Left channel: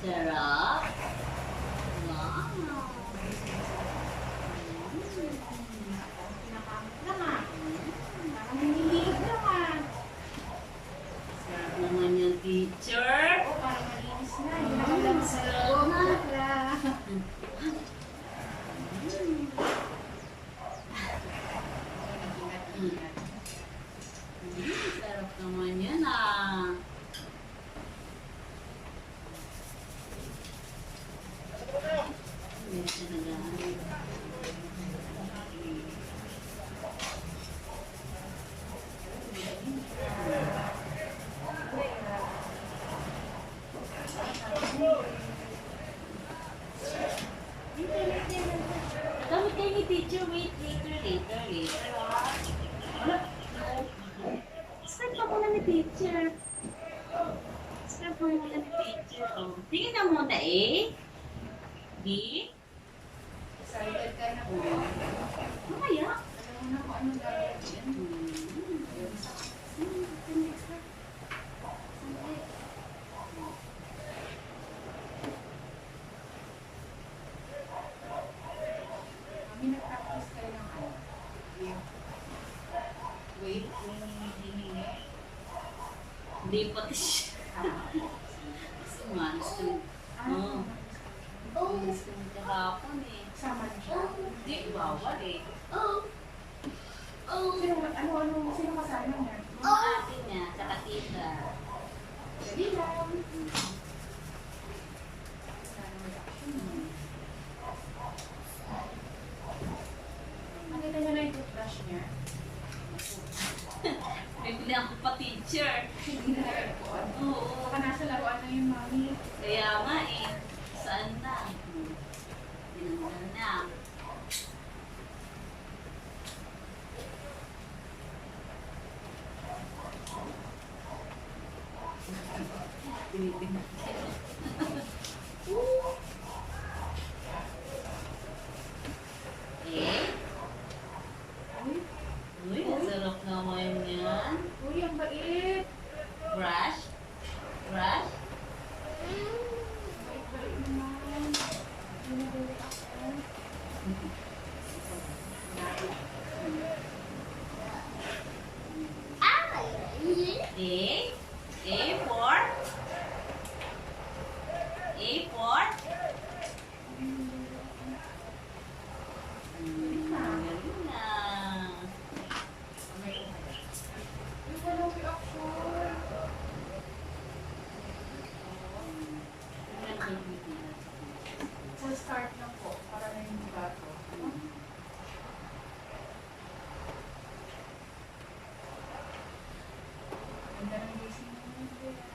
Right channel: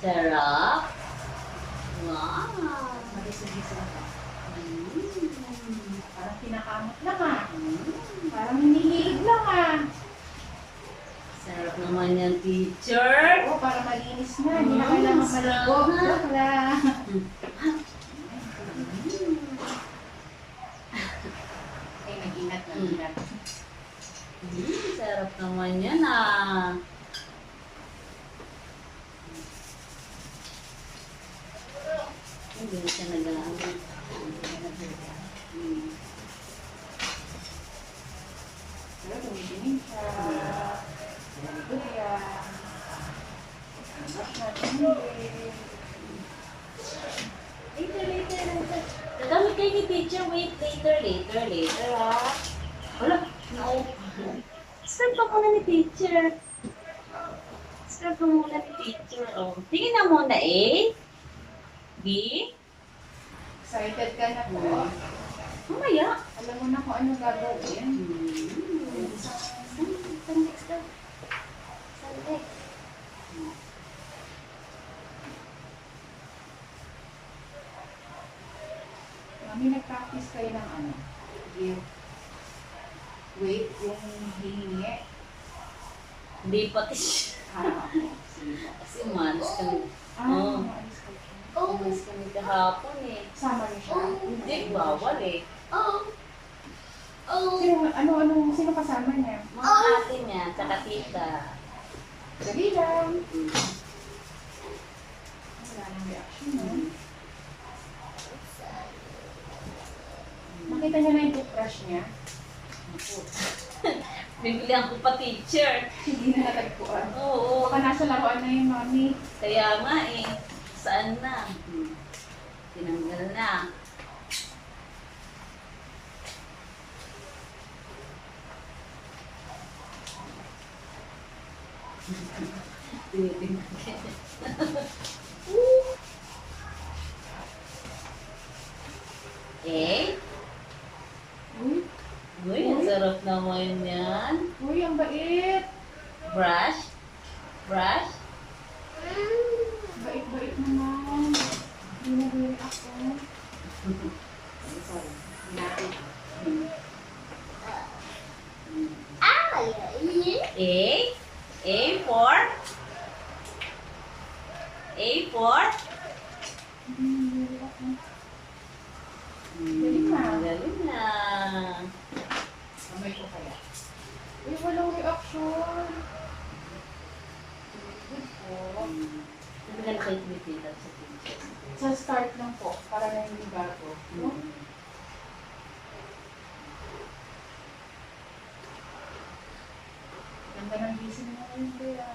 Sarap. Wow. Parang pinakamot lang ah. Parang hinihilig lang ah. Sarap naman yan, teacher. Oo, parang malinis na. Hindi na kailangan maligo. Bakla. Ay, nag-ingat. Sarap naman yan ah. Hindi siya nag-ano. Pero gumigiling siya. Luya. Later. Gamit kayo ni teacher. Wait, later ah. Wala. Scrub pa muna ni teacher. Scrub pa muna ni teacher. Oh. Tingin na muna A. B. Excited ka na po. Mamaya. Alam mo na kung ano gagawin. Saan next na? Saan next? Mami, nag-practice kayo ng ano? Yung wait, yung hihingi. Hindi pati siya. Sige po. Kasi umalis kami. Oo. Maalis ka siya. Umalis kami kahapon eh. Sama niyo siya. Hindi, bawal eh. Sino kasama niya? Mga ate niya, tsaka tita. Dali lang. Wala nang reaction, no? Nakita niya na yung toothbrush niya. Bibilihan ko pa teacher. Hindi na natagpuan. Oo. Baka nasa laruan na yung mami. Kaya nga eh. Saan na? Tinanggal na. Tinitingnan ka. Eh? Uy, ang sarap naman yan. Uy, ang bait. Brush? Brush? Bait naman. Hindi na bait ako. A? A for? A for? Galing na. Galing na. Amay ko kaya. Uy, walang reaction. Hindi ka nakikita sa teacher. Sa start lang po, para na hindi bago. Ganda ng gising mo ngayon, Bea.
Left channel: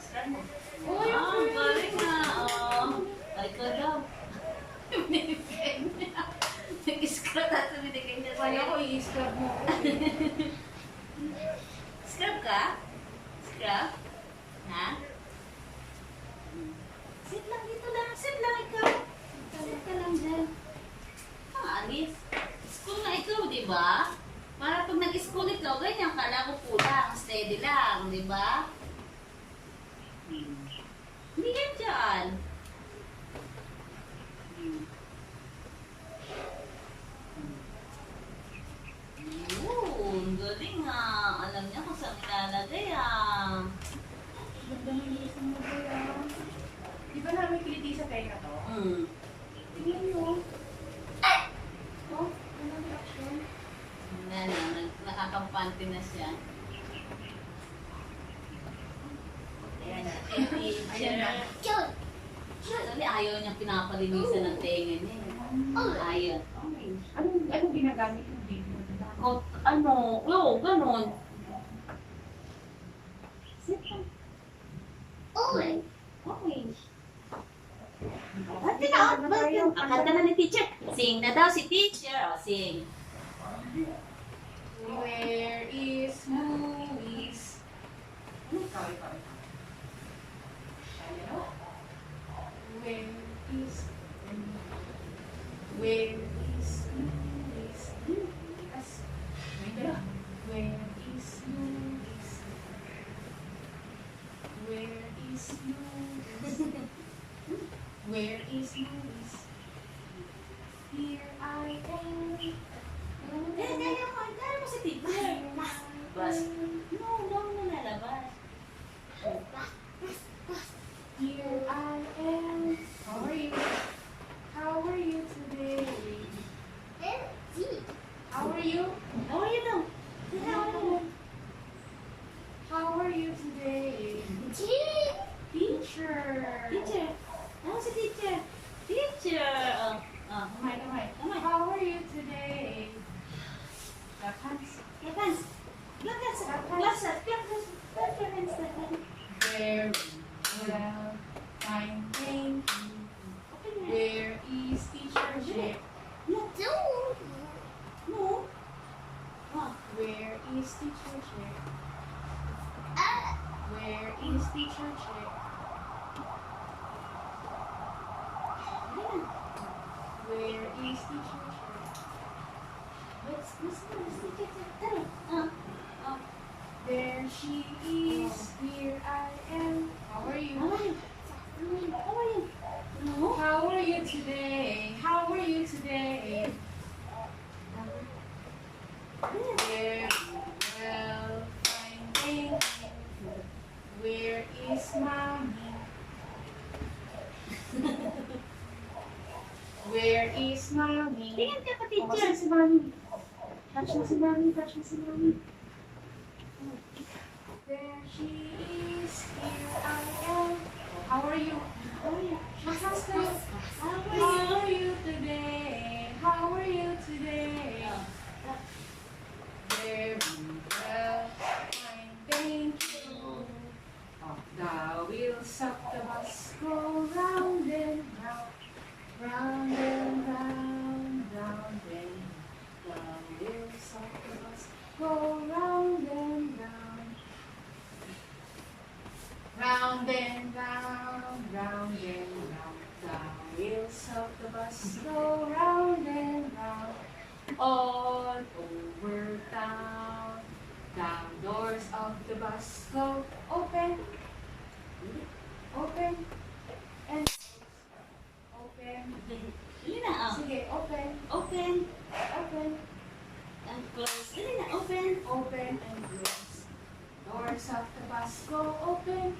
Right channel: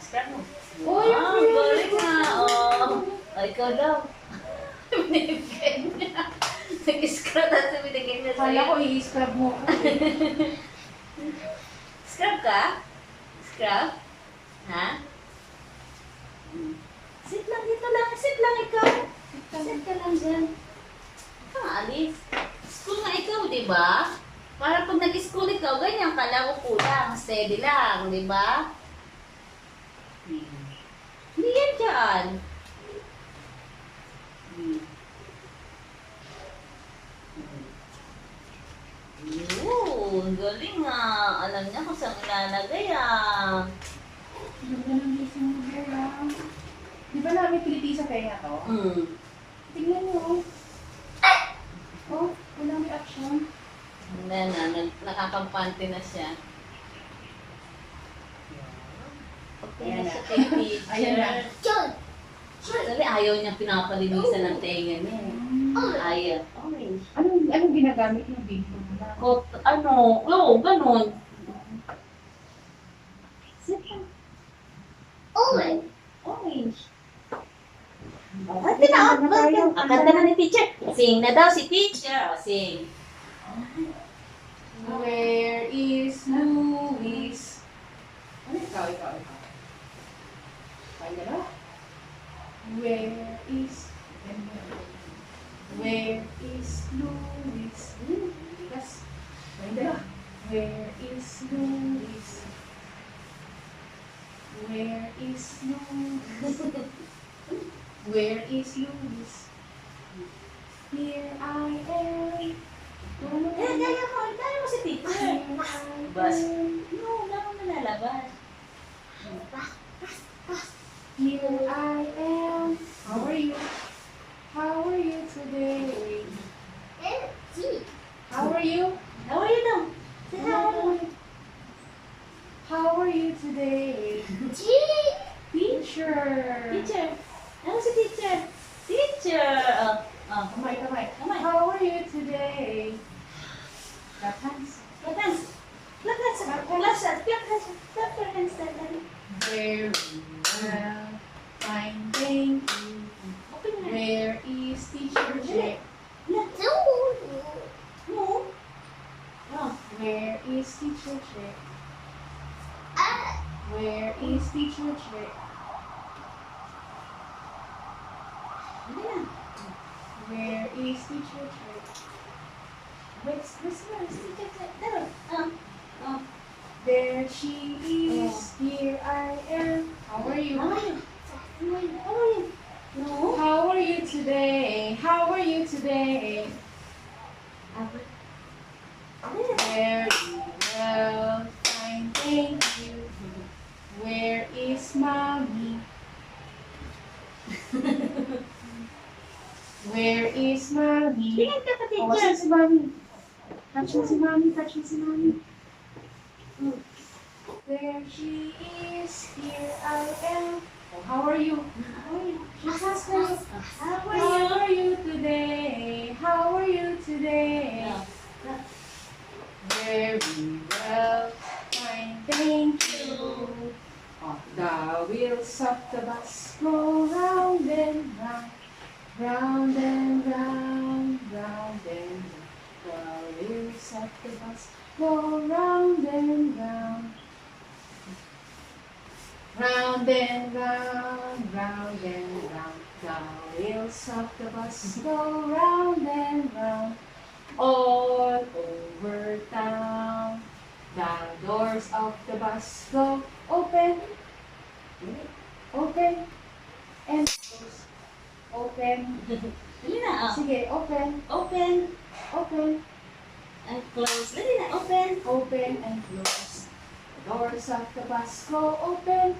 Start mo. Uy, Wow, ang galing na. Oh. Ay, ikaw daw. Binibigyan niya. Nag-scrub at binigyan niya Kala ko sa'yo. i-scrub mo. Scrub ka? Scrub? Ha? Sit lang dito lang. Sit lang ikaw. Sit ka lang dyan. Alis. School nga ikaw, di ba? Para pag nag-school ikaw, ganyan ka lang, upo lang, steady lang, di ba? Hindi yan dyan. Yun, galing ah. Alam niya kung saan ilalagay ah. Ganda ng gising mo, Bea. Di ba namin kiliti sa tenga to? Tingnan niyo. Oh, walang reaction. Wala na, nakakampante na siya. Ayan na. Kay teacher. Ayan na. Dali, ayaw niya pinapalinisan ng tenga niya. Ayaw. Orange. Anong ginagamit yung video mo na? Oo, ganun. Orange. Orange. Kanta na ni teacher. Sing na daw si teacher. Sing. Where is Luis? Ano ikaw? Ano? Where is Luis? Bigas. Where is Luis? Where is Luis? Where is Luis? Here I am. Kaya mo si teacher. Bas. No, nalalabas. Here I am. How are you? How are you today? How are you? How are you daw? Say how. How are you today? Teacher. Teacher. Ano si teacher? Teacher. Kamay. Kamay. How are you today? Clap hands. Clap hands. Clap hands. Clap your hands. Very well. Fine, thank you. Open na. Where is Teacher Jack? No. Oh. Where is Teacher Jack? Where is Teacher Jack? Hindi na. Where is Teacher Jack? Where's teacher? Tara. There she is. Here I am. How are you? How are you? No. How are you today? How are you today? Very well. Fine, thank you. Where is Mommy? Where is Mommy? Tingin ka pa, Oh, asan teacher. si Mommy? Touch na si Mommy. Touch na si Mommy. There she is. Here I am. Oh, how are you? How are you? She has to. How How are you? are you today? How are you today? Very well. Fine, thank you. Oh, the wheels of the bus go round and round, round and round, round and round. The wheels of the bus go round and round, round and round, round and round. The wheels of the bus go round and round, all over town. The doors of the bus go open, open, and close. Open. Dali na. Sige, open, Open open, and close. Dali na. Open. open, and close. Doors of the bus go open,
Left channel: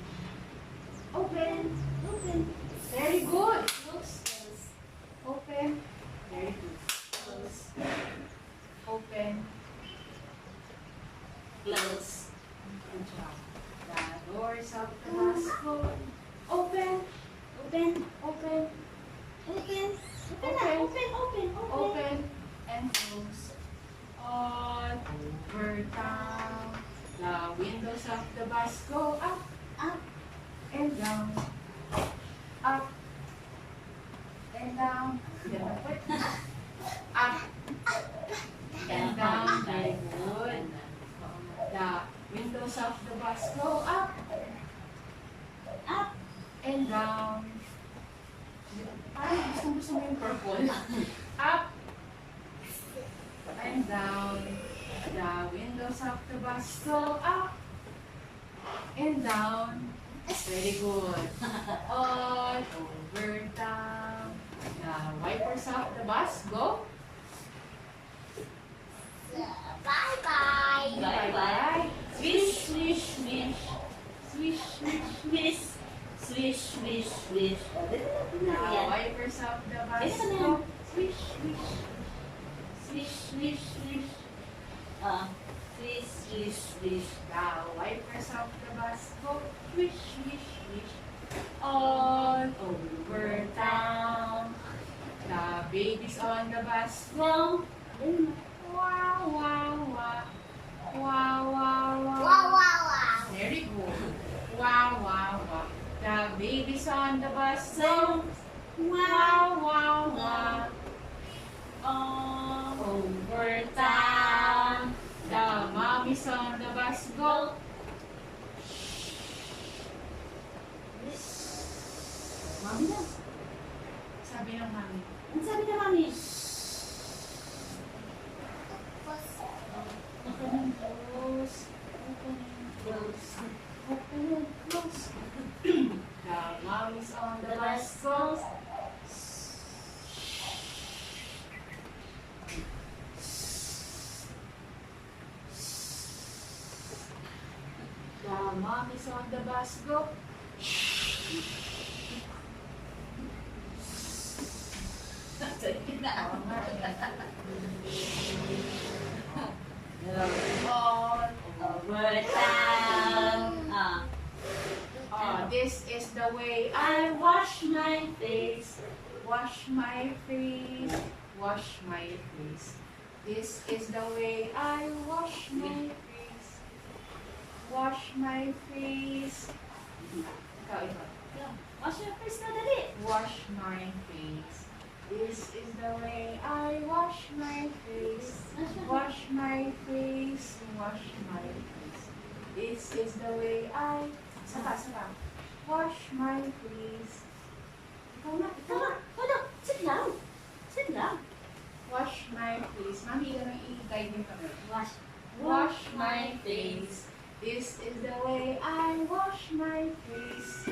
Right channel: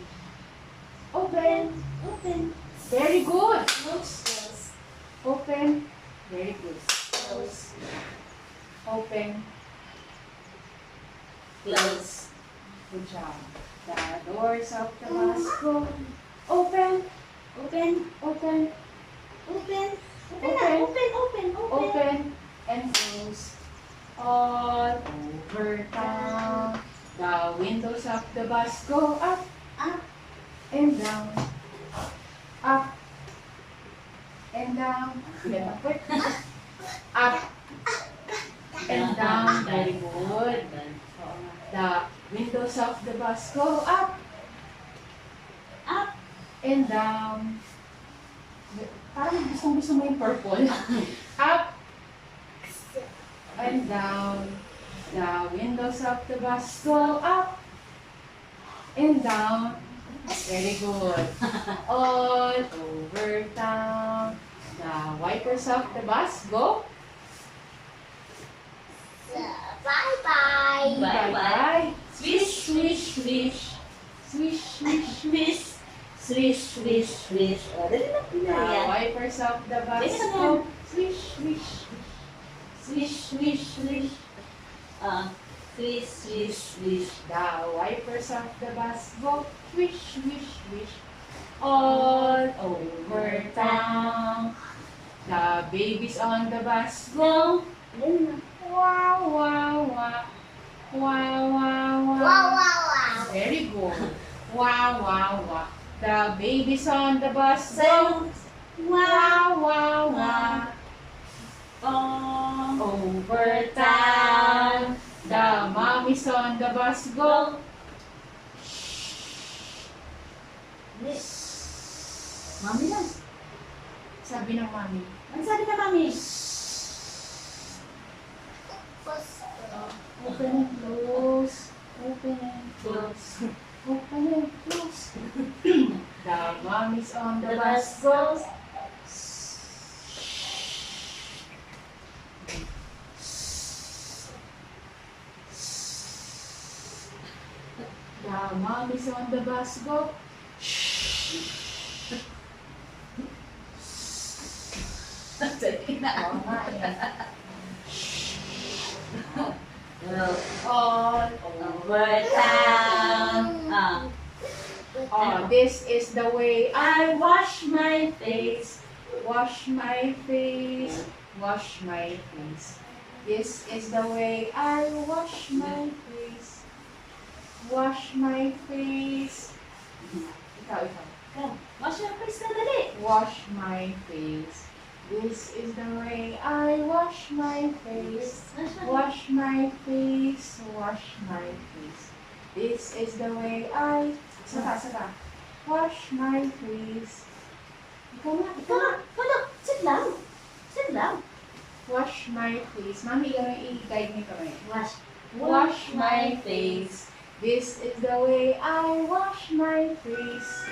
open. Open. Very good. Close. Close. Open. Very good. Close. Open. Close. Good job. The doors of the bus go open, Open. open, Open. Open na. Open. Open. open, and close. All over town. The windows of the bus go up Up. and down. Up and down. Up and down. Very good. The windows of the bus go up Up. and down. Parang gusto mo yung purple. Up and down. The windows of the bus go up and down. Very good. All over town. The wipers of the bus go. Bye-bye. Bye-bye. Swish, swish, swish. Swish, swish. Swish. Swish, swish, swish. Dali na. The Yan. wipers of the bus Dali na yan. go. Swish, swish. Swish, swish, swish. Swish, swish, swish. The wipers of the bus go. Swish, swish, swish. All over town. The babies on the bus go. Go. Dali na. Wow, wow, wow. Wow, wow, wow. Very good. Wow, wow, wow. The babies on the bus go. Silence. Wow, wow, wow. Over town. The mommies on the bus go. Mami lang. Sabi ng mami. Ano sabi ka, mami? Open and close. Open and close. Open and close. The mommy's on the bus goes. The mommy's on the bus go. Oo nga eh. All Over town. This is the way I wash my face. Wash my face. Wash my face. This is the way I wash my face. Wash my face. Ikaw. Wash your face na dali. Wash my face. This is the way I wash my face. Wash my face. Wash my face. This is the way I... Saka. Wash my face. Ikaw na. Hala, sit lang. Sit lang. Wash my face. Mami, i-guide niyo kami. Wash my face. This is the way I wash my face.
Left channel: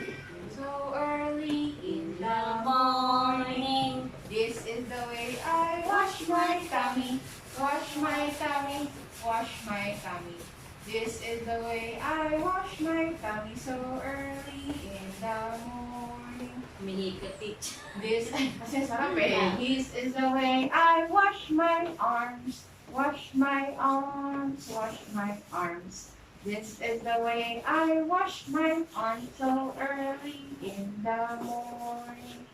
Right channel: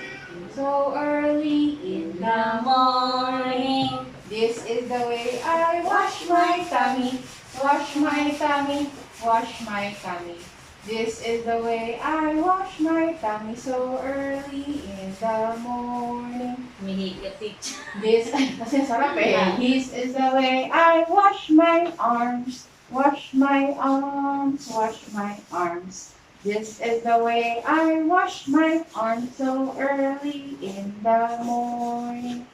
So early in the morning. This is the way I wash my tummy. Wash my tummy. Wash my tummy. This is the way I wash my tummy. So early in the morning. Mahigit teacher. Kasi sarap eh. This is the way I wash my arms. Wash my arms. Wash my arms. This is the way I wash my arms so early in the morning.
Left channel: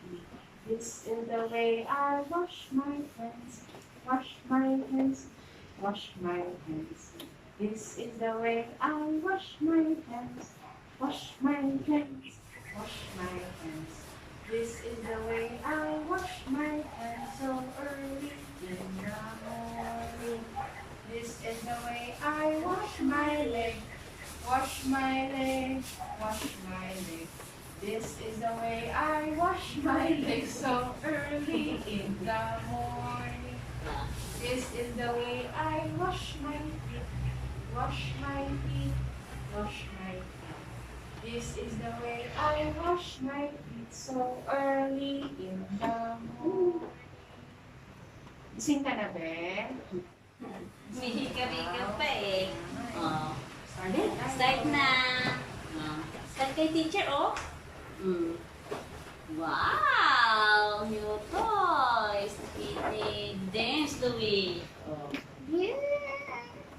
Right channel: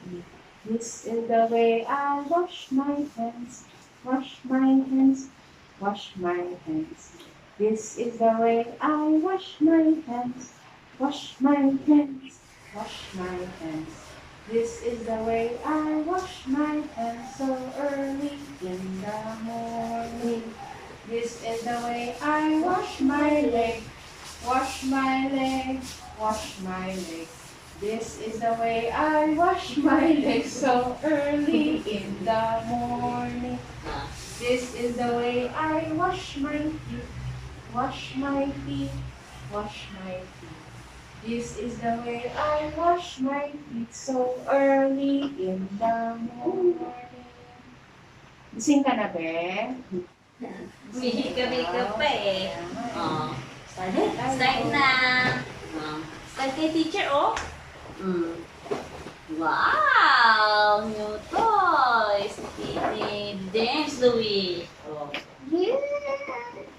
This is the way I wash my hands. Wash my hands. Wash my hands. This is the way I wash my hands. Wash my hands. Wash my hands. This is the way I wash my hands so early in the morning. This is the way I wash my leg. Wash my leg. Wash my leg. This is the way I wash my leg so early in the morning. This is the way I wash my feet. Wash my feet. Wash my feet. This is the way I wash my feet so early in the morning. Gising ka na, be? Mihika-mika pa eh. Start na. Start kay teacher, oh. Wow! New toys. Titi James Louis.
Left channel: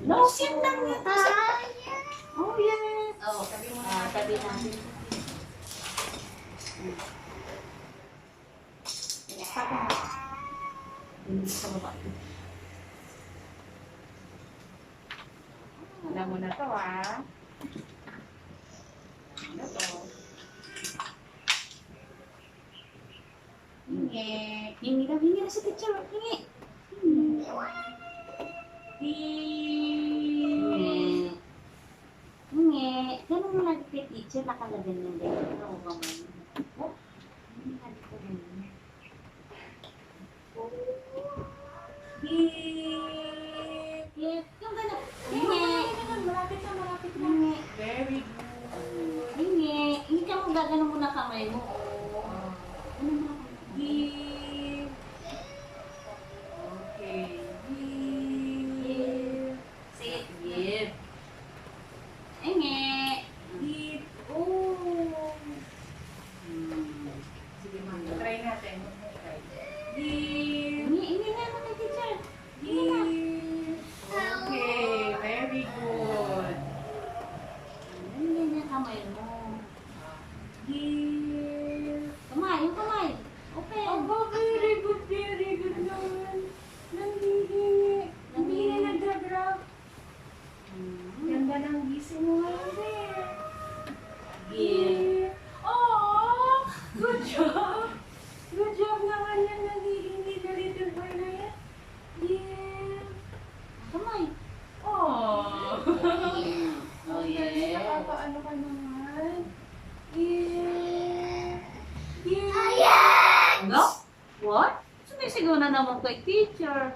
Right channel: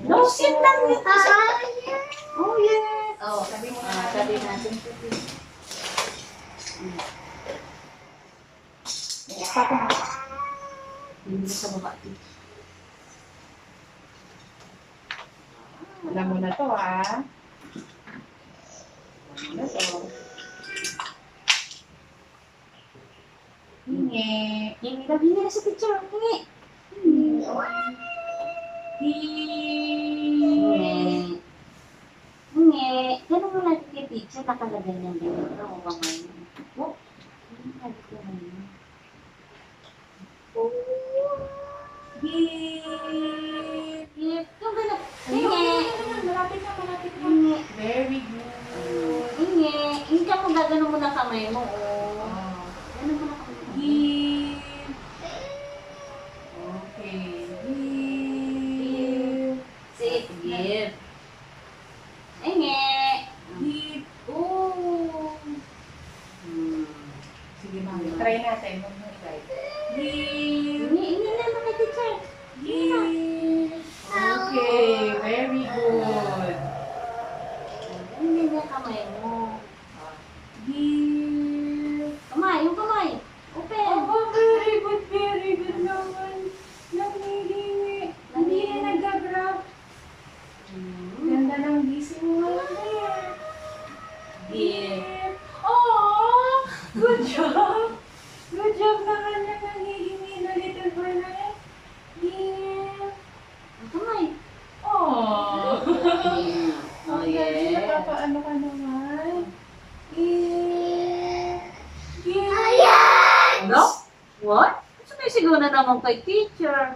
No, sit lang nito. Oh, yes. Sabi mo na Sabi natin. Hindi sa baba. Alam mo na to, ah. Alam mo na to. Hingi. Hingi na si teacher. Hingi. Hingi. Hingi. Ganun mo lang kay teacher. Nakalagay ng ganito. O ba man? Oh. Nakalagay ko na yun. Gift. Yung ganun. Hingi. Malapit na. Hingi. Very good. Hingi. Hindi ka mo gagano mo na kamay mo. Oh. Ganun mo na kamay mo. Give. Okay. Give. Sit. Gift. Hingi. Give. Oh. Sige, mami. Try natin. Huwag mo try. Give. Hingi na mga teacher. Give. Okay. Very good. Hingi na kamay mo. Give. Kamay, yung kamay. Open. Oh, very good naman. Nangihingi. Hindi na nag-grab. Ganda ng gising mo ngayon, Bear. Give. Oh, good job. Good job naman yung nangihingi na little boy na yan. Give. Kamay. Oh. Oh, Ang galing, yeah. nakapaano ka naman. Give. Give. Ano? What? Sumisigaw na naman kay teacher.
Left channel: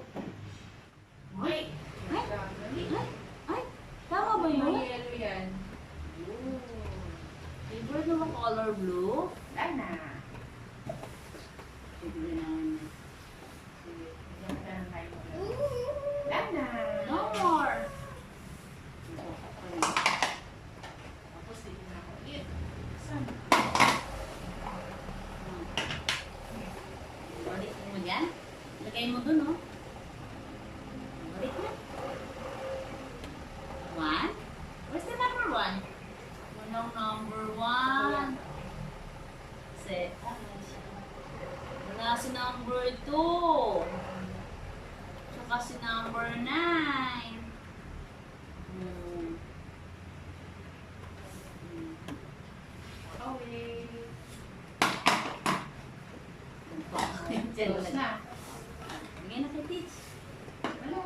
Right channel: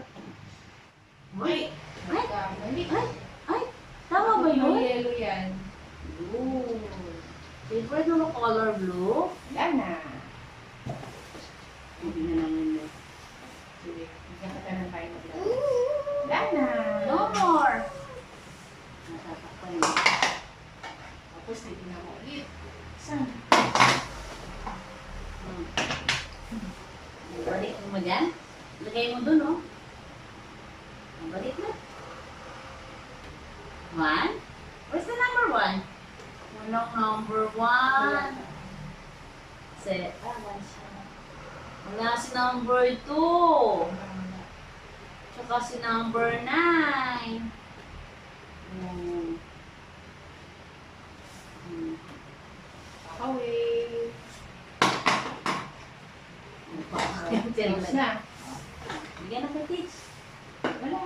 Wait. Ay, Mali. Ay, tama ba yun? May yellow yan. Blue. Favorite mo ba color blue? Wala na. Hindi na namin na. Sige, bigyan ka ng tayo maglaro. Wala na. No more! Natatakpan mo. Tapos, titignan ko ulit. Saan? Balikin mo dyan. Lagay mo dun, oh. Balik na. 1? Where's the number 1? Walang number 1. Set. Wala si number 2. Tsaka si number 9. Away. Close Close na. Bigyan na kay Teach. Wala.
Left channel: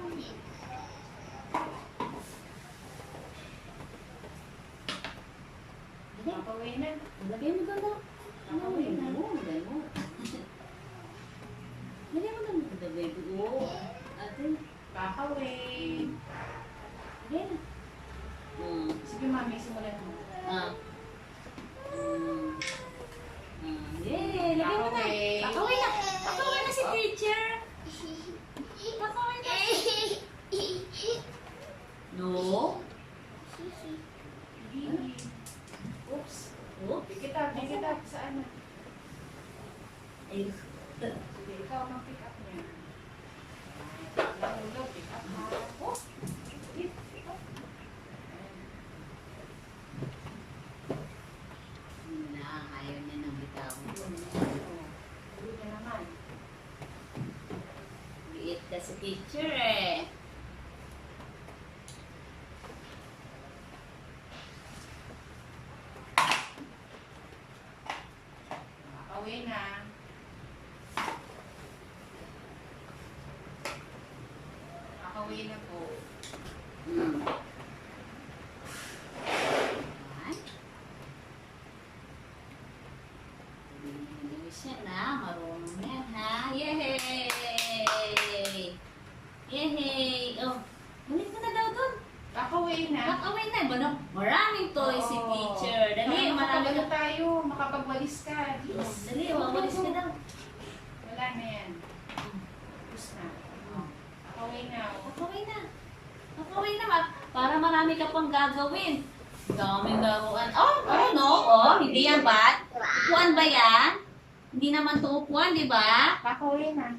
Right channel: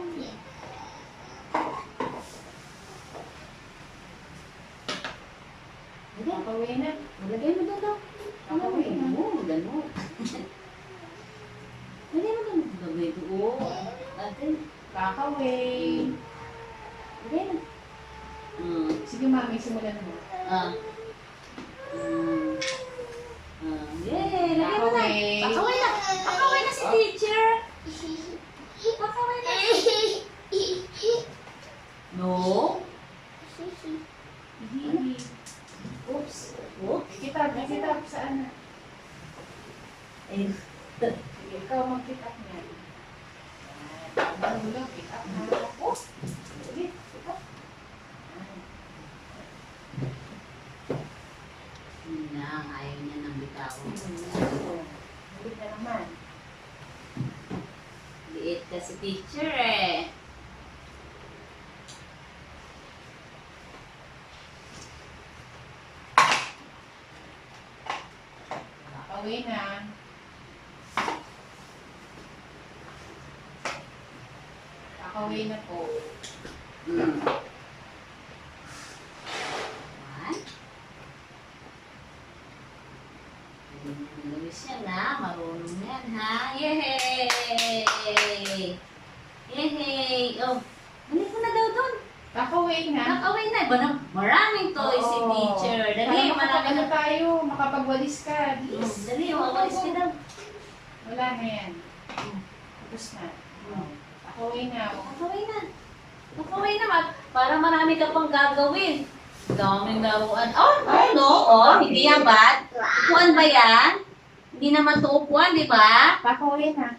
Bigyan. Away na. Lagay mo doon daw. Away na. Lagay mo. Lagay mo doon. Lagay mo. Ate. Away. Lagay na. Sige, mami, simulan mo. Yay! Lagay mo na. Pakaway. Pakaway na. Pakaway na si teacher. Pakaway na. No. Hindi. Oops. Oops. Kitab. Saan na? Ay. Sige, ikaw mag-pick up niya. Nahulog, pick up na. Oh! Sige, pick up. Hindi na. Ayaw niya ng bitaw. Ulit na naman. Liit ka si teacher eh. Away na. Away na po. One. Luis yan ha. Marunong yan ha. Yay! Yay! Oh, balik mo na daw doon. Away na. Nakaway na. Maraming toys si teacher. Dali, Para marami na. tayo, makapagwalis ka. Bilis. Dali, wawalis ka daw. Wala na yan. Tapos na. Away na. Nakaway na. Nakaway na. Para marami ka pang gagawin. Daming laruan. Oh, no. Oh, hindi yan ba? Upuan ba yan? Hindi naman to upuan, di ba? Away na.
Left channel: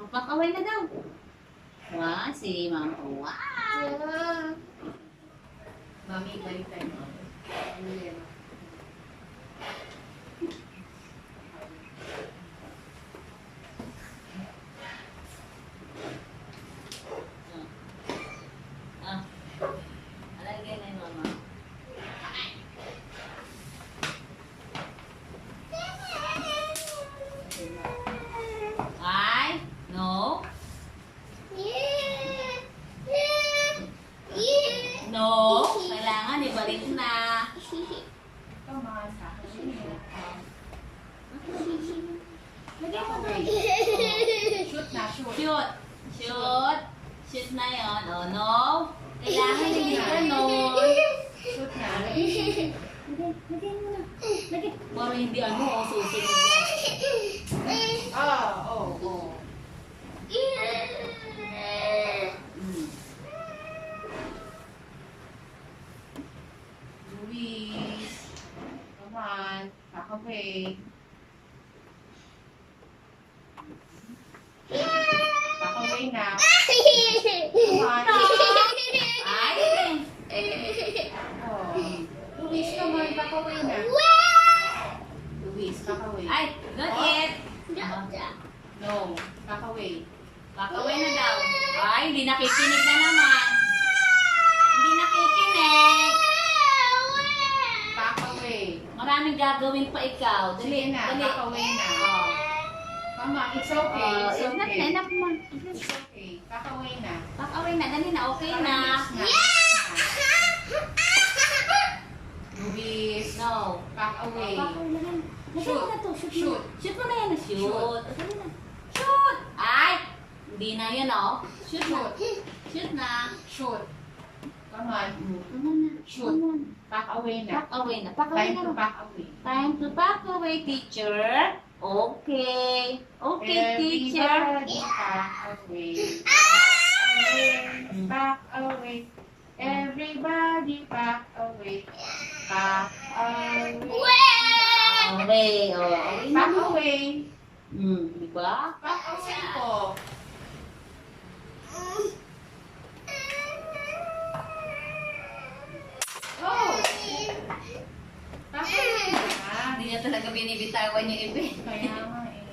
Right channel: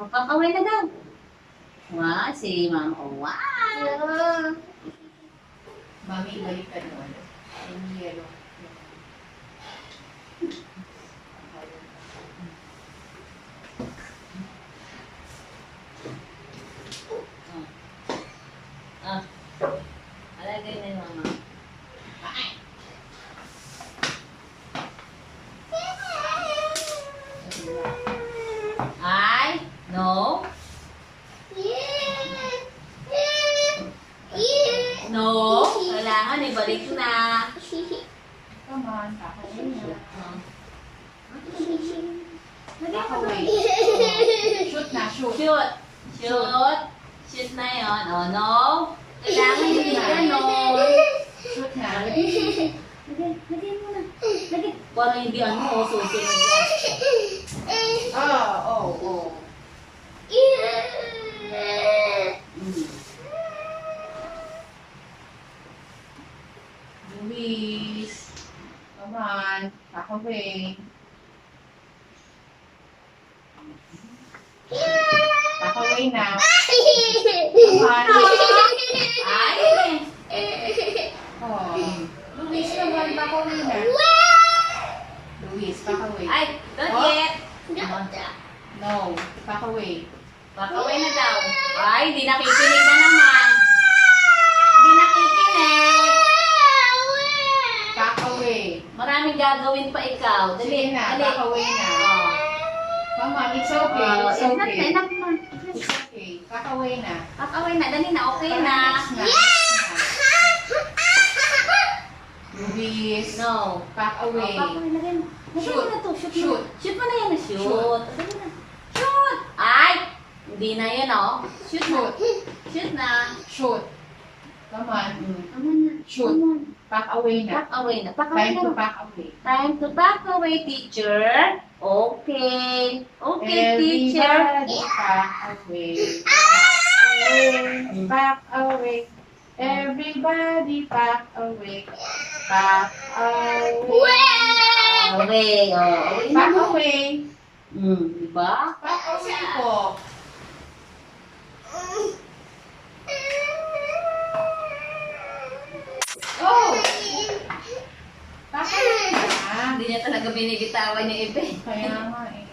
Kakaway na daw. Wow, si Mama. Wow. Mami, balikan mo. Ang yellow. Alagay na yung Mama. Ay, no. No, kailangan ibalik na. Come on, away na. Away. Shoot na, shoot. Shoot. Shoot. Shoot na yon. Oh, no. Kailangan hindi ganon. Shoot na. Lagay mo na. Lagay. Para hindi ano, susunod yan. Oh. Luis. Come on, back away. Back away na. Come on. Ay, Oh. Luis, come on, back away na. Luis, back away. ay, don't yet. No, back away. Pakaway na daw. Ay, hindi nakikinig na naman. Hindi nakikinig. Back away. Maraming gagawin pa ikaw. Dali, Sige na, dali. back away na. Oh. Come on, it's okay. It's Enough na, okay. enough na. It's okay. Back away na. Pakaway na, dali na, okay Para na. next na. Next na. Luis, No. back away. Pakaway na rin. Lagyan Shoot. mo na to, shoot. Shoot. Shoot mo na yan, shoot. Shoot. Dali na. Shoot! Ay! Hindi na yan, oh. Shoot. Shoot na. Shoot. Come on. Come on na. Shoot. Come on. Pack away na. Pack away na. Pack away Time na. to pack away. Time to pack away, teacher. Okay. Okay, teacher. Everybody pack away. Pack away. Everybody pack away. Pack away. Okay. Oh, away na. Pack away. Diba? Pack away po. Oh! Pack away na. Hindi niya talaga binibitawan yung iba. Kaya nga eh.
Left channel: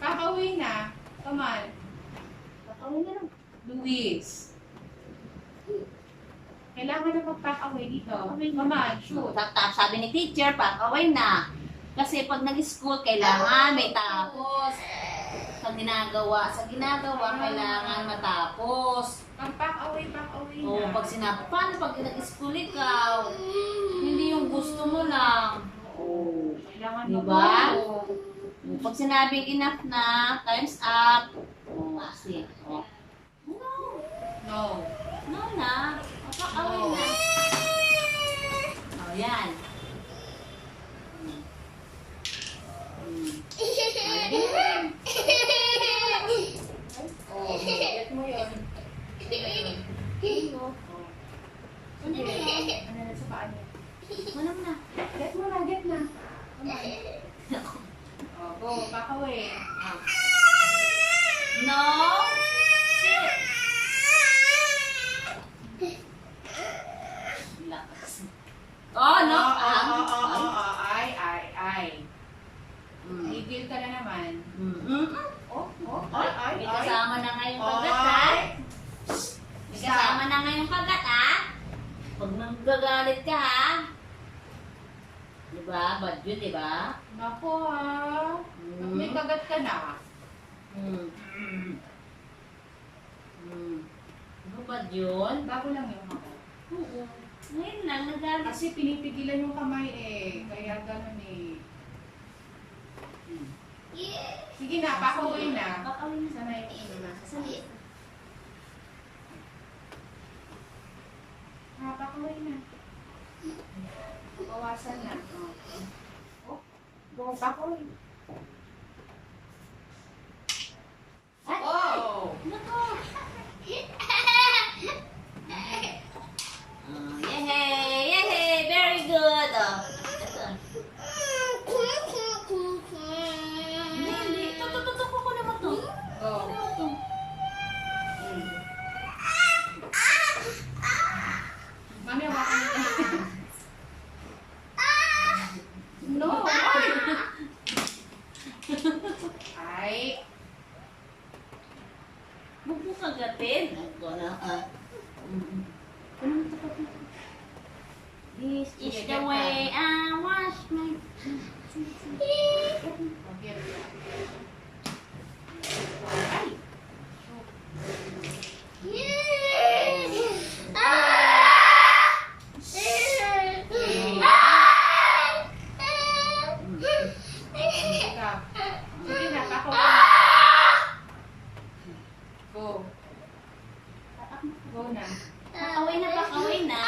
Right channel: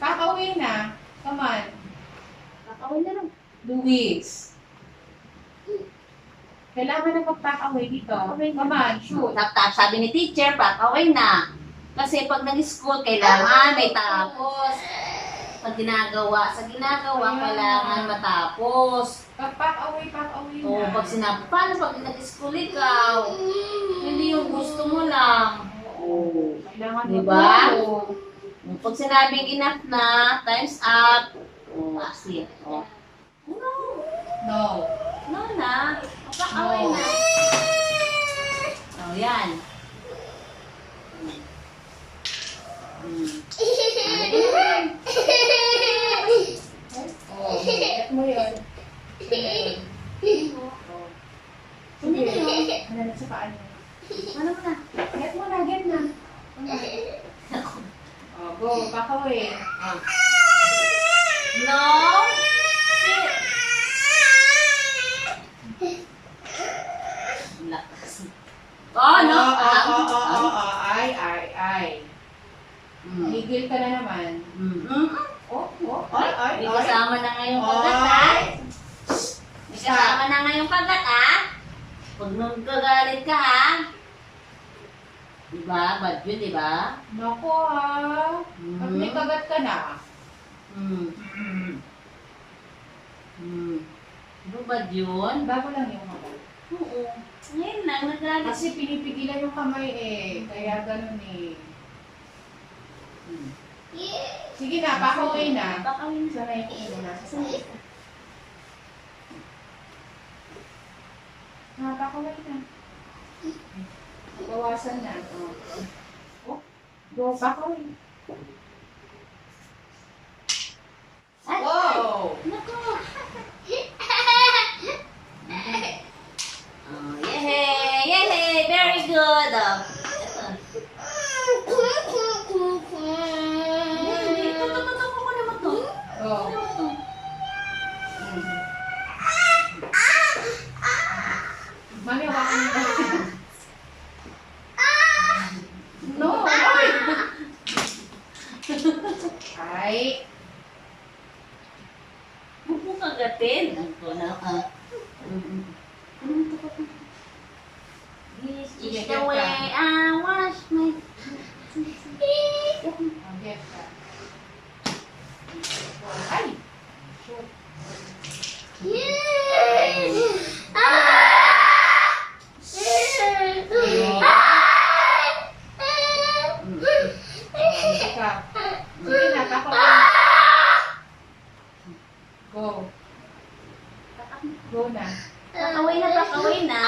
Pack away na. Come on. Pack away na lang. Luis. Kailangan na mag-pack away dito. away na. Come on, shoot. Sabi ni teacher, pack away na. Kasi pag nag-school, kailangan may tapos. Sa ginagawa, kailangan matapos. Pag-pack away na. O pag sinabi, paano pag nag-school ikaw? Hindi yung gusto mo lang. Oo. Kailangan Diba? mag-pack. Pag sinabing enough na, time's up. O, kasi, o. No. No. No na. O, pack away na. O, yan. Oh, get mo yun. Ano na yun? Ano na sa paan niya? Ano mo na? Get mo na, get na. Oh, go, pack away. No. Sit. Lakas. Oh, no. Ay. Higil ka na naman. Oh, May kasama na ngayong kagat, ha? May kasama na ngayong kagat, ha? Huwag nung gagalit ka, ha? Diba? Bad yun, diba? Nako ha. Pag may kagat ka na. Diba bad yun? Bago lang yung kagat. Oo. Ngayon lang, nagalit. Kasi pinipigilan yung kamay eh. Kaya ganun eh. Sige na, pack away na. Pack away na. Sana yung ulo na. Pack away na. Bawasan na. Oh. Go, pack away. Ay! Wow! Nako! Yay! Yay! Very good! Ito. Hindi. Tutututok ko naman to. Oh. Mami, hawakan mo na. No! Ay! Huwag mo kagatin. Ito na. This is Sige, the get way ka. I wash my... Okay, ka. Ay! Shoot. Sige ka. Sige na, pack away. Go. Go na. Pakaway na, pakaway na.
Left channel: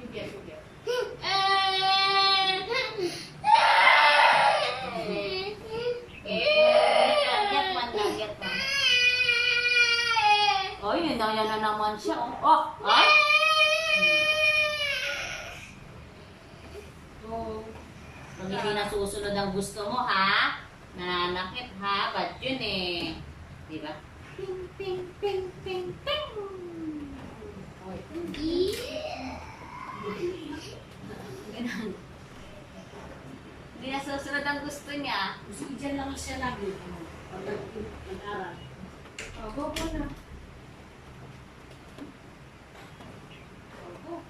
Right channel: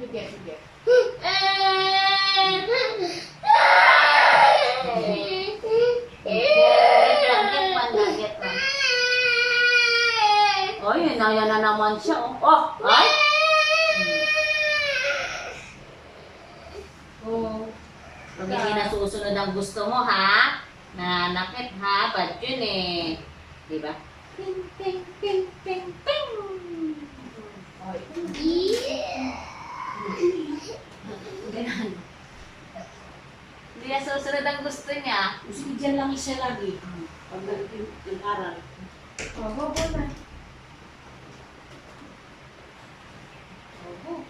Sige. Get one. Oh, yun na naman siya. Oh, ay! Go. Pag hindi nasusunod ang gusto mo, ha? Nananakit, ha? Bad yun eh. Diba? Ping, ping, ping, ping, ping. Okay. Ganun. Hindi nasusunod ang gusto niya. Kasi dyan lang siya lagi. Pag nag-aral. Oh, go na. Oh, go.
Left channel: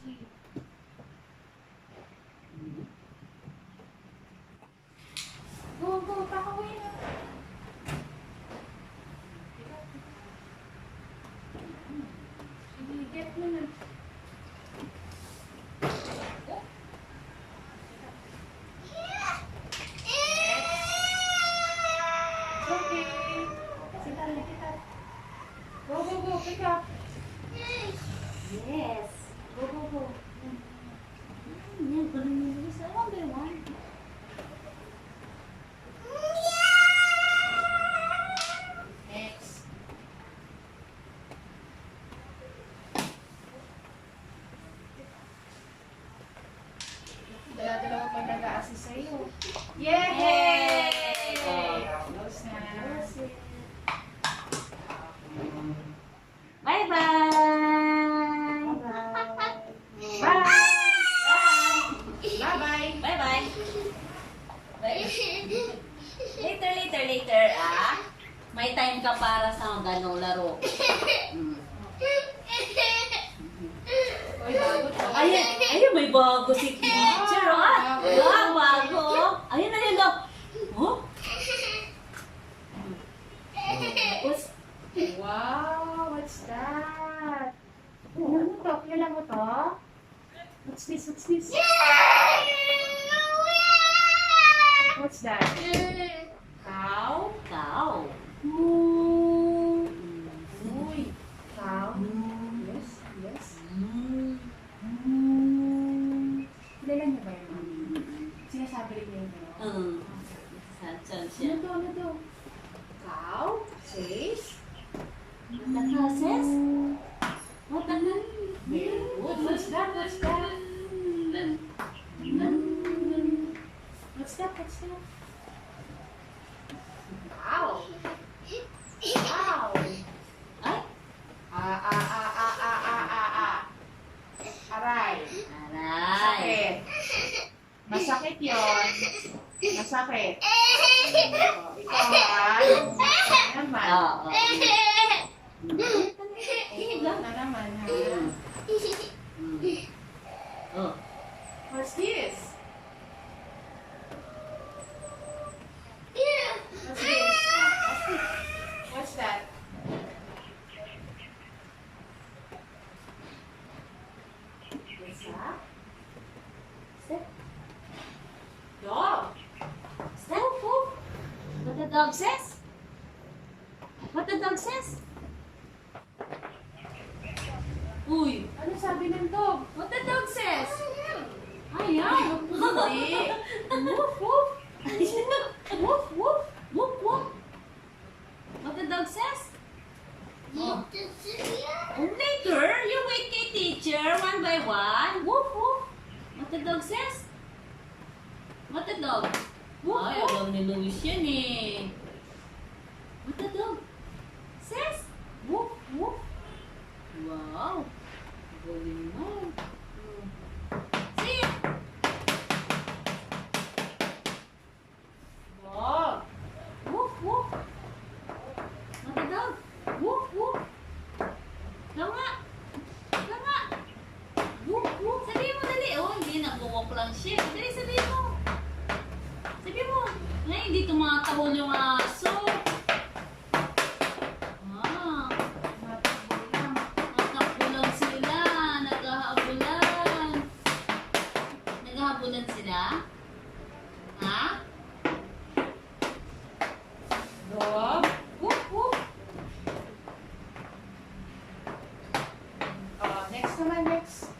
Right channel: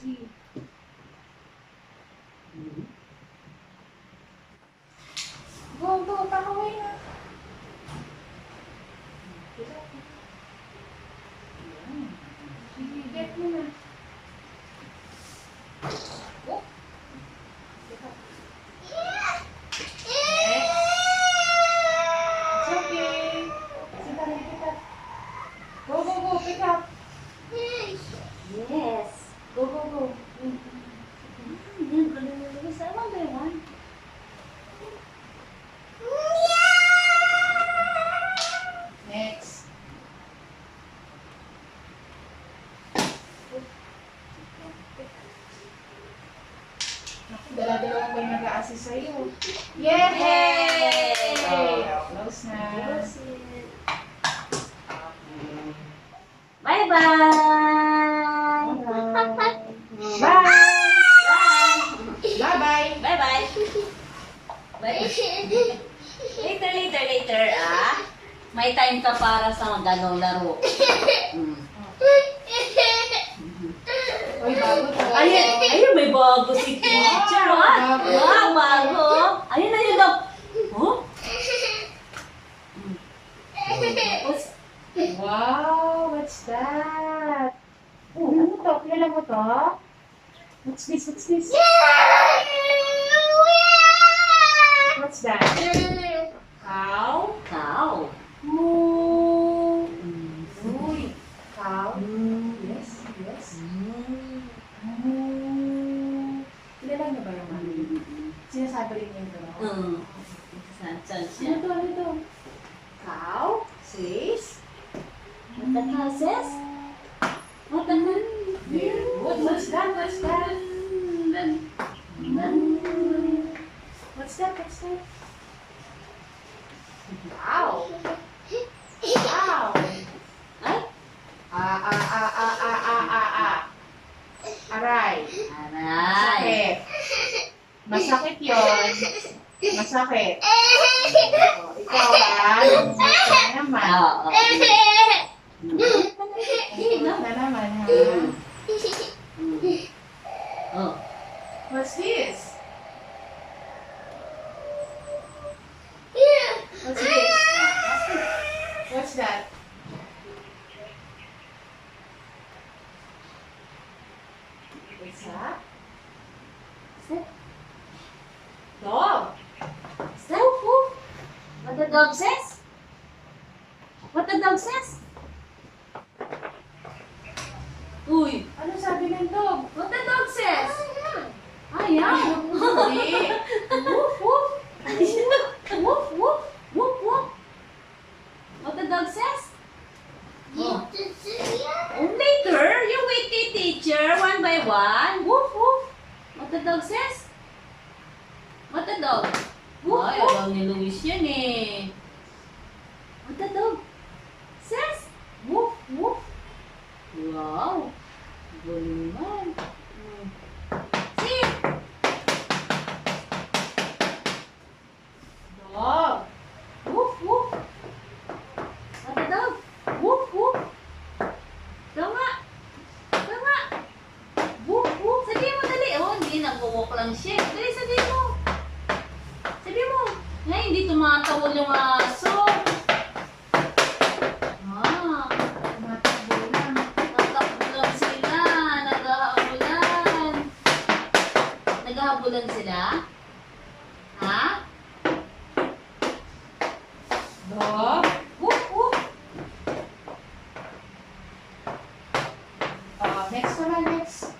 Sige. Go, pack away na. Sige, get mo na. Oh. It's okay. Sit Yes. Go, go, go. Yan, galing mo Luis. One by one. Next. Naku, dala-dalawa pa yung nag-a-assist sa'yo. Yay! Yay! Close na. Bye-bye! Bye! Bye-bye! Bye-bye! Later, ah. May time ka para sa ganong laro. Uy, bago to. Ayun, may bago si teacher, ah. Bago. Wow, bago. Ayun, daw. Oh? Wow, what's that? Ano mo to? Kilala mo to? What's this? What's this? What's that? Cow? Cow. Moo. Mm. Uy. Cow? Mm. Yes, yes. Mm. Moo. Kilala niyo ba yung mami? Sinasabi rin niya yung gano'n? Saan Ano siya? to? Ano to? Cow? Says? What the cow says? What the cow? Very good. What's that? What's that? What's that? What's that? Wow! Wow! Ay? Aray. Aray. Masakit. Masakit yun. Masakit. Oh, ikaw ha. Naman. Oo. Na naman ha. Oh. What's this? What's this? What's that? What's that? Sit. Dog. Step. What the dog says? What the dog says? Uy. Ano sabi ng dog? What the dog says? Ayan. Hindi. Woof woof. Woof woof. Woof woof. What the dog says? Oh. Later, you wait the teacher one by one. Woof woof. What the dog says? What the dog? Woof Ay, woof. alam ni Luis yan eh. What the dog says? Woof woof. Wow. Galing man. See? Dog. Woof woof. What the dog? Woof woof. Ikaw nga. Ikaw nga. Woof woof. Sabihin mo dali. Oh, hindi. Nag-walk lang siya. Dali, sabihin mo. Sabihin mo. Ngayon, hindi tumatawol yung aso. Ah. Matakbo lang. Natakbo lang sila. Naghahabulan. Naghahabulan sila? Ha? Dog. Woof woof. Next naman, next.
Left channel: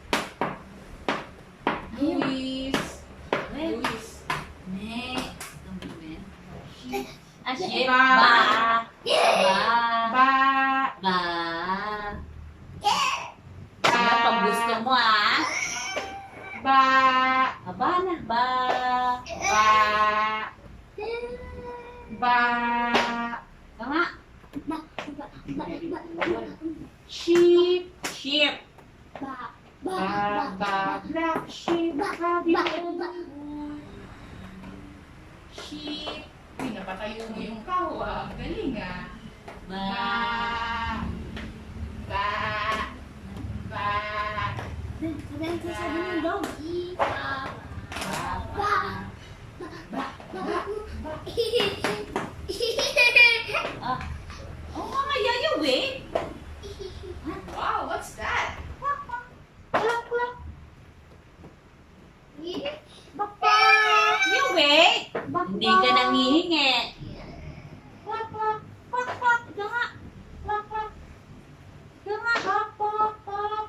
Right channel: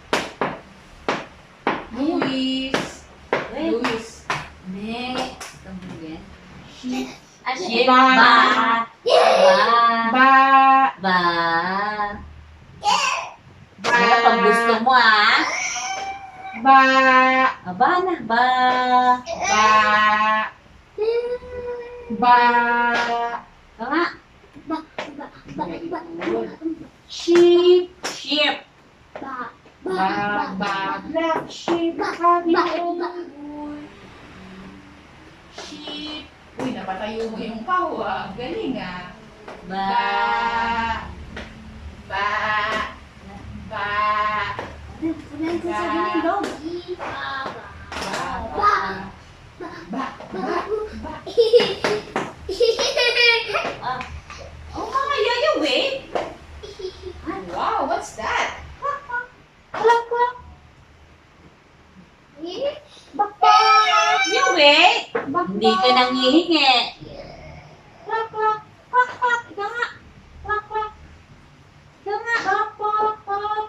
Ayun. Luis. Wait. Luis. Next. También. Sheep. Ah, shit. Ba. Ba. Ba. Ba. Ba. Ba. Ano pag gusto mo ah? Ba. Aba na. Ba. Ba. Ba. Ika nga. Very good. Sheep. Sheep. Ba. Ba. Black sheep. Sheep. Uy, napatayo mo yung kawa. Galing ah. Ba. Ba. Ba. Ano yung sasabihin ng dog? Ba. Ba. Ba. Ah. Oh, Mama Yaya, wait. Wow, what's that? Klak, klak. You wait. Hindi ka nangihingi. Klak, klak. Klak, klak. Ika nga. Klak, klak. Ika nga. Klak, klak, klak.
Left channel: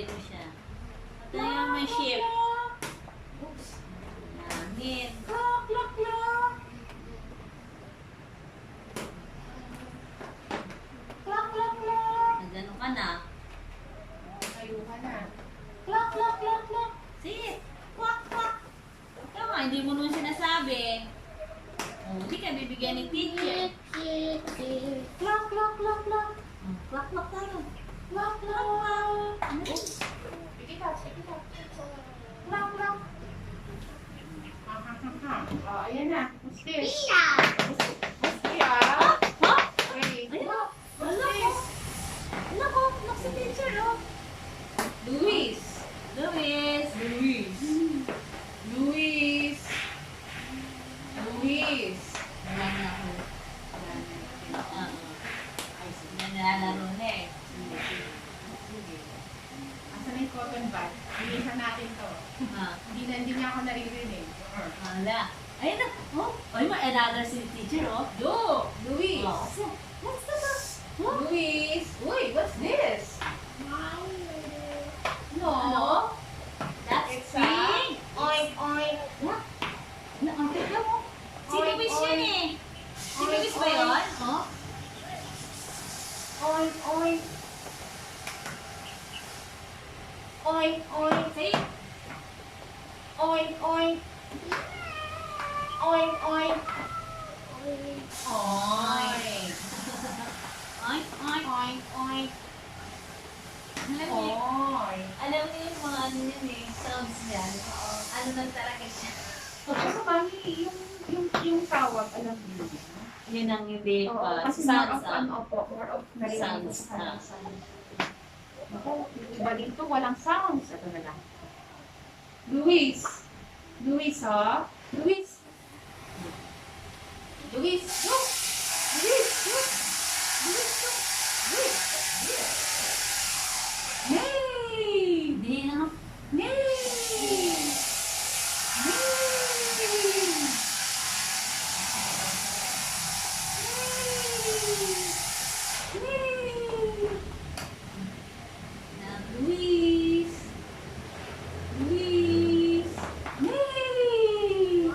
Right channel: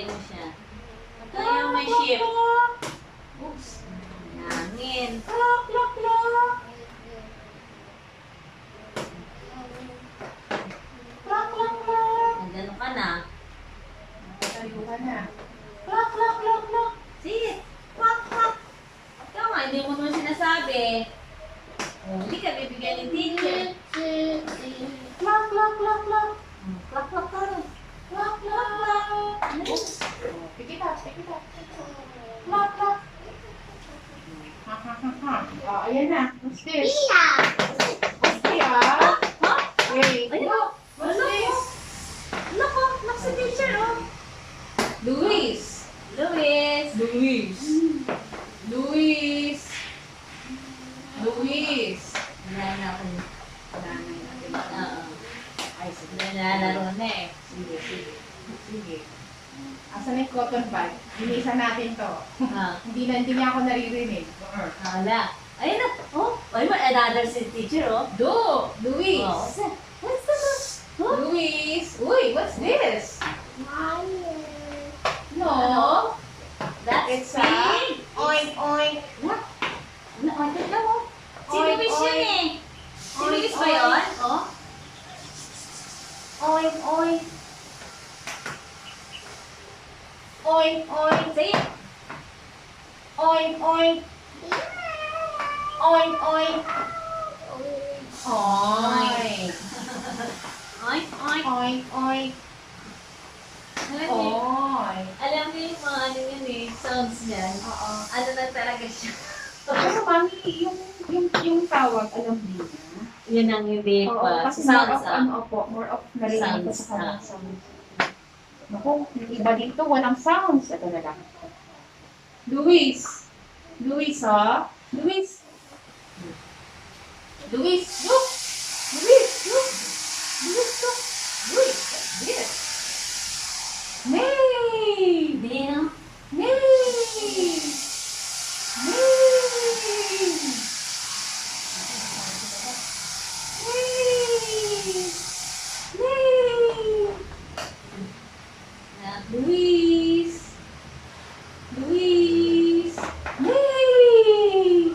Patayin mo siya. Patayin mo may ship. Oops. Hangin. Clock, clock, clock. Clock, clock, clock. Nagano ka na. Tayo ka na. Clock, clock, clock, clock. Sige. Kwak, kwak. Ikaw nga, hindi mo naman sinasabi. Oh, hindi ka bibigyan ng teacher. Clock, clock, clock, clock. Kwak, kwak ka rin. Clock, clock. Ano yun? Pick it up, pick it up. Clock, clock. Ha, ha, ha, ha. Oh, ayan na. What's this? What's this? What? Wait. Ayun. Look. What's Ano? this? Loko, look sa teacher, oh. Luis. Luis. Luis. Luis. Luis. Wala na ako. Nanay natin. Oo. Ay, sige. Nalalaro na eh. Sige, sige. Sige. Asan na yung cotton bud? Linisan natin to. Ah, Hindi niya ako naririnig. wala. Ayun na. Oh, ay mo another si teacher, oh. Do! Luis! Oh, what's that? Huh? Luis! Uy, what's this? No! That's It's a... big. Oink, oink! What? Ano, oh, tignan mo. Si Oink, Luis yun oink. eh. Si Oink, Luis ba oink. yun? Oh. Oink, oink! Oink, oink! Say it. Oink, oink! Oink, oink! Oink! Oink, oink. Oink, oink! Alam niyo, Oink! alam niyo yung mga ano yun eh, sounds niyan. Oo. Ano lang talaga siya. Pero mami, yung tawag, alam niyo na. Yun ang hindi Oo, pa. kasi more Sounds of, ah. ano po, more of narinig ko Sounds, sa kanang sounds. Naku, yung iba dito, walang sounds. Ito na lang. Luis! Luis, ha? Luis! Luis, look! Luis, look! Luis, look! Luis, what's this? Nay! Hindi, no? Nay! Nay! Luis! Luis! Nay!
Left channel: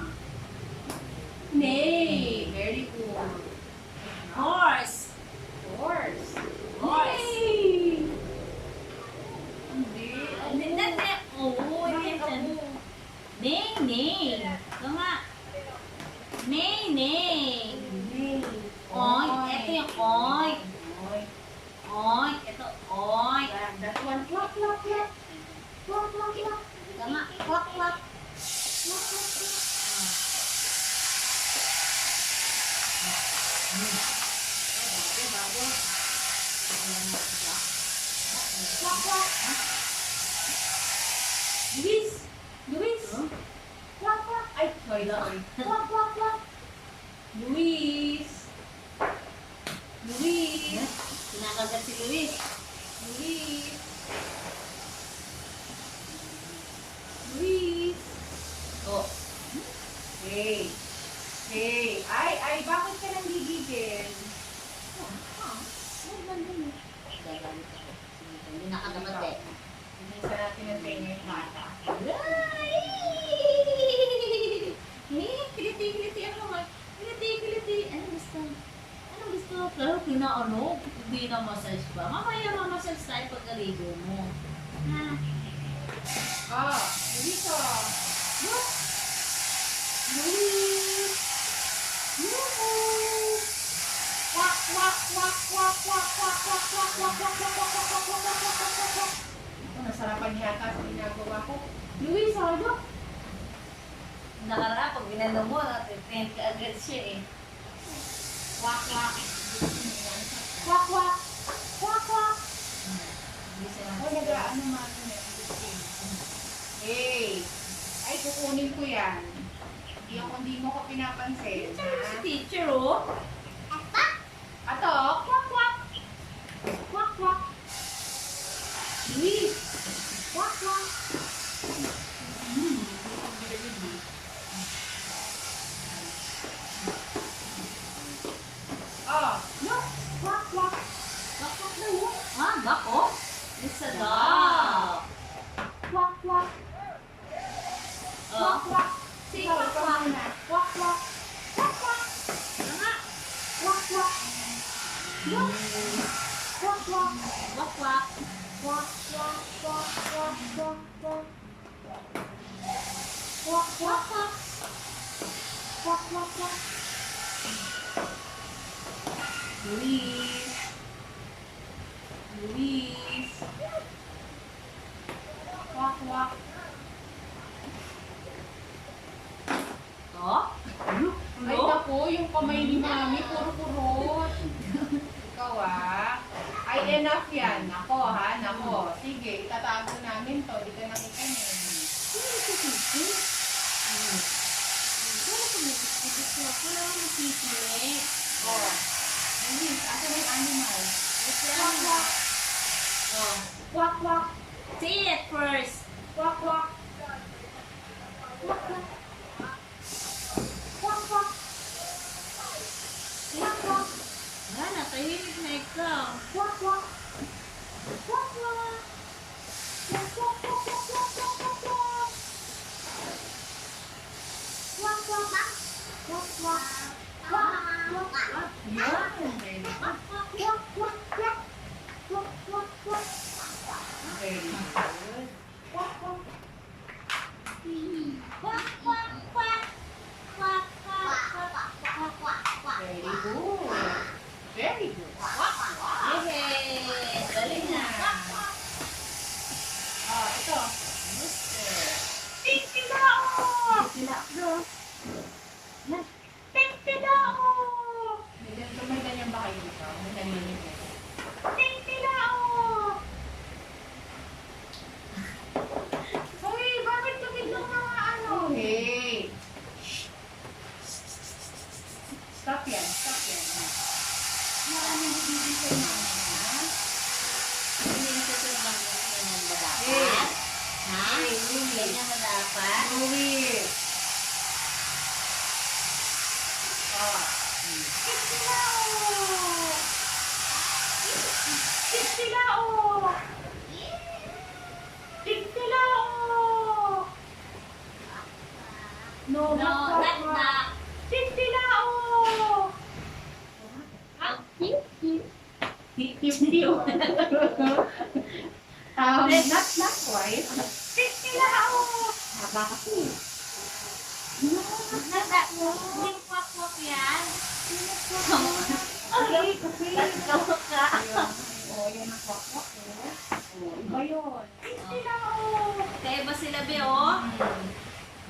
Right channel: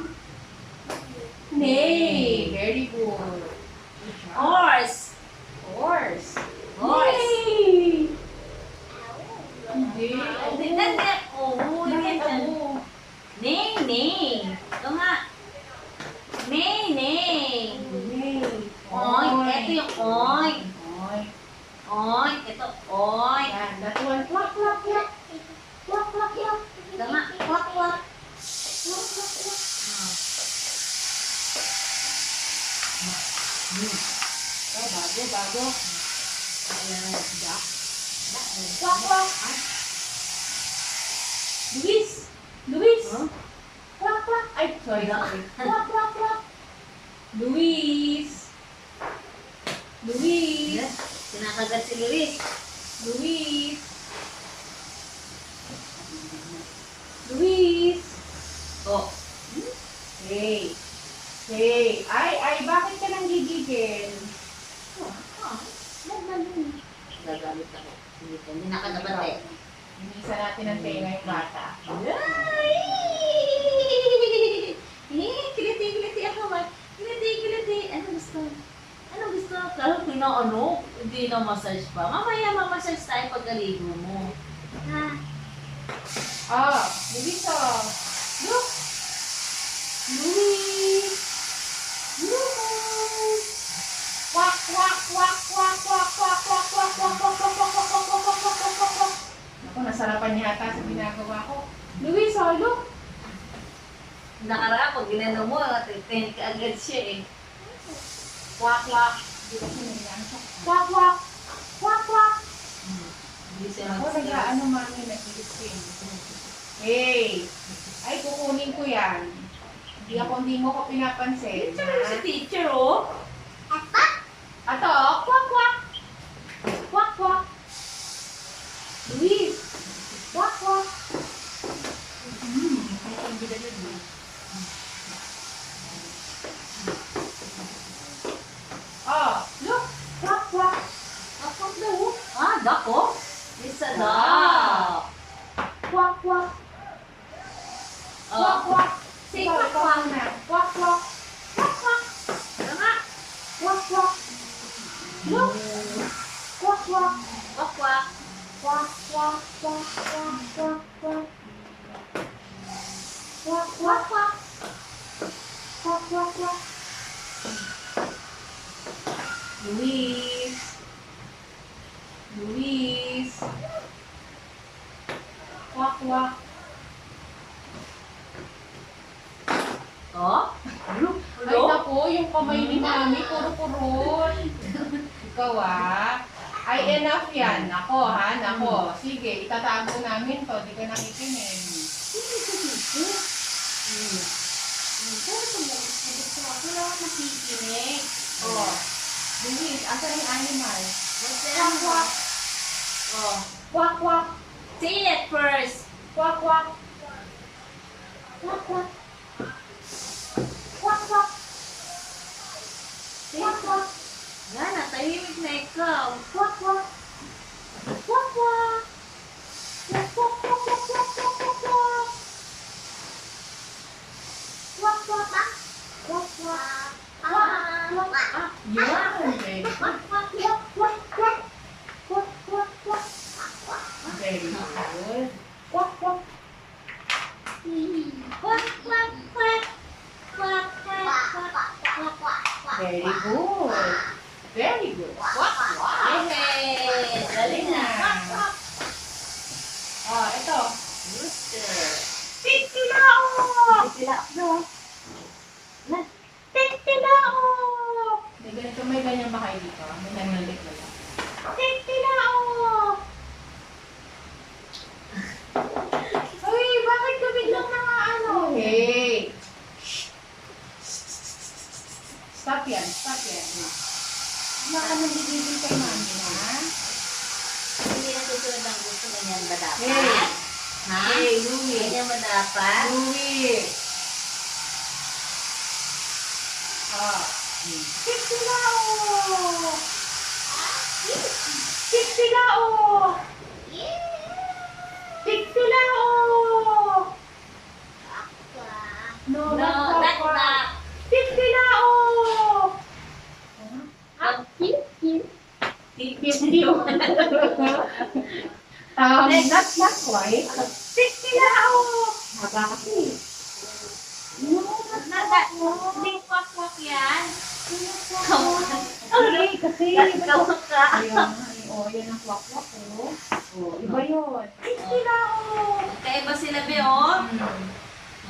Nay! Very good. Horse. Horse. Horse. Nay! Hindi. Hindi na, hindi. Oo, Bakit yan. ako? Nay, nay. Ito nga. Nay, nay. Nay. Oink. Ito yung oink. Oink. Oink. Ito, oink. Yan. That one. Clap, clap, clap. Clap, clap, clap. Ito nga. Kwak, kwak. Clap, clap, clap. Oh, bago, bago. Clap, clap. Luis! Luis! Huh? Clap, clap. Ay, sorry, sorry. Clap, clap, clap. Luis! Luis! Yes. Kinakagat si Luis. Luis! Luis! Oh. Hey! Hey! Ay, bakit ka nang gigigil? Gagamit ako. Hindi nakadapat eh. Inisa natin ang tenga yung bata. Kiliti ako man. Kiliti. Ano gusto? Ano gusto? Kaya pinaano? Hindi na massage pa. Mamaya mamassage tayo pagkaligo mo. Ha? Ah! Luis ah! Look! Luis! Luis! Wak, wak, wak, wak, wak, wak, wak, wak, wak, wak, wak, wak, wak, wak, wak, wak, wak, wak, wak, wak. Ako, nasarapan yata sa ginagawa ko. Luis, ah, look! Nakaraan, pag ginano mo, tent ka agad siya eh. Wak, wak. Wak, wak. Wak, wak. Hindi siya Ako, nag-ano mami, nag-ising. Hey! Ay, kukunin ko yan. Hindi mo ko pinapansin. Teacher mo si teacher oh. Ato, kwak, kwak. Kwak, kwak. Luis. Kwak, kwak. Oh, look. Kwak, kwak. Dakot daw oh. Ah, dako? It's a duck. quack, quack. Quack, quack, quack. Luis. Luis. Wak, wak. Oh? Ay, naku, yung kamay ni Mami, puro-purot. Ikaw ay enough yan. Nako ha, nako. Sige, itatago namin to. Di ka nakikinig. Oh. Luis, asa na yung animal? Quack, quack. Oh. Quack, quack. Say it first. Quack, quack. Quack, quack. Quack, quack. Quack, quack. Wala, tahimik na ikaw. Quack, quack. Quack, quack. Quack, quack, quack, quack, quack, quack, quack, quack. Quack, quack, quack. Quack, quack. Quack, quack, quack. Yan. Very good. Quack, quack, quack, quack, quack. Quack, quack, quack. Very good. Quack, quack. Quack, quack, quack. Quack, quack, quack, quack, quack, quack. Very good. Very good. Quack, quack. Yay! Galing na. Quack, quack. Oh, ito. Rooster. Titilao! Sila ako. Titilao! May ganyan ba kayo dito? May nanilig na yan. Titilao! Uy, bakit ka biglang mga ano? Hey! Stop yan, stop yan. Baka nagigigil kay mami, ha? Hindi yung susunod ang gusto ganyan ba dapat? Hey! Ha? Hey, Louie! Ganyan ba dapat? Louie! Ah. Titilao! Titilao! Titilao! No, No, not that's not. Titilao! Titilao! Not quite. Titilao! Haba kasi. No, Not that. Hindi kwak-kwak yan. Ay, kasi. Ikaw ka. Ayun, oh, yan ang kwak-kwak, oh. Oh, iba yun. Titilao! Kaya ba sila, Be, oh? Hmm.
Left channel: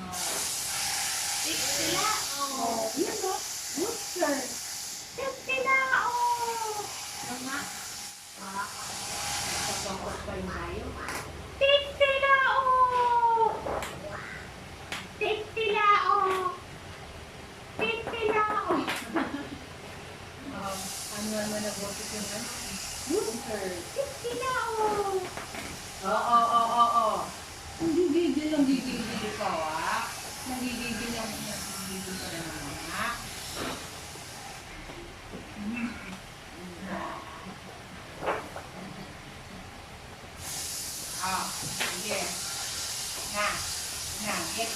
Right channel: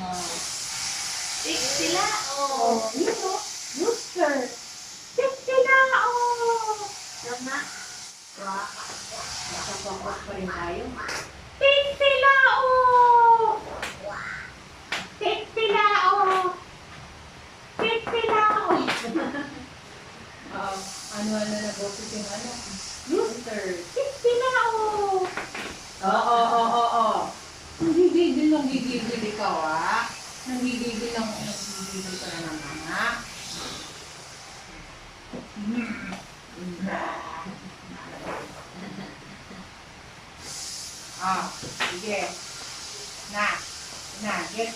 Oh. Sila, oh. Oh, yun o. Rooster. Titilao! Nama. Wow. Nakakwak pa rin tayo. Titilao! Titilao! Titilao! Ano na boses yung ano? Rooster. Titilao! Oo. Nanggigigil ikaw, Nanggigigil ka na naman, sige. Get.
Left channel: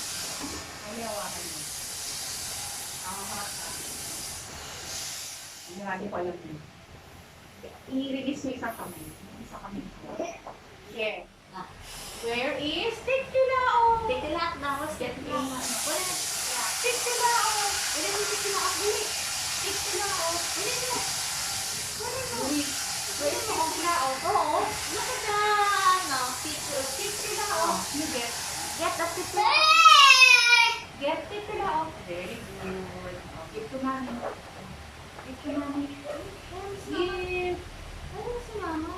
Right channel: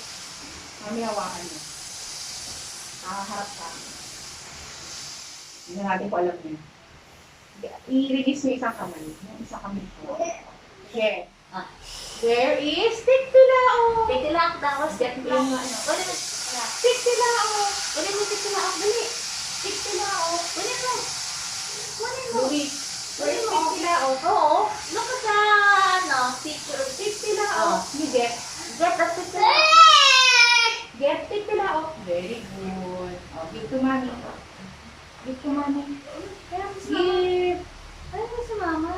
Kami hawakan mo. Nakaharap ka. Hindi natin ko alam yun. I-release mo isang kamay. Yung isang kamay ko. Okay. Where is Titilao? Titilak daw. Titilak. Wala mo. Titilao! Wala mo titilak. Dili. Titilao! Wala mo. Wala mo. Luis, where is Titilao? Oo. Look at the, ano, picture. Titilao! Get. Get the titilak. Get Titilao. Very good. Oh, give to mommy. Give to mommy. Kaya mo si mama. Give. Kaya mo si mama.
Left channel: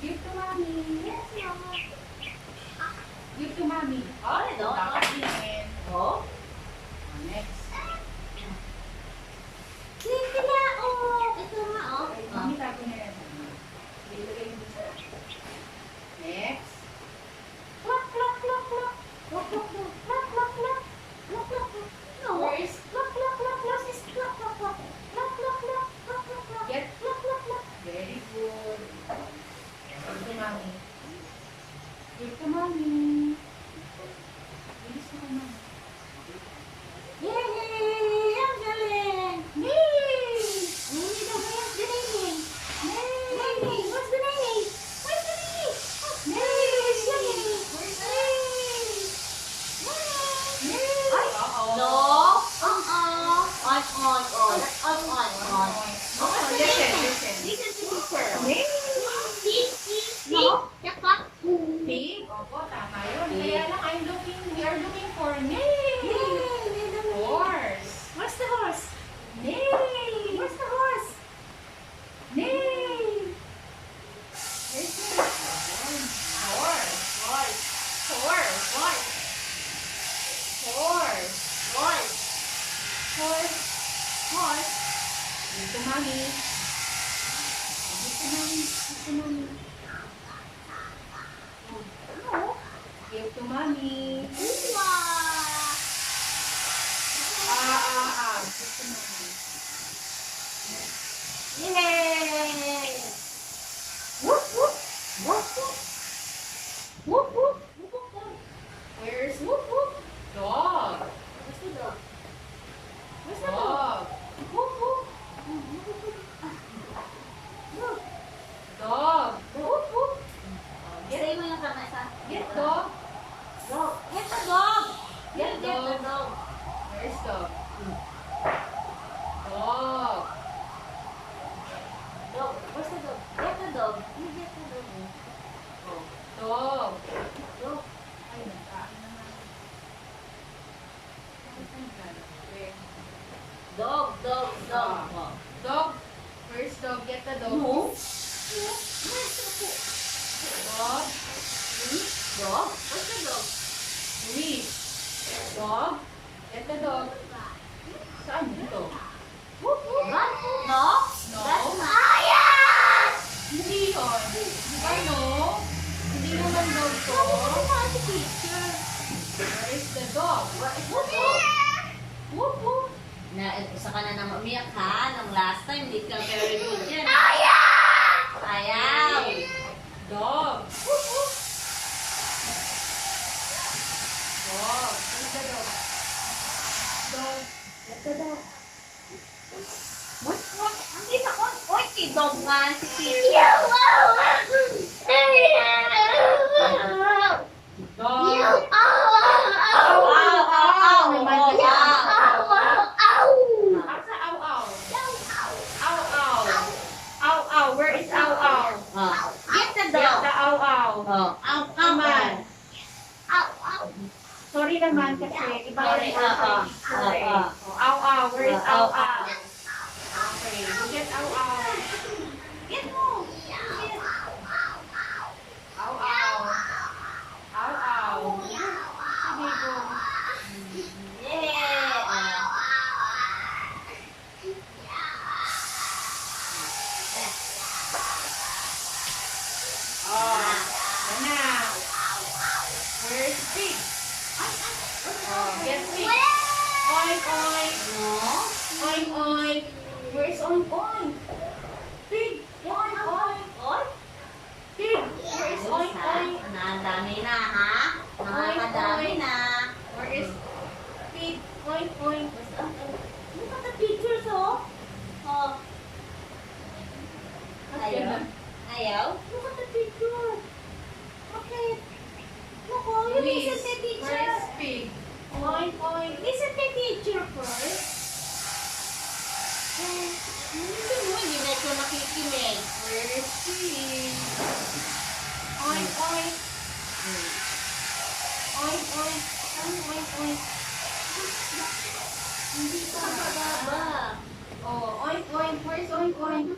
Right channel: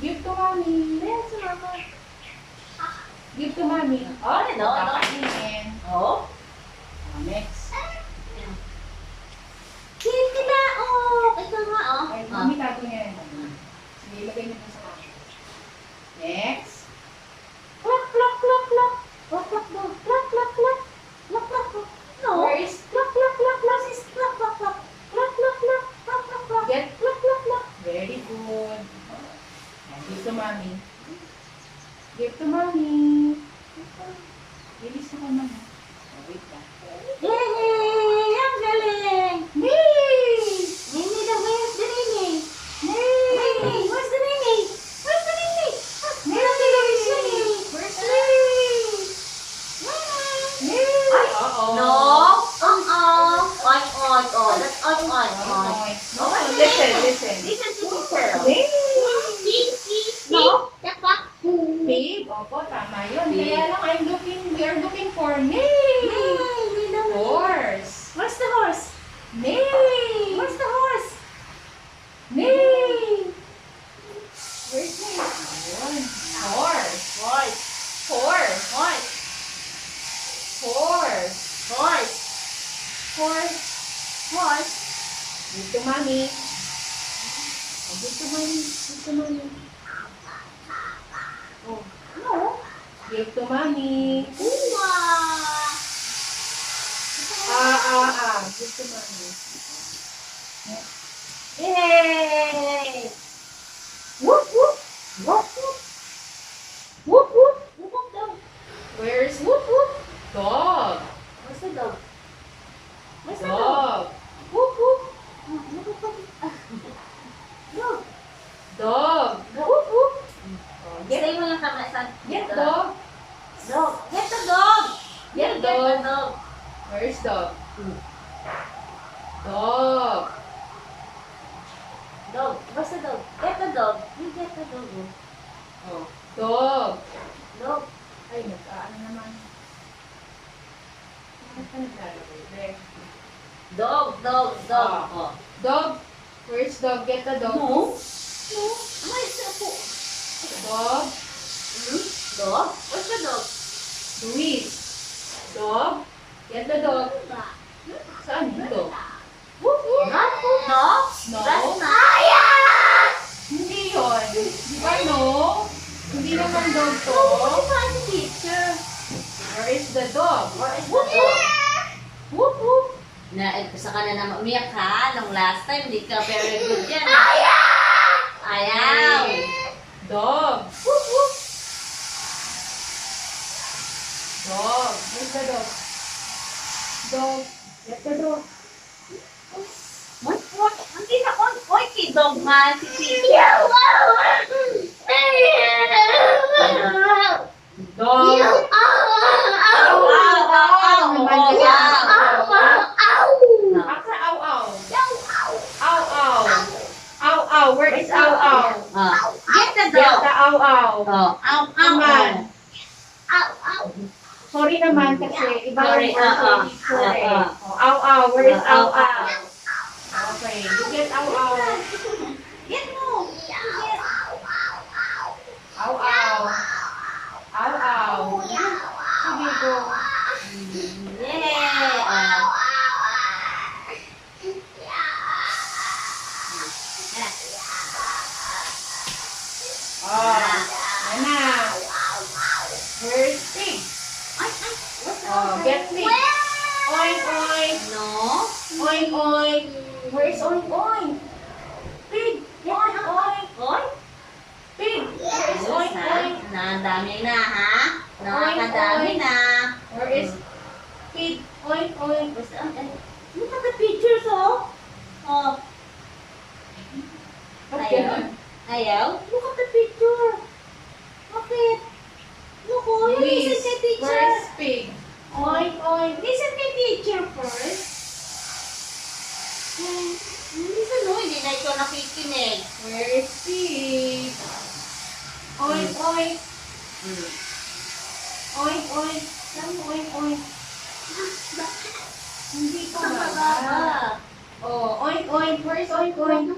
Give to mommy. Kaya mo si mama. Give to mommy. Oh, No. kakainin. Oh. Next. Titilak. Oh. Ito nga, oh. Ay, mami, tago niya yan. Sige, ilagay niyo dun sa next. Klak, klak, klak, klak. Klak, klak, klak. Klak, klak, klak. Klak, klak, klak. No. Where is Klak, klak, klak, klak. Is klak, klak, klak. Klak, klak, klak. Klak, klak, klak. Get. Klak, klak, klak. Very good. Give to mommy. Give to mommy. Bilis ako naman. Wait lang. Yay! Ang galing! Yay! Nini daw, where's the Nini? Yay! Nini, where's the Nini? Where's the Nini? Yay! Where's the Nini? Where's Yay! Yay! Yay! Opo, tama yun. Kaya lang, we are looking for name. Horse. Where's the horse? Name. Where's the horse? Name. Where's name? Ayun. Horse. Horse. Horse. Horse. Horse. Horse. Horse. Horse. Dito, mami. Dito, mami. Dito, mami. Oh. No. Dito, mami. Uma. Dito, mami. Yay! Whoop whoop. Whoop whoop. Whoop, whoop. Whoop whoop dog. Where's whoop, whoop? Dog. Where's the dog? Where's the dog? Dog. Whoop, whoop. Dog. Dog. Whoop, whoop. Oh, Stay mo lang kami sa... Get dog. Dog. Get the dog. Get Get the dog. dog. Where's dog? Dog. Dog. Where's the dog? Get the dog. You get the dog. Oh. Dog. Dog. Ay, nagkaan naman. Dog. Dog. Dog. Ah. Oh. Dog. Where's dog? Get the dog. No. No. Where's the dog? Dog. Dog? Where's the dog? Luis. Dog. Get the dog. Saan dito? Whoop, whoop. Not no. No. That's not. Hindi yun. Di ba no? Hindi naman dog to. Oh, funny picture. Where is the dog? Where is the dog? Whoop, whoop. Isa ka na naman umiyak ha. Nung last time, hindi ka very good yan. Ayaw! Dog. Whoop, whoop. Dog. Where's the dog? Dog. Get the dog. What? Ang kinakon? Oy, kidog nga si Pia. Dog. Asa aw aw. Aw aw. Aw aw. Where is aw aw? Get the Get dog. the aw aw. Oh, ow, Naman. ow. Sorry naman kasi iba Sorry, yung word for picture eh. Oh, aw aw. Where is aw aw? Okay. You get aw aw. Get mo. Aw aw. Aw aw. Sige go. Yeah. Oh. Yan na. Where is pig? Oh, get pig. Oink oink. No. Oink oink. Where is oink oink? Pig. Oink oink. Oy. Pig. Where is oink oink? Dami na ha. Nakakadami na. Where is pig? Oink oink. Look at the pictures, oh. Oh. Ba't Ayaw? ganun? Ayaw? Look at the picture. Bakit? Look, oh. Luis, Listen to where teacher. is pig? Oink oink. Listen to teacher first. Listen, no. Hindi na ikaw nakikinig. Where is pig? Oink oink. Oink oink. Saan oink oink? Hindi pa Sa baba. Oh, oink oink. Where is oink oink?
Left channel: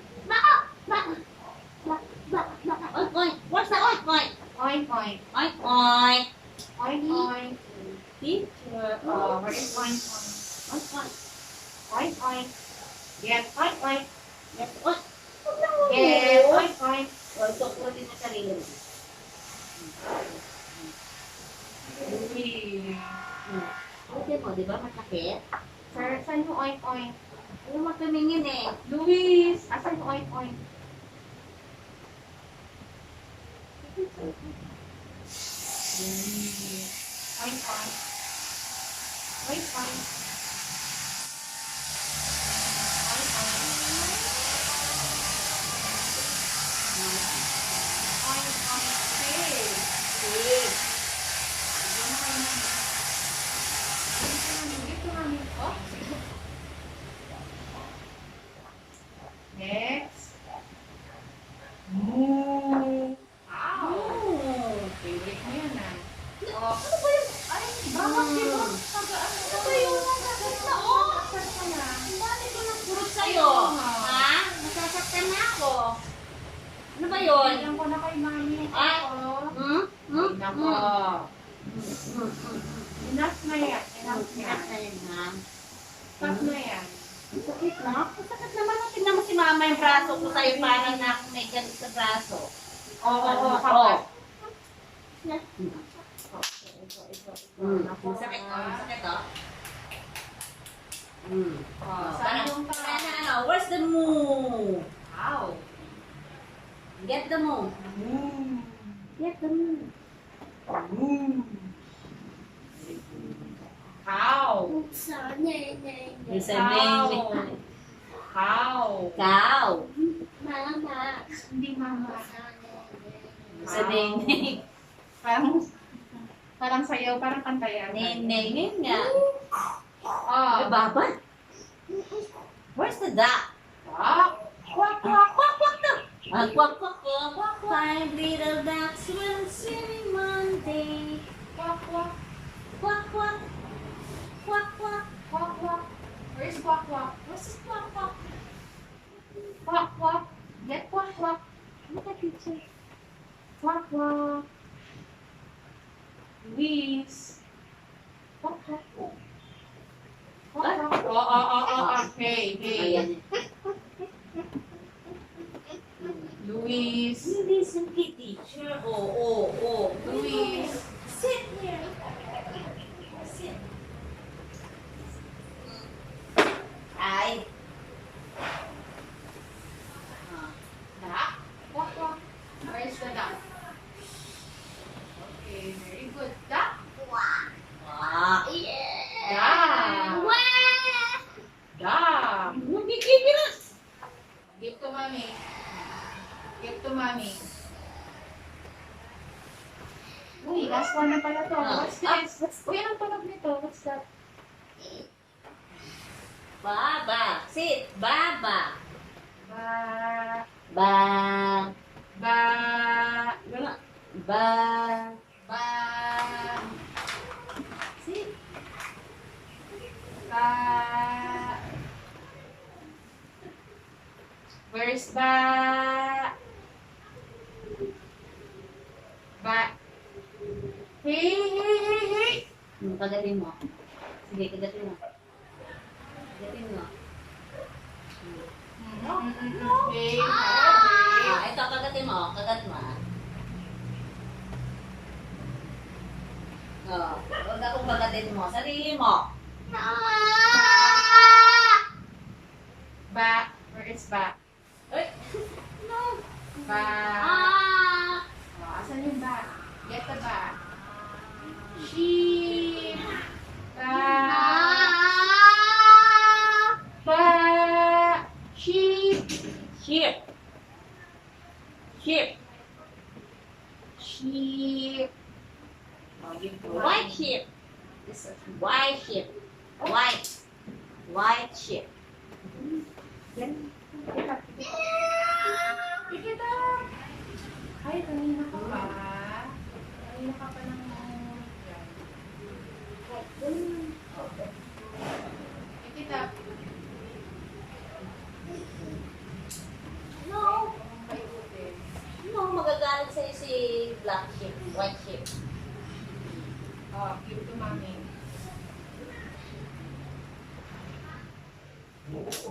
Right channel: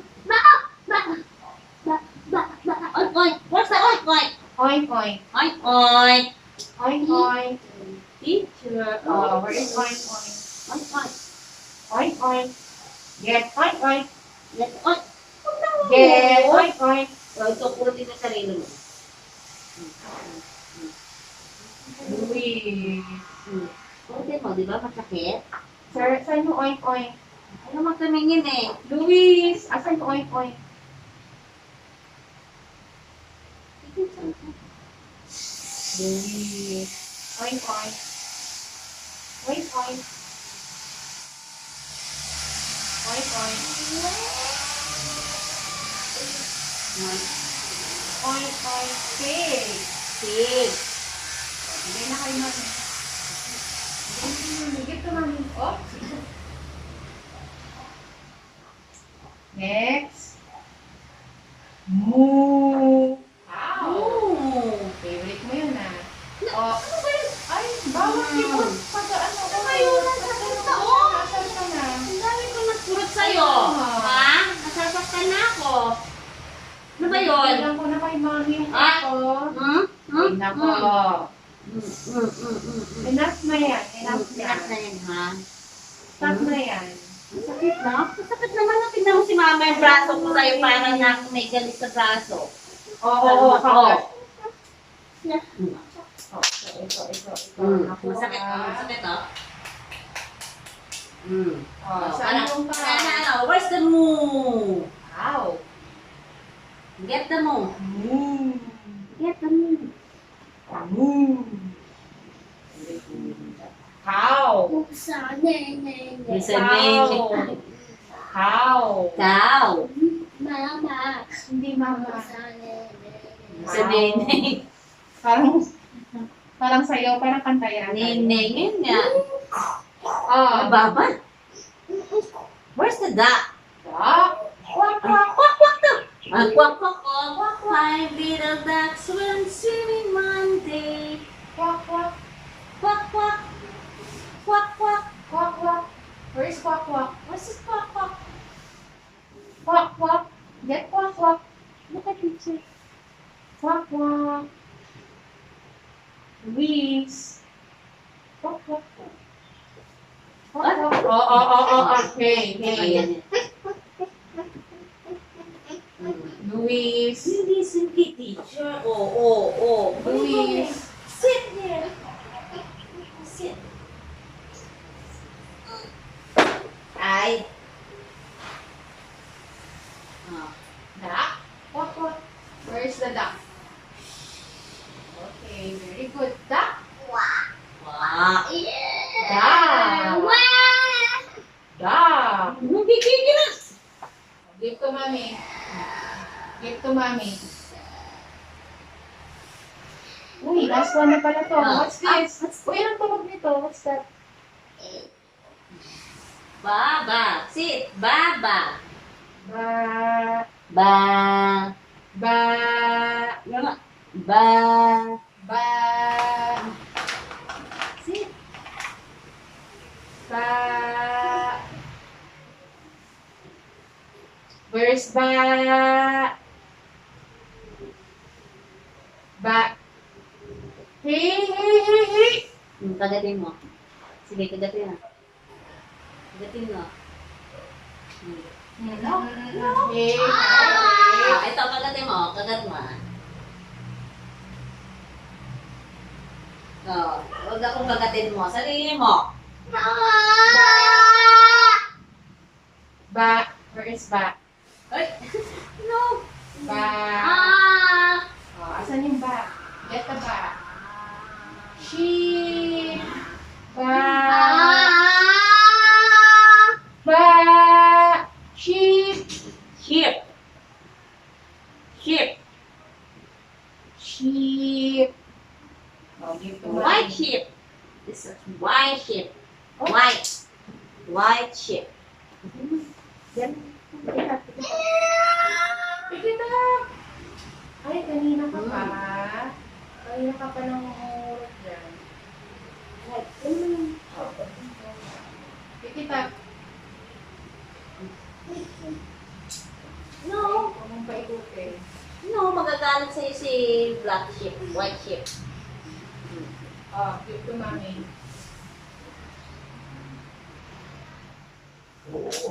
Oink, oink. What's the oink, oink? Oink oink. Oink, oink. Oink oink. Teacher. Oh, where is oink oink? Oink, oink. Oink oink. Get oink oink. Yes, oink. Get oink oink. Oh, ito po din na sarili mo. Uy. Okay mo, di ba? Masakit? Sir, saan yung oink oink? Ayaw mo tumingin eh. Luis, asan yung oink oink? Luis. Oink oink. Oink oink. Oink oink. Oink oink. Pig. Pig. Hindi na kayo man. Higit ka man. Oh. Next. Moo. Ow. Oh. Favorite mo yun, Nako. Enough na yan. Enough na. Lahat na yan, ha? Stop na yan. Ang sakit na. Ang sakit naman na. Tignan mo si mama yung braso ko sa'yo. Parang na may galit sa braso. Oo, kakat. Na. Ito. Masakit, masakit, oh. Saan yung pa? Ano? Where's the moo? Ow. Get the moo. Moo. Get the moo. Moo. Cow. Isa nene. Cow. Cow. Hindi mama. Isa nene. Parang sayaw, parang kanta yan. Nene, yun nga. Oh. Baba? Where's the duck? Duck. Quack, quack, quack, quack, duck. Quack, quack, quack, quack. Five little ducks went swimming one day. Quack, quack. Quack, quack. Quack, quack. Quack, quack. Where is quack, quack? What's this quack, quack? Quack, quack. Get quack, quack. Look at picture. Quack, quack. Luis. Quack, quack. Quack, quack. Oh. Hey. Ayan. Luis. You listen kay teacher. Oh. Luis. Sit here. Sit. Ay. Duck. Quack, quack. Where is the duck? Okay, very good. Duck. Wow. Duck. Duck. Nagkikigil na. Give to mommy. Give to mommy. Uy, last one na pala to. What's this? Uy, anong tunog nito? What's that? Baba. Sit. Baba. Ba. Ba. Ba. Ba. Ba. Sit. Ba. Where's ba? Ba. Hey. Kagatin mo. Sige, kagatin mo. Kagatin mo. Hey. Ito, kagatin mo. Kagat mo. Huwag akong kagatin mo. Sarili mo. Ba. Where is ba? Ay! No! Ba. Oh, asan yung ba? Get the ba. Sheep. Ba. Ba. Sheep. Sheep. Sheep. Sheep. Oh, give to White sheep. This is white sheep. White. White sheep. Pick it up. Ay, kanina ka pa. Kanina ka pa nang umurot dyan. Pick it up. No. Huwag mong paikutin. No, magagalit sa'yo si black sheep. White sheep. Oh, give to mommy.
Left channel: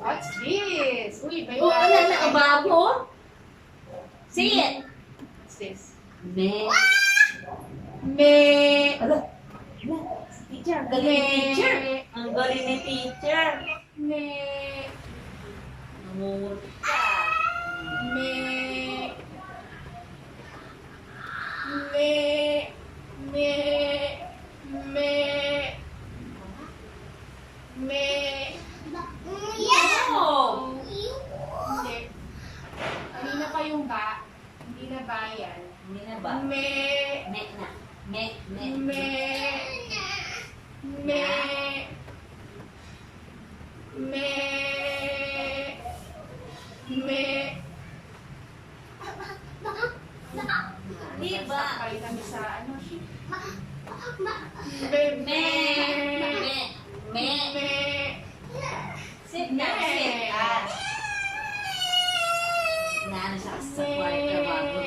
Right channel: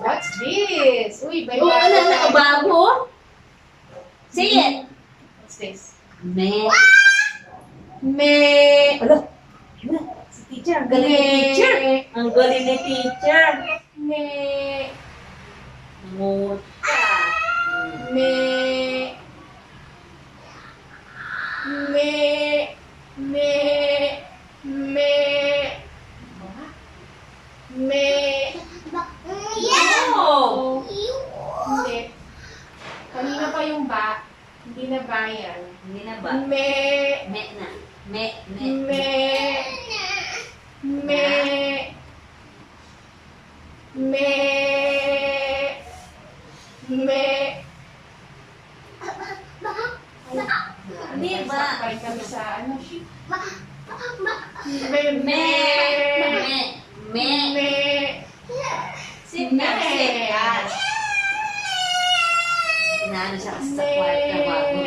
What's this? Uy, may Oh, ano na, babo? Say it. What's this? Me. Me. Ala. Si teacher. Ang galing ni teacher. Ang galing ni teacher. Me. Nangungot ka. Me. Me. Me. Me. Me. No. Hindi. Kanina pa yung ba. Hindi na ba yan? Hindi na ba? Me. Me na. Me. Me. Me. Me. Me. Hindi ba? Sakay kami sa ano, sheep. Me. Me. Me. Me. Me. Sit na. Sit. Yan. Inaano siya sa kwarto bago.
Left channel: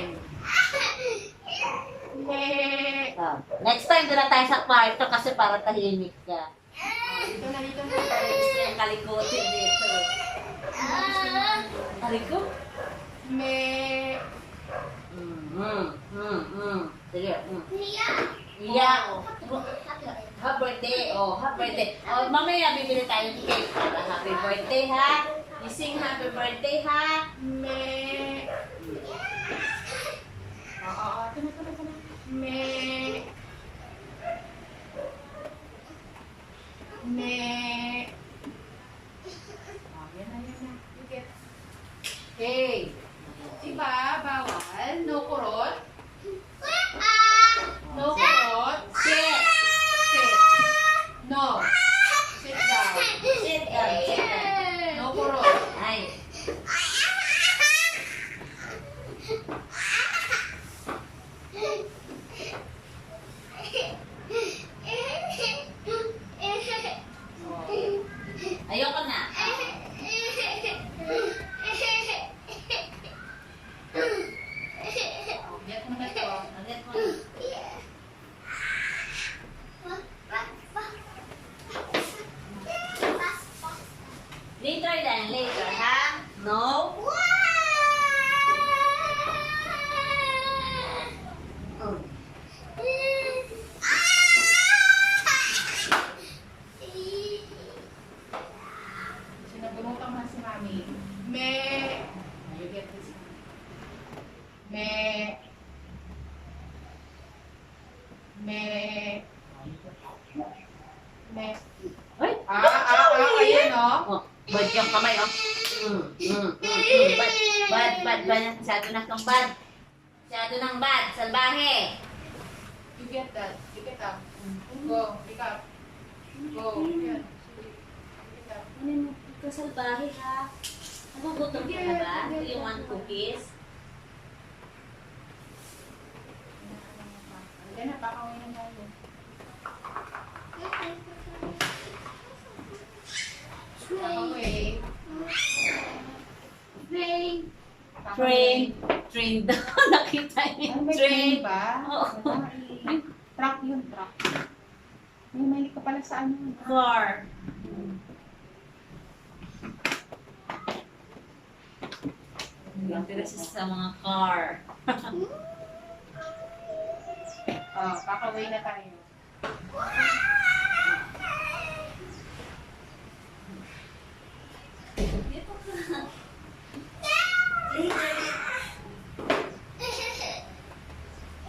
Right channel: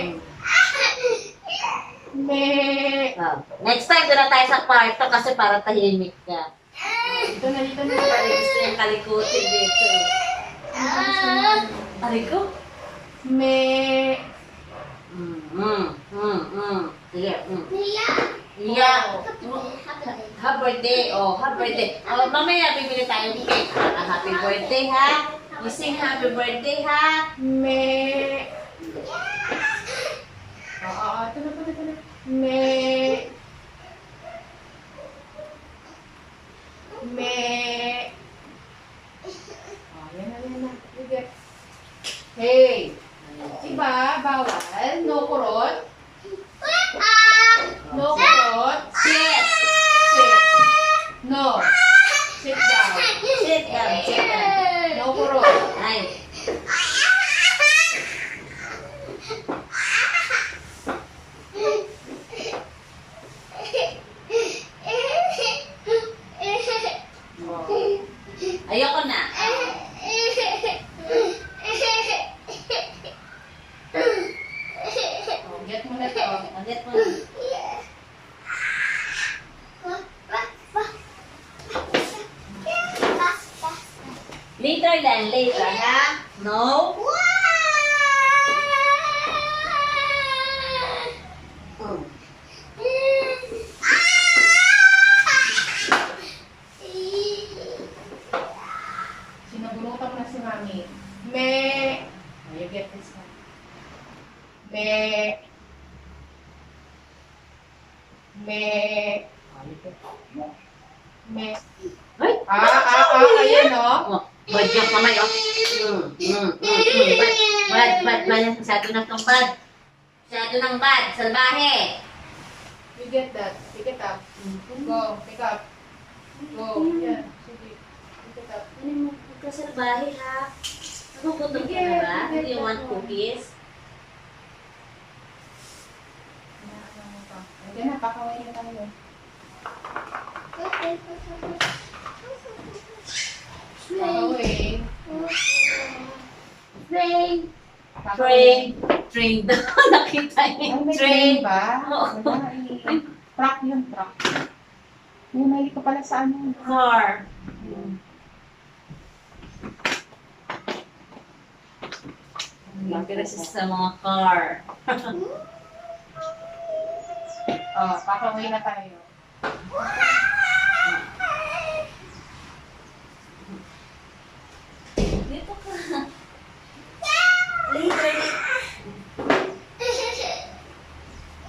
Me. Oh. Next time, doon na tayo sa kwarto kasi para tahimik ka. Dito na. Parang gusto yung kalikutin dito eh. Taliko? Me. Sige. Iyak. Happy birthday. Oh, happy birthday. Oh, mamaya bibili tayong cake. Happy birthday ha. You sing happy birthday ha. Me. Oo, ito na. Me. Me. Oh, yan na. You get. Hey. Diba, bawal? No kurot? No kurot? Sit. Sit. No. Sit down. Sit down. Sit down. No kurot. Ay. Ayoko na. Oh, get mo na to. Agad mo na. Later then, later ha? No? Sinabunutan mo na si Mami. Me. Oh, you get this one. Me. Me. Oh, you get Me. Ay! Ayan o. Oh, bad yung kamay, oh. Bad. Masyado na itong bad. Masyado ng bad. Salbahe. You get that. Pick it up. Go. Pick up. Go. Yeah. Sige. Pick it up. Ano mo? Huwag ka salbahe, ha? Nagugutom ka na ba? Do you want cookies? Ano mo pa? Ayan na, pakaway na tayo. Pakaway. Train. Pakaway. Train daw. Nakita niyo Ay, yung may train. train ba? Oo. Wala. Truck yun, truck. May ka pala sa ano. Car. Lapit sa mga car. Oh, pakaway na tayo. Dito ka. Later.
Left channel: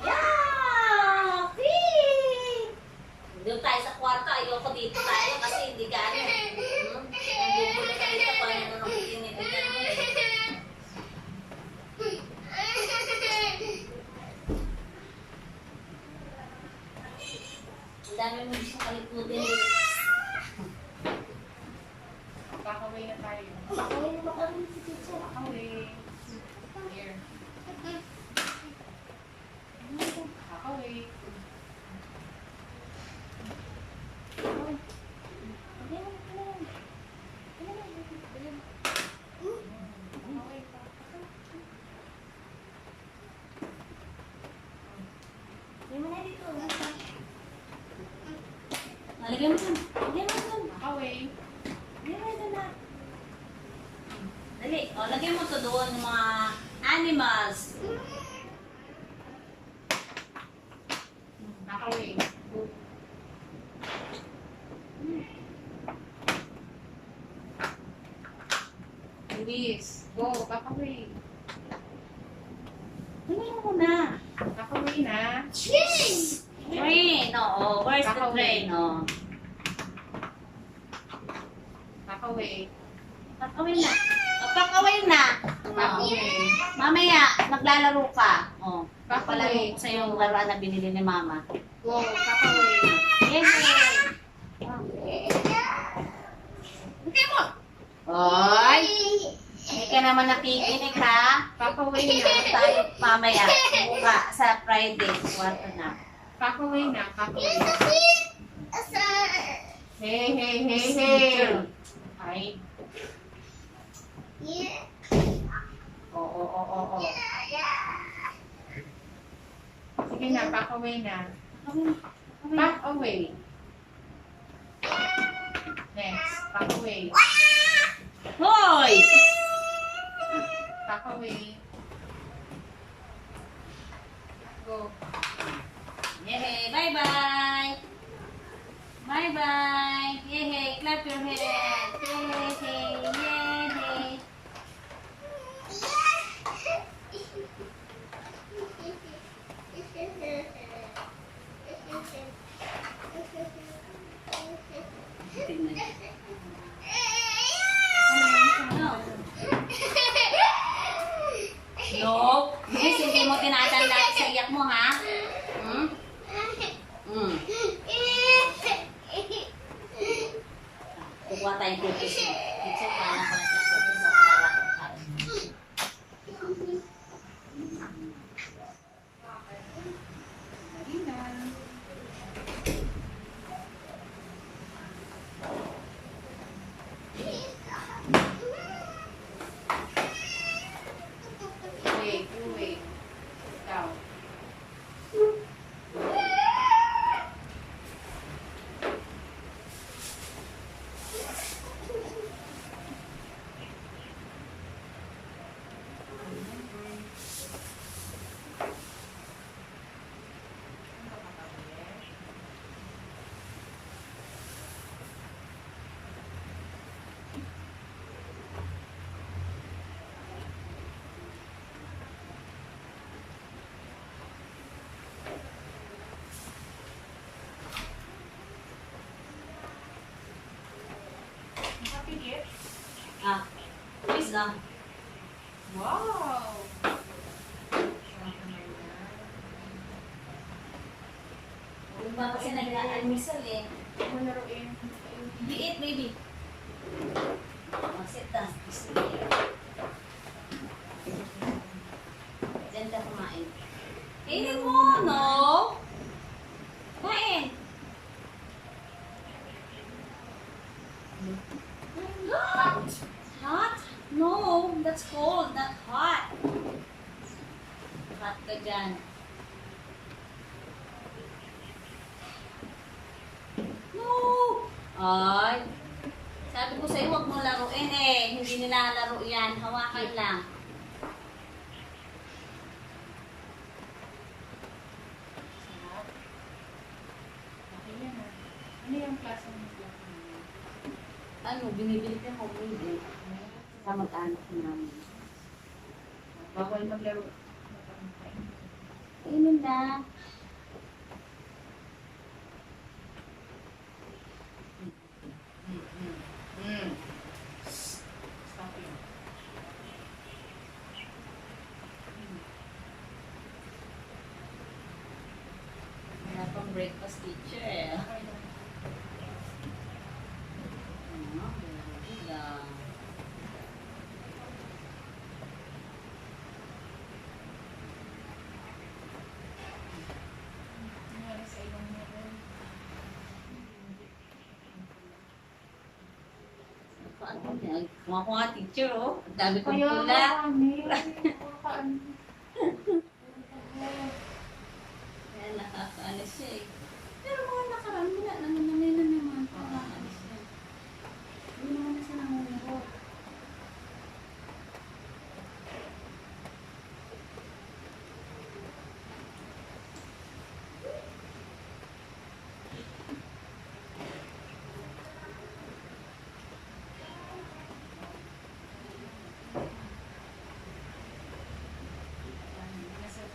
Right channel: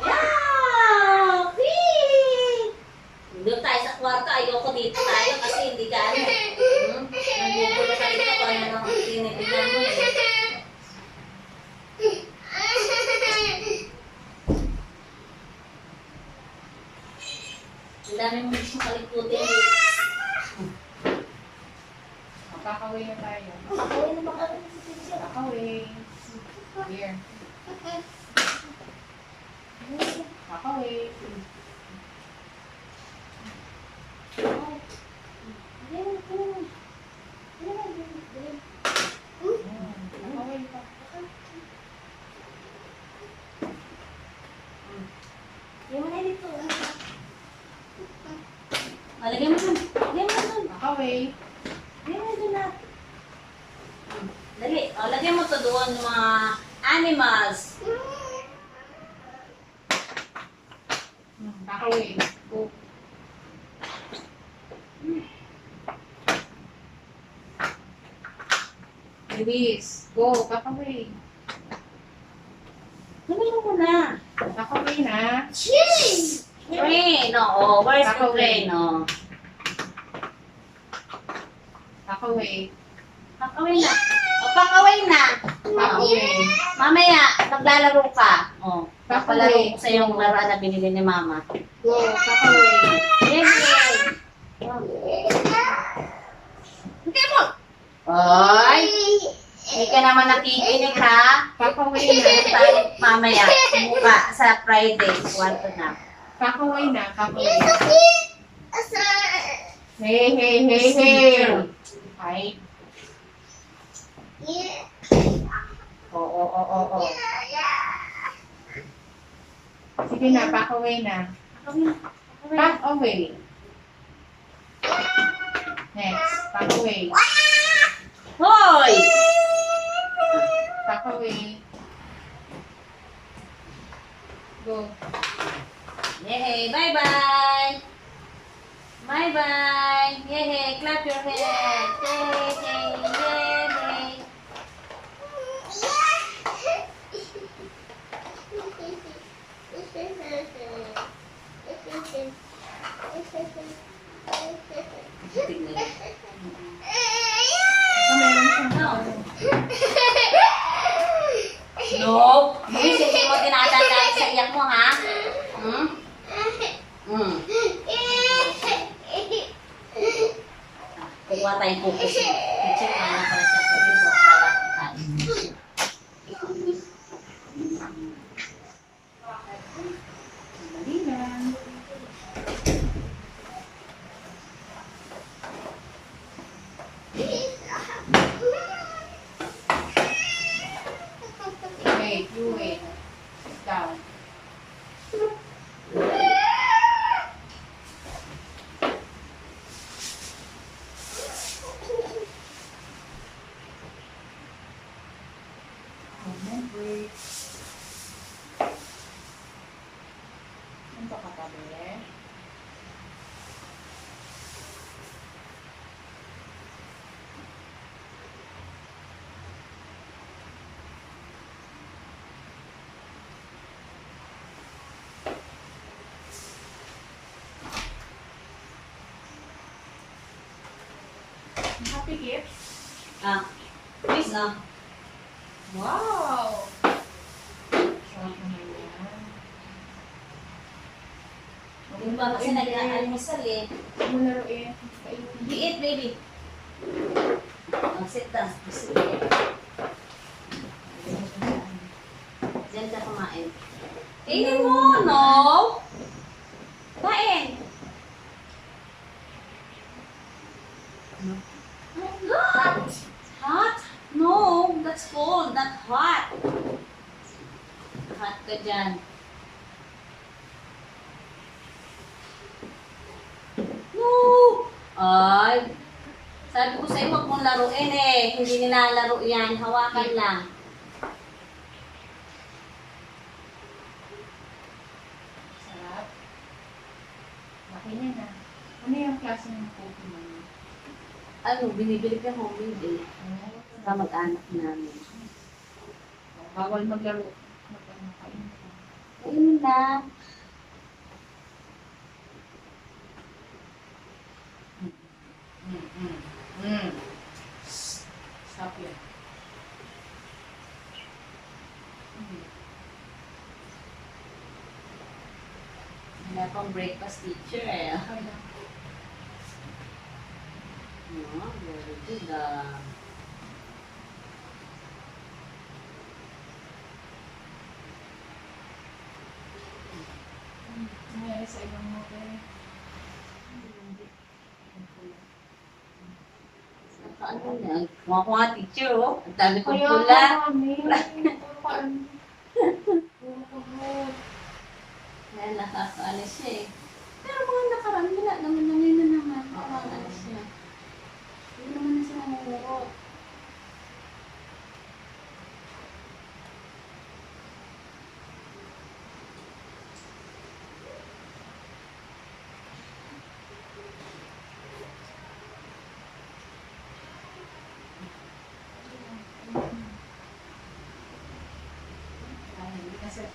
Yeah! Whee! Doon tayo sa kwarto. Ayoko dito tayo kasi hindi ka ano. Nandito ka dito kung ano ang tinitigan mo eh. Ang dami mo gusto kalikutin eh. Pakaway na tayo. Kaya naman kami si teacher. Pakaway. Here. Pakaway. Pakaway pa. Lagyan mo dun. Lagyan mo dun. Pakaway. Lagyan mo dun na. Dali. O, lagyan mo to doon mga animals. Pakaway. Go. Release. Go. Pakaway. Lagyan mo muna. Pakaway na. Train. Oo. Where's the Pakaway. train? O. Pakaway. Pakaway na. O, pakaway na. Pakaway. Mamaya, naglalaro ka. O. Pakaway. Papalaro ko sa yung laruan na binili ni Mama. Go. Pakaway. Yes, yes. Hindi mo. Oy. Hindi ka naman nakikinig ha. Pakaway Hindi na. tayo mamaya. Mukha sa Friday. Kwarto na. Pakaway na. Pakaway. Hey, hey, hey, hey. Ay. Oo, oo, oo, oo. Sige na, back away na. Back away. Next, back away. Hoy! Back away. Go. Yay! Bye-bye! Bye-bye! Yay! Clap your hands! Yay! Yay! No! Luis, hindi mo tinatanda sa iyak mo, ha? Hmm? Hmm. Kukuha tayong cookies mo. Check ka na pala sa cookies mo para kakain. Dali lang. Wait, you wait. Sit down. Break. Ano ka katabi eh? Happy gift? Ah, please na. Wow! Sarap naman yan. Yung ba kasi nag-almusal eh. Huwag mo laruin. Kainin. Hindi eat, baby. Oh, sit down. Sige. Diyan ka kumain. Kainin mo, no? Kain. Hot. Hot? No, that's cold, not hot. Hot ka dyan. No! Ay, sabi ko sa'yo, huwag mong laruin eh. Hindi nilalaro yan. Hawakan lang. Sarap. Laki niya na. Ano yung klase ng cookie mo? Ano, binibili ka homemade eh. Sa mag-anak namin. Bawal maglaro. Magpapakain. Kainin lang. Stop yun. Wala pang breakfast teacher eh. Okay na. Oh, very good ah. Nangyari sa ibang mobile. Nakaano niya? Kuha ko nga teacher oh. Ang dami kong Kaya pula. kami. Puro ka ano. Puro ka hot. Kaya nakakaano siya eh. Pero mga nakaraan wala naman na ngayon na naman. Nakakaano siya. Hindi naman na siya namumuro.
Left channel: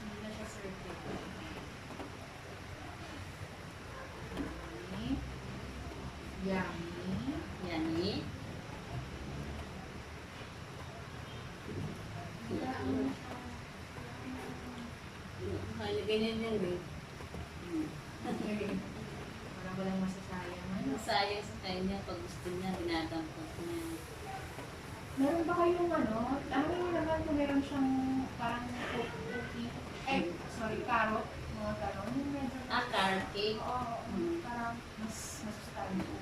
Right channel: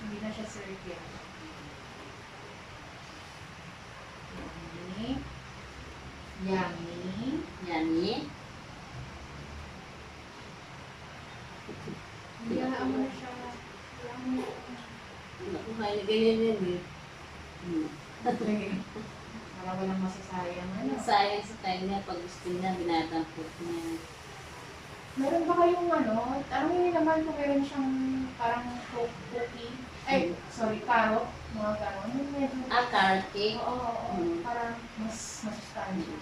Hindi na siya circuit. Yummy. Yummy. Hayaan mo na siya. Kaya ganyan yan eh. Parang walang masasayang. Ano? Sayang sa kanya pag gusto niya, binatampot niya. Meron ba kayong ano? Tanongin niyo naman kung meron siyang parang cookie. Ay, sorry, carrot. Mga gano'n. Yung medyo... Ah, carrot cake. Oo. Para mas masustansya.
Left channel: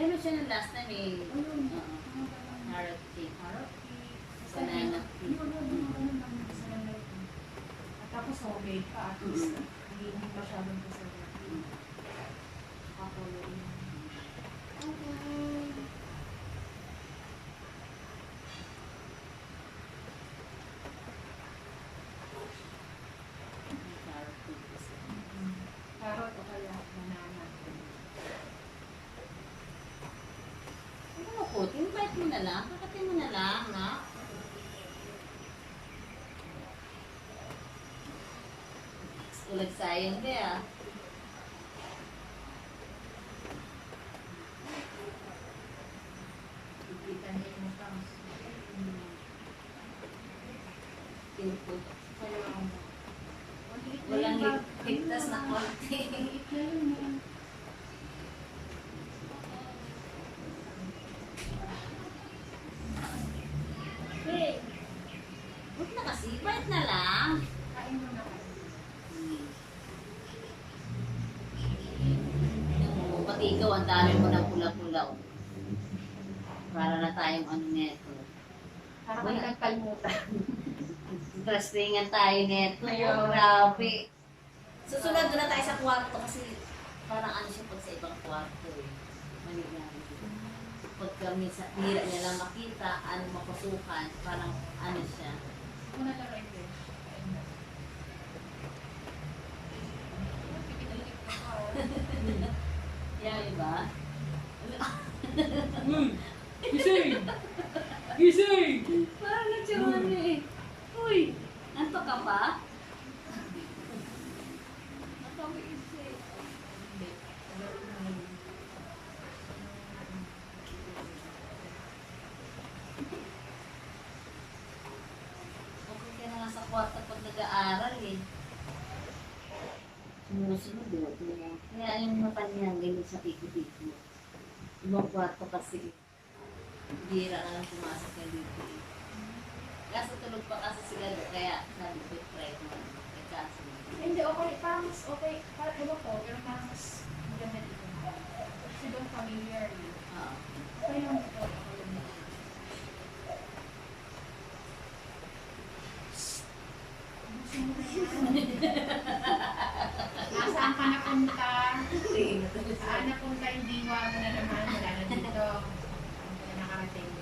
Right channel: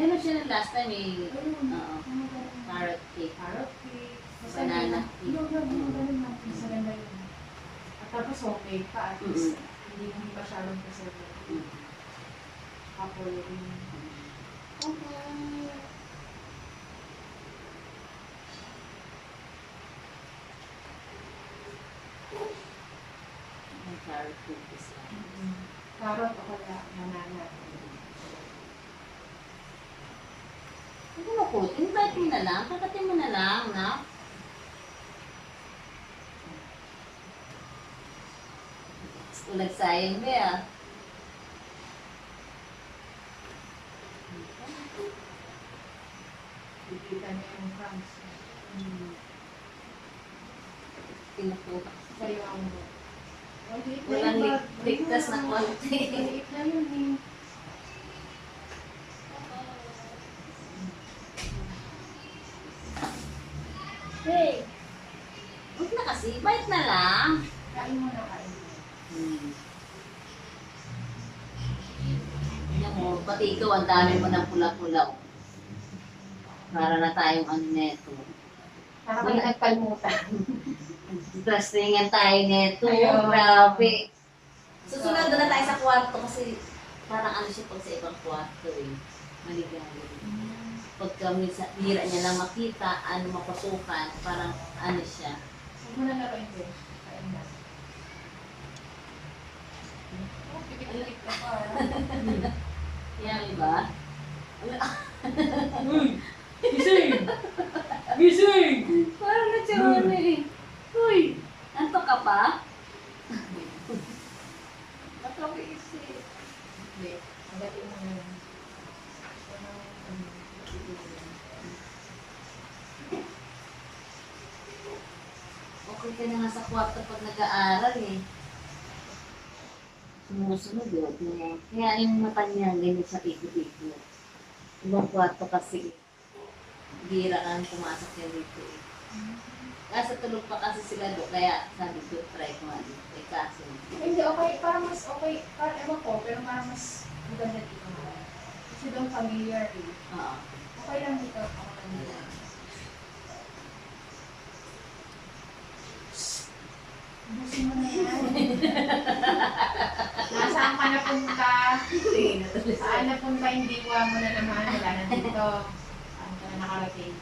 Meron siya ng last time eh. Ayun. Oo. Mga gano'n. Carrot cake. Carrot cake. Basta Banana yun. cake. Yun, mga gano'n. Mas maganda yun. At Tapos homemade pa, at least hindi masyadong preservative. Ako yung Okay. May carrot cookies lang. carrot o kaya banana. Ano na po? Invite mo na lang. Kakatin mo na lang, na? Ulag sayang ba ah. Kikita niya yung crumbs. Pinupo. Sa'yo ang Walang ligtas na konti. maliit na yun eh. Hey! Huwag na kasi. Bite na lang. Kain mo na kain. Yan mo, pati ikaw, ang dami mo ng pula-pula. Oh. Para na tayong ano neto. Para kayo nagpalmutan. Interestingan tayo neto. Ayun. Grabe. Susunod na tayo sa kwarto kasi parang ano siya pag sa ibang kwarto eh. Maligali. Pagka minsan, hira niya lang makita, ano mapasukan, parang ano siya. Huwag mo na laruin ko. Kain na. Oh, pipit-pipit ka pa. Yan, iba? Gising! Gising! Parang nagsiyawala eh. Uy! Anto ka pa? Ba't ako isip? Hindi. Magaling mo yun. Okay ka na nga sa kwarto pag nag-aaral eh. Sumusunod eh. Kaya yung mata niya, ganyan siya piko-piko. Ibang kwarto kasi, bira kang pumasok yan dito eh. Nasa tulog pa kasi sila do, kaya sabi ko, try ko ano. Eh kaso, Hindi, okay. Parang mas okay. Parang ewan ko, pero parang mas maganda dito. Kasi doon familiar eh. oo. Okay lang dito. Ako lang dito. Ubusin mo na yan. Nasaan ka napunta? Saan napunta yung diwa mo na naman? Wala na dito. Saan ka na nakarating?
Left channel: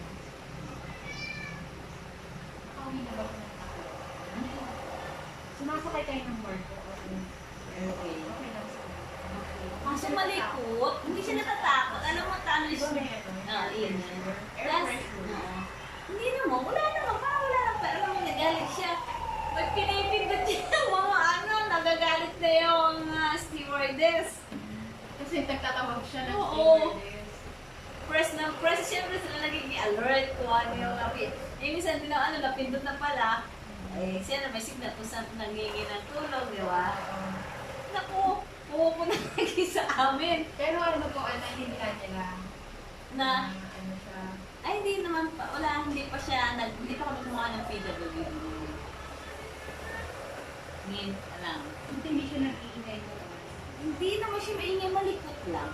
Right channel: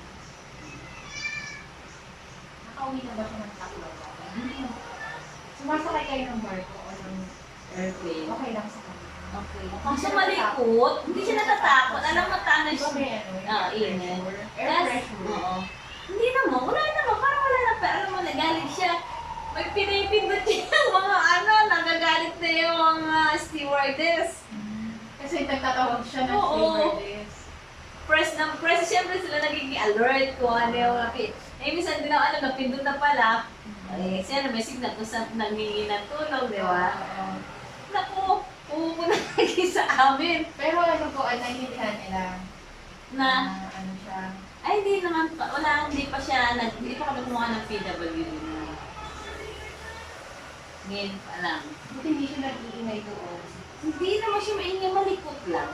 Nakauwi na ba siya ng takbo? Sumasakay kayo ng barko o ng Okay. okay lang sa kanya. Okay. Kaso malikot, hindi siya natatakot. Alam mo, tano Di ba siya. may ano? yung Ah, air init. pressure? Air Yes. pressure. Oo. Hindi naman, wala naman. Parang wala na. Pero alam mo, nagalit siya. May pinipindot siya ng mga ano, nagagalit na yung mga stewardess. Kasi nagtatawag siya ng Oo. stewardess. Press na press, siyempre sila nagiging alert kung ano yung kapit. Eh, minsan din ako, ano, napindot na pala. Eh, siya na may signal kung saan nangingi ng tulong, di ba? Oo. Naku, pupunta lagi sa amin. Pero ano po, naintindihan nila Na, ano siya. ay hindi naman pa, wala, hindi pa siya, hindi pa kami kumuha ng PWD. Ngayon pa lang. Buti hindi siya nag-iingay doon. Hindi naman siya maingay, malikot lang.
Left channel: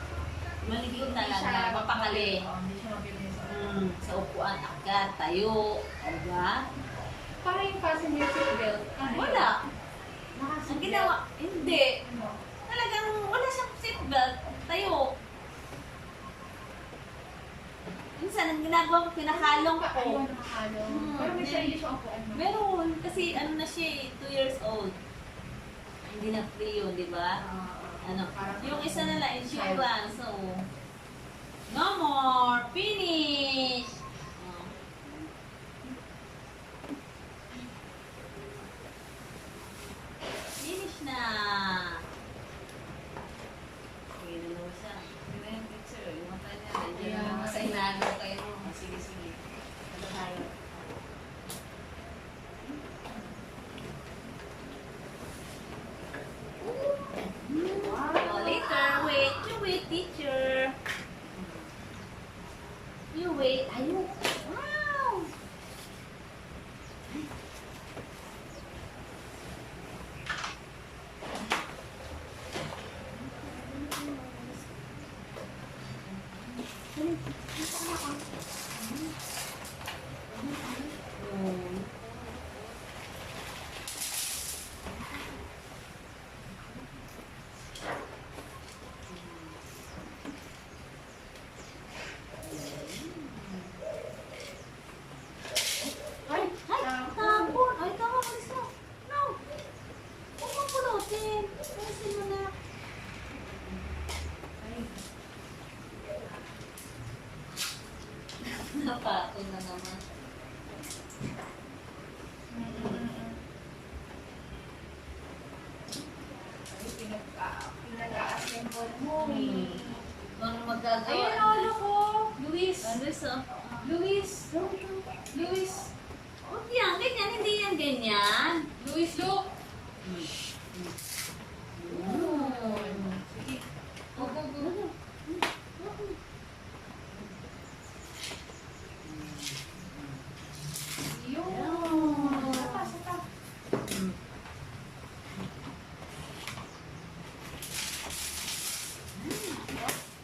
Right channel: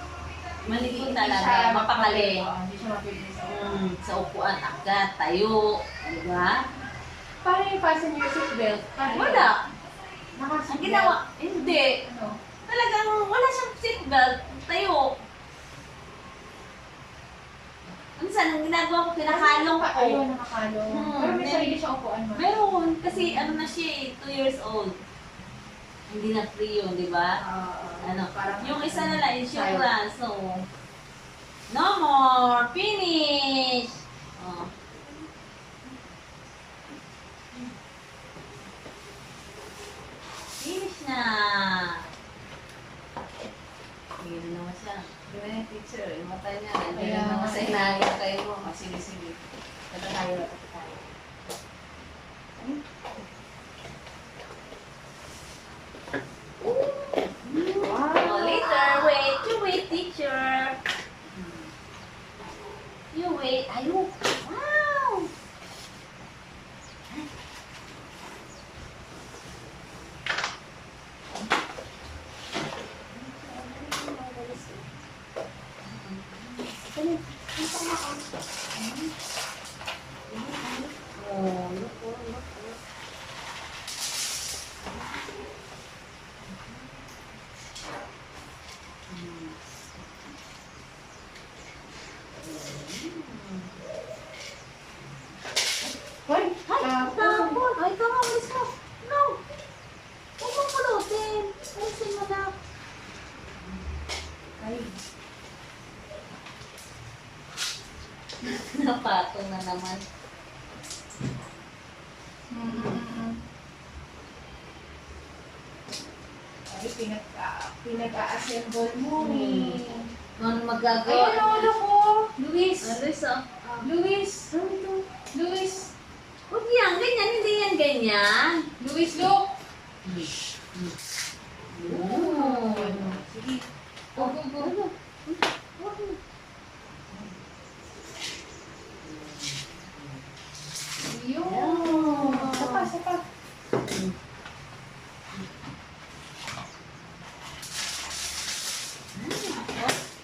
Malikot Hindi talaga, siya mapakali. Oo, hindi siya mapipili sa Sa upuan, agad, tayo, di ba? Parang yung passenger seatbelt. Paano yun? Wala. Ang Naka-seatbelt. ginawa, hindi. Ano? Talagang wala siyang seatbelt, tayo. Minsan, ang ginagawa ko, kinakalong ko. Ayun, nakakalong. Pero may then- sarili siyang upuan mo. Meron, kasi ano na siya eh, 2 years old. Hindi na free yun, di ba? Ano, yung isa na lang, insurance, so, no more, finish! Oh. Finish na! Hindi na naman siya. Hindi na yung picture, yung mata niya, hindi na naman sa hinagin kayo mo. Sige, sige. Ito tayo, tayo. Wow. Oh, later, wait. You wait, teacher. You wait. Ayun. Wow! patong na naman. Ay, pinag-a-assemble mo eh. Kung magagawa. Ayun, lolo ko. Luis. Luis, oh. Luis. Luis. Huwag yan, ganyan, hindi yan ganyan. Luis, look. Oh. Sige. Oh, go, go. Yun. Sapa.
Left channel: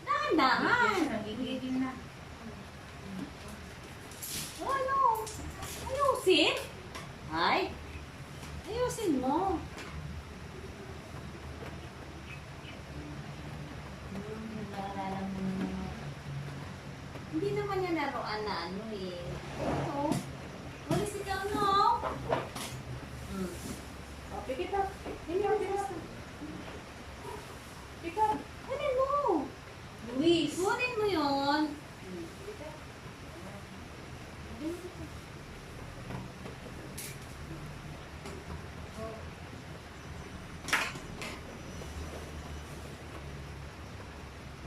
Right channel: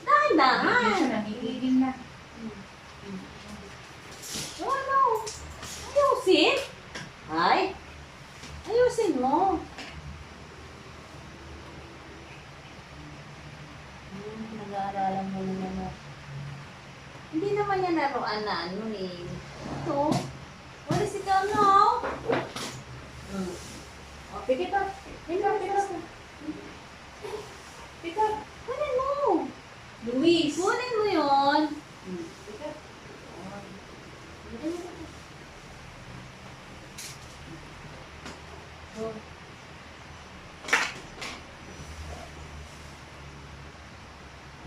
Dahan-dahan. Nagigigil na. Oh, no. Ayusin. Ay. Ayusin mo. Nag-aalala mo na naman. Hindi naman yan laruan na ano eh. Ito. Walis ikaw, no? O, pikit up. Pikit. Kunin mo. Luis. Kunin mo yun. Pikit.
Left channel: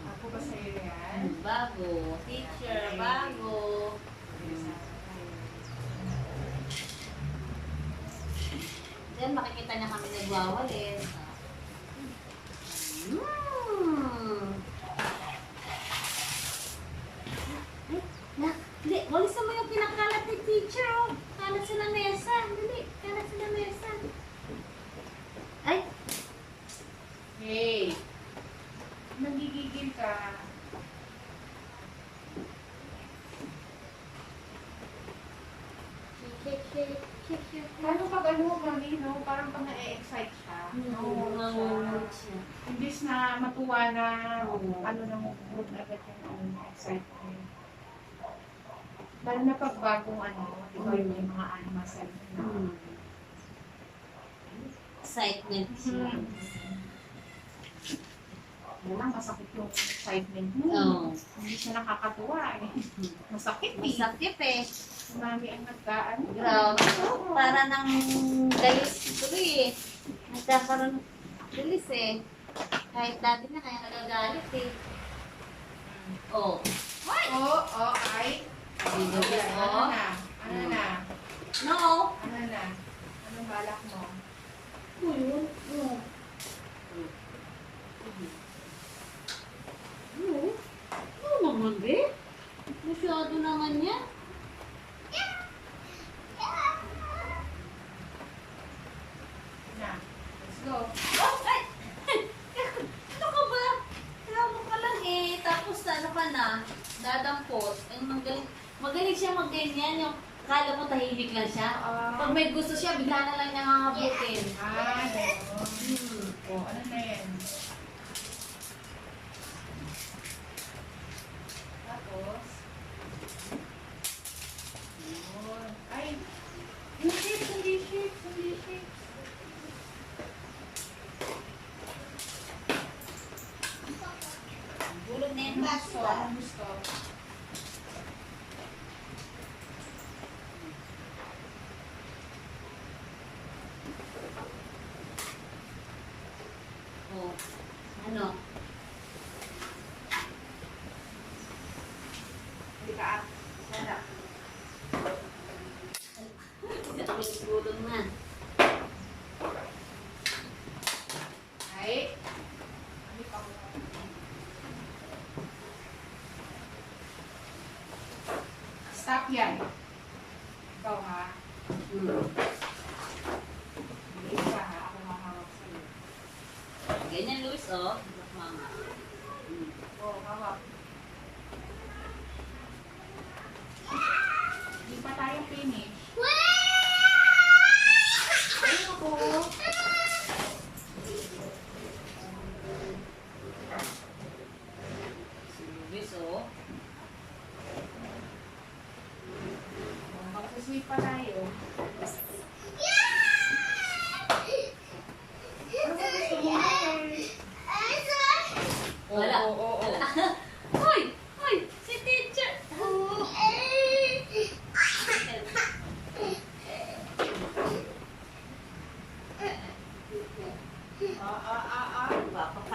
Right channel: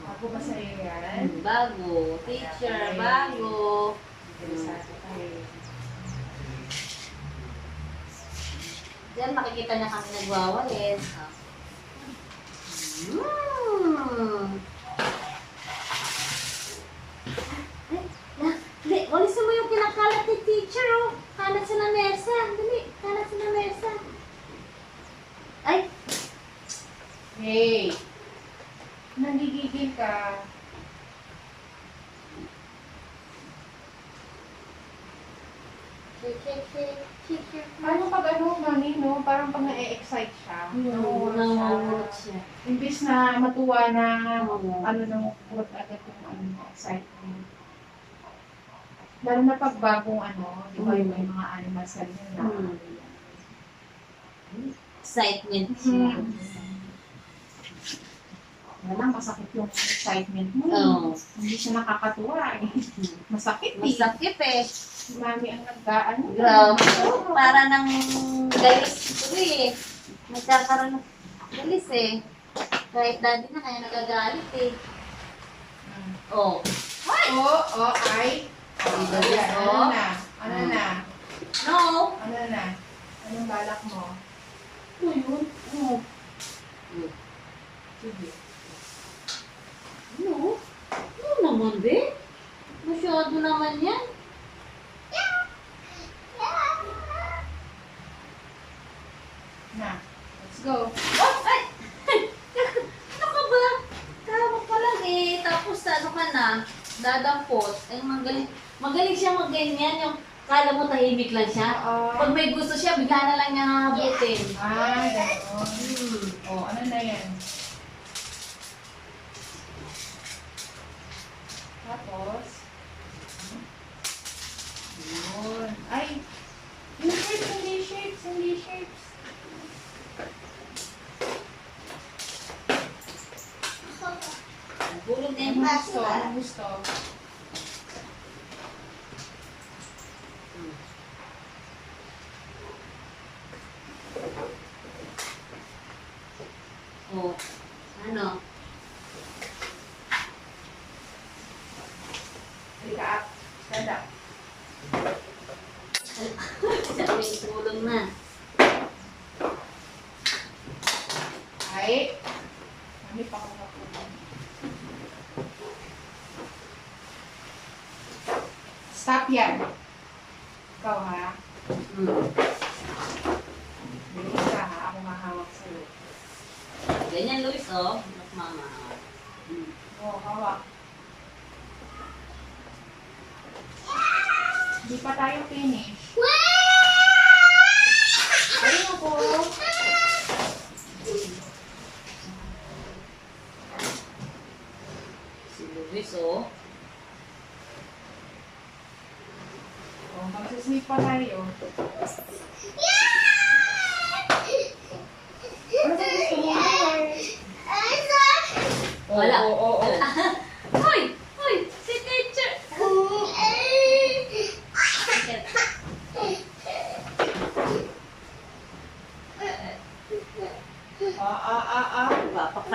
Ako ba sa'yo yan? Bago. Teacher, bago. Interesado kayo. Diyan makikita na kami nagwawalis. Mm. Dali, walis mo yung kinakalat ni teacher, oh. Kalat sa lamesa. Dali, kalat sa lamesa. Ay, Hey! Nagigigil ka. shake. Paano pag ano, mami, no? Parang pag na-excite siya. Namumulot siya. Imbis na matuwa na Oo. ano nang urot agad yung ano, excitement. Lalo na pag bagong ano, di ba yung may mga animal cell na. Excitement siya. Walang masakit yung excitement mo. Oo. Hindi siya nakakatuwa eh. Masakit eh. Masakit eh. Si mami ang nag-ano. Grabe. Para nang galis ito eh. Nagkakaroon ng galis eh. Kahit dati na kaya nagagalit eh. Oh. Oo, ay. Diba, Ayan, oh? ano na? Ano na? No. Ano na? Anong balak mo? Ano yun? Oh. Sige. Ano? Ano naman, be? Masyado naman yan. Na, let's go. Oh, ay! Ano ka ba? Tawag ka lang eh. Tapos ano ka na? Dadampot. Ay, magaling siya magganyan. Yung kala mo tahimik lang siya. Oo. Pag may gusto siya, bigla na lang niya hahabutin. Ay, gano'n. Oh, ano na yan? Tapos, yun. Ay, yung shapes, hindi shapes. Bulog na yung Anong baso. gusto? Anong gusto? Oh. Ano? Halika up. Stand up. Sabi, bulog na. Ay. Mami, pakuha ko. Stop yan. Ikaw ha. Bilis ka ha. Ako mahawak sa'yo. Ganyan, Luis, oh. Look, mama. Oh, hawak. Hindi pa tayo finish. Ayun ako. Si Luis, oh. Oh, magsisweep pa tayo. Ano ba gusto mo? Wala. Oo. Hoy! Hoy! Si teacher!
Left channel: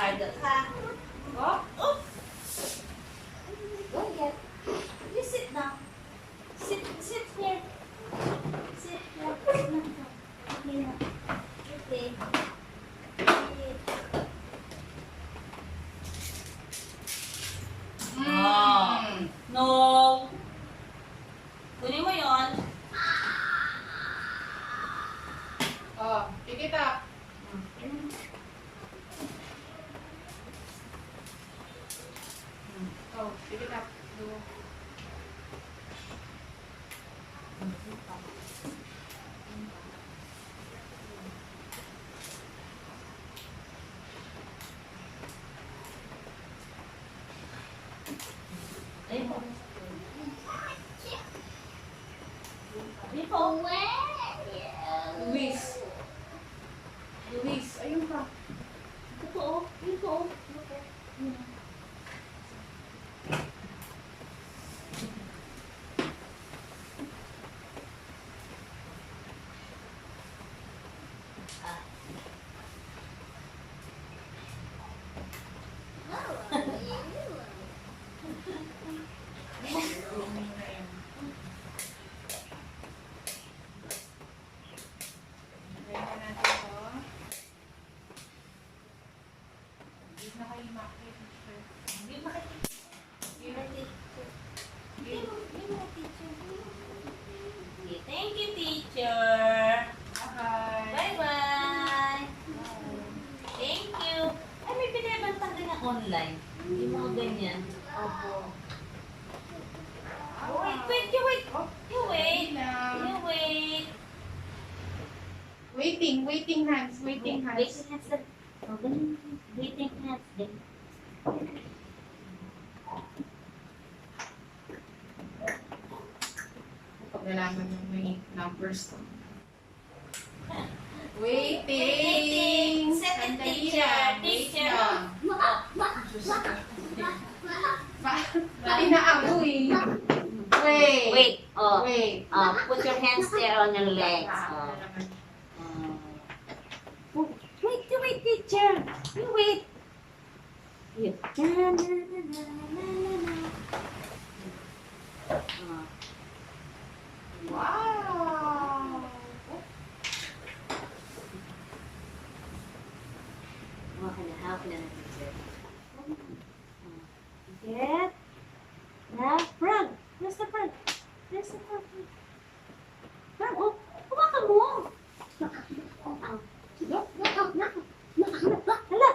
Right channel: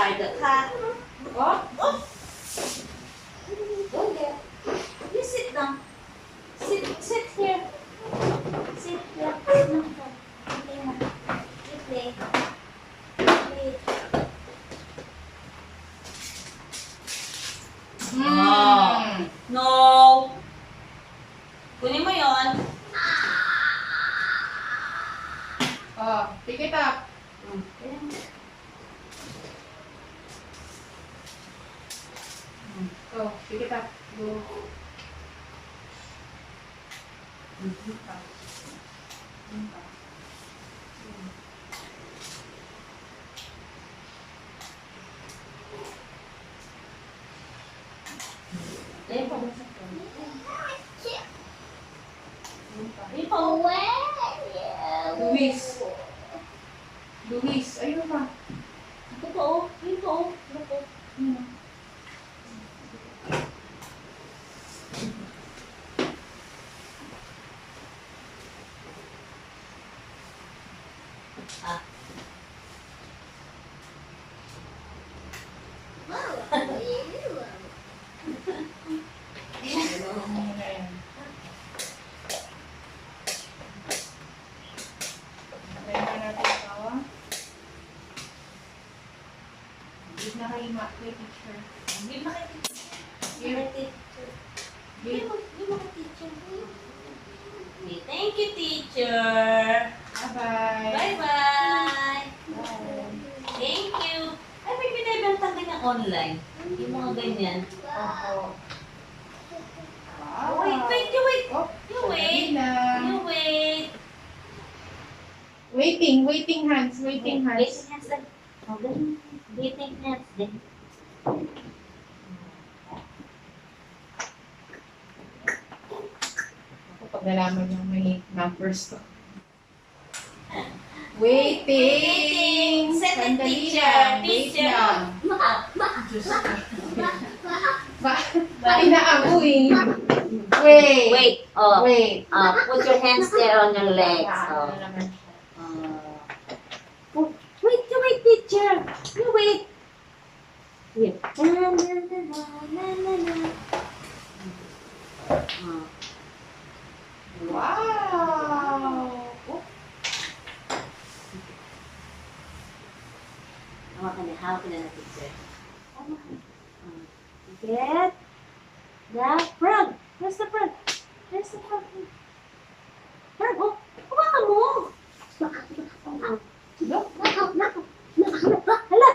are the cat. Oh, Oh! Go get. You sit down. Sit here. Sit here. Sit here. You play. Play. mm. No. Kunin mo yon. Oh, pick it up. Oh, pick it up. Go. Ayun pa ba sa phone? Ayun pa. Luis. Luis, ayun pa. Ito pa oh. Ayun pa oh. Ito pa. Ah. Ano na yan? Tayo na natin ito. Give na kay kay teacher. Hindi na kayo. Give. Give. Okay, thank you, teacher. Bye-bye. Bye-bye. Bye. Thank you. Ay, may binibenta ka niya online. Yung mga ganyan. Opo. Oh, wait. You wait. Oh, You wait. na. You wait. Waiting hands. Waiting hands. Waiting hands din. Oh, ganun. Waiting hands din. Pag nalaman yung may numbers ko. Waiting! Set it, Sandali teacher. lang. Wait Teacher. lang. Diyos ko. Bakit na ako eh? Wait. Wait. Oh. Wait. Put your hands there on your legs. Ano Oh. naman. Wait, you wait, teacher. You wait. Here. Na, na, na, na, na, na, na. Oh. Wow! Oh, Hawak ka na ng teacher. Get the frog. Where's the frog? Where's the frog? Frog, oh. Hawakan mo. look. Hala.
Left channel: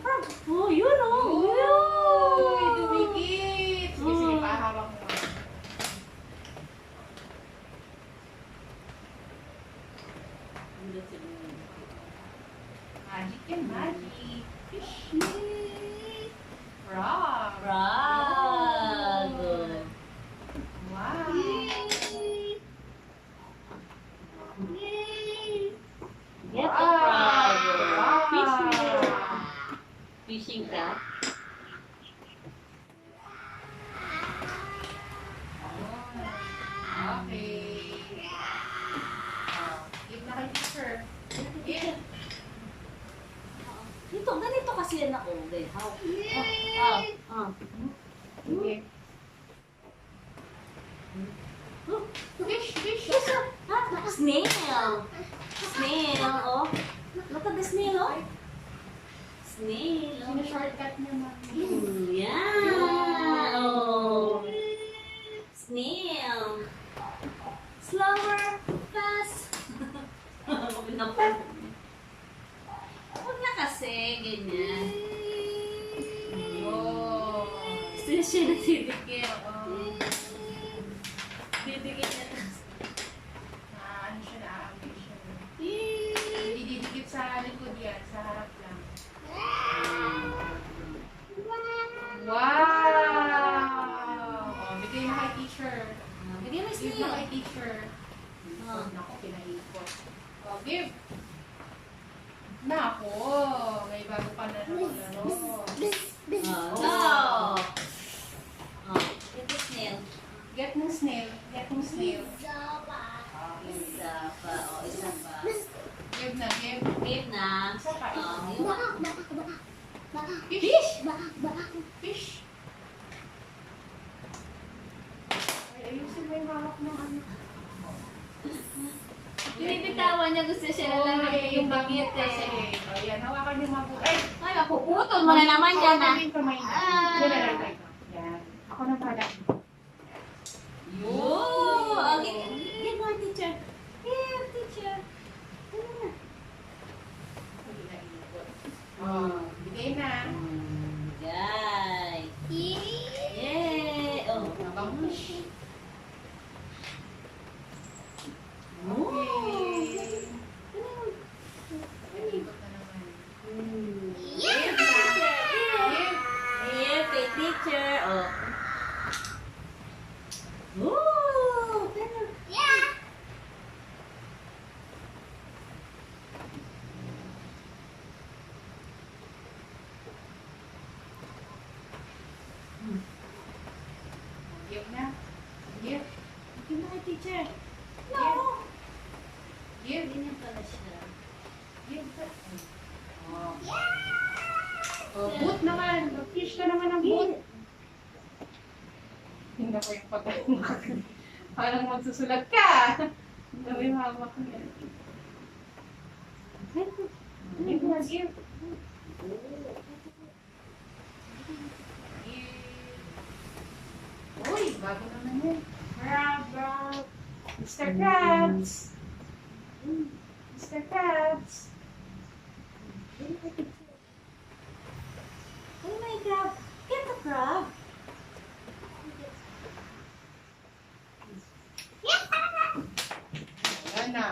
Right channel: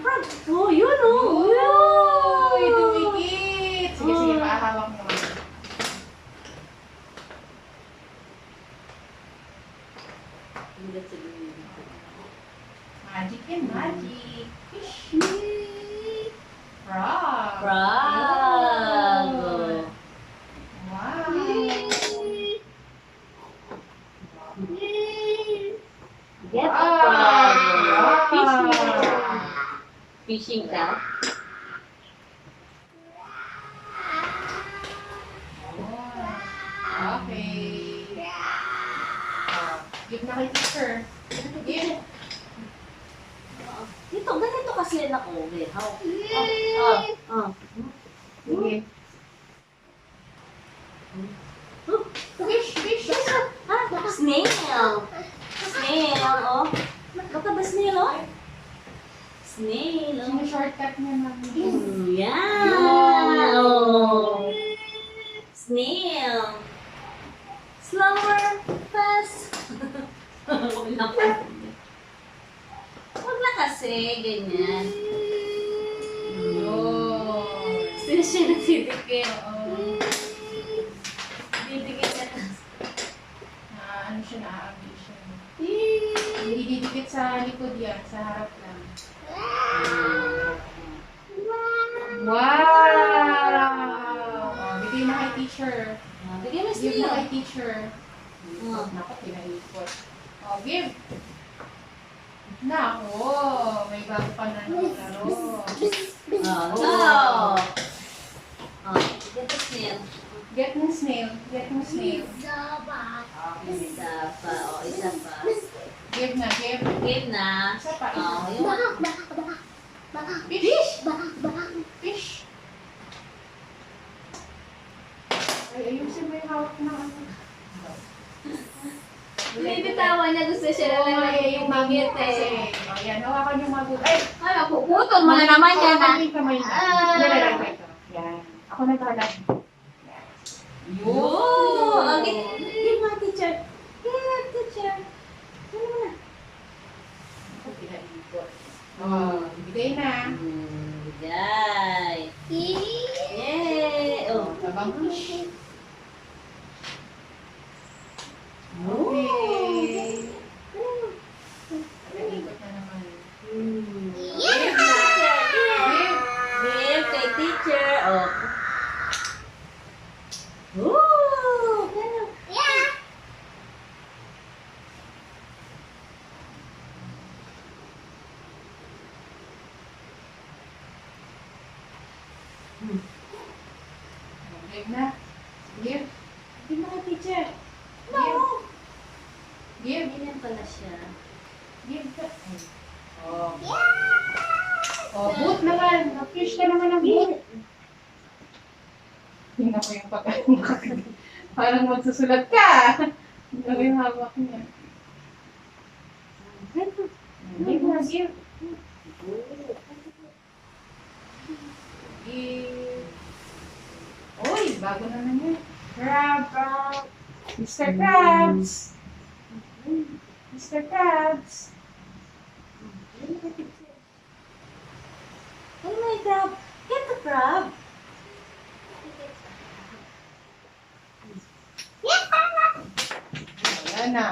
Frog. Oh, yun oh. Uy, dumikit. Sige, paahawak mo. Magic and magic. Fish. Frog. Frog. Good. Wow. Get the Wow. frog. Fishing ka? Okay. Give na kay teacher. Give. Dito, ganito kasi na ko. Okay, how? Sige. Fish. Snail. Oh. Look at the snail, oh. Snail, oh. Sino shortcut niya, mami? Yeah. Oh. Snail. Slower. Fast. Huwag na kasi, ganyan. Yun. Sino siya nagtitipid? Oo. Didikit na. Ano siya, na-agree siya. Hindi didikit sa likod yan, sa harap lang. Wow! Oh, bigay na kay teacher. Bigyan na Give na snail. kay teacher. Oh. Nako, pinaikot. Oh, give. Nako, may bago pa na nakalaro. Oh. Oh. Get the snail. Get ng snail. Isa pa. Oh, isa pa. Give na, give. Game na. Isa pa. Oh, Isa. yung Fish. Fish. Ay, ayusin mo yung hawak ng ano. binibitawan niya, gusto siya Oo nga, lang yung magbut kasi. O, yan, hawakan yung magbut. Ay, Ay, mapuputol mo na naman yan, ha? Hawakan yung kamay na. Nilalagay ko ito. Yan. Ako naghalap. Oh, ang give mo, teacher. Give, teacher. Ano mo na? Ako pinaikot. Oh, bigay na. Bigay. Yay! Oh. Nabangus. Okay. Naikot na naman. Give na. Give kay teacher. Oh. Ooh, ganun. Give na. Give. Give mo kay teacher. Give. No. Give. Ganyan pala siya. Give ka. Oh. Oh, boot naman. Na-fish ka naman ng boot. Tingnan ko yung pagkain mo. Parang magsusulat ka. Ito yung hawak niya. Give na, give. Give. Uy, bago naman yun. Crab. Mr. Krabs. Mr. Krabs. Ano mo yung crab? Get the crab. Ayan na.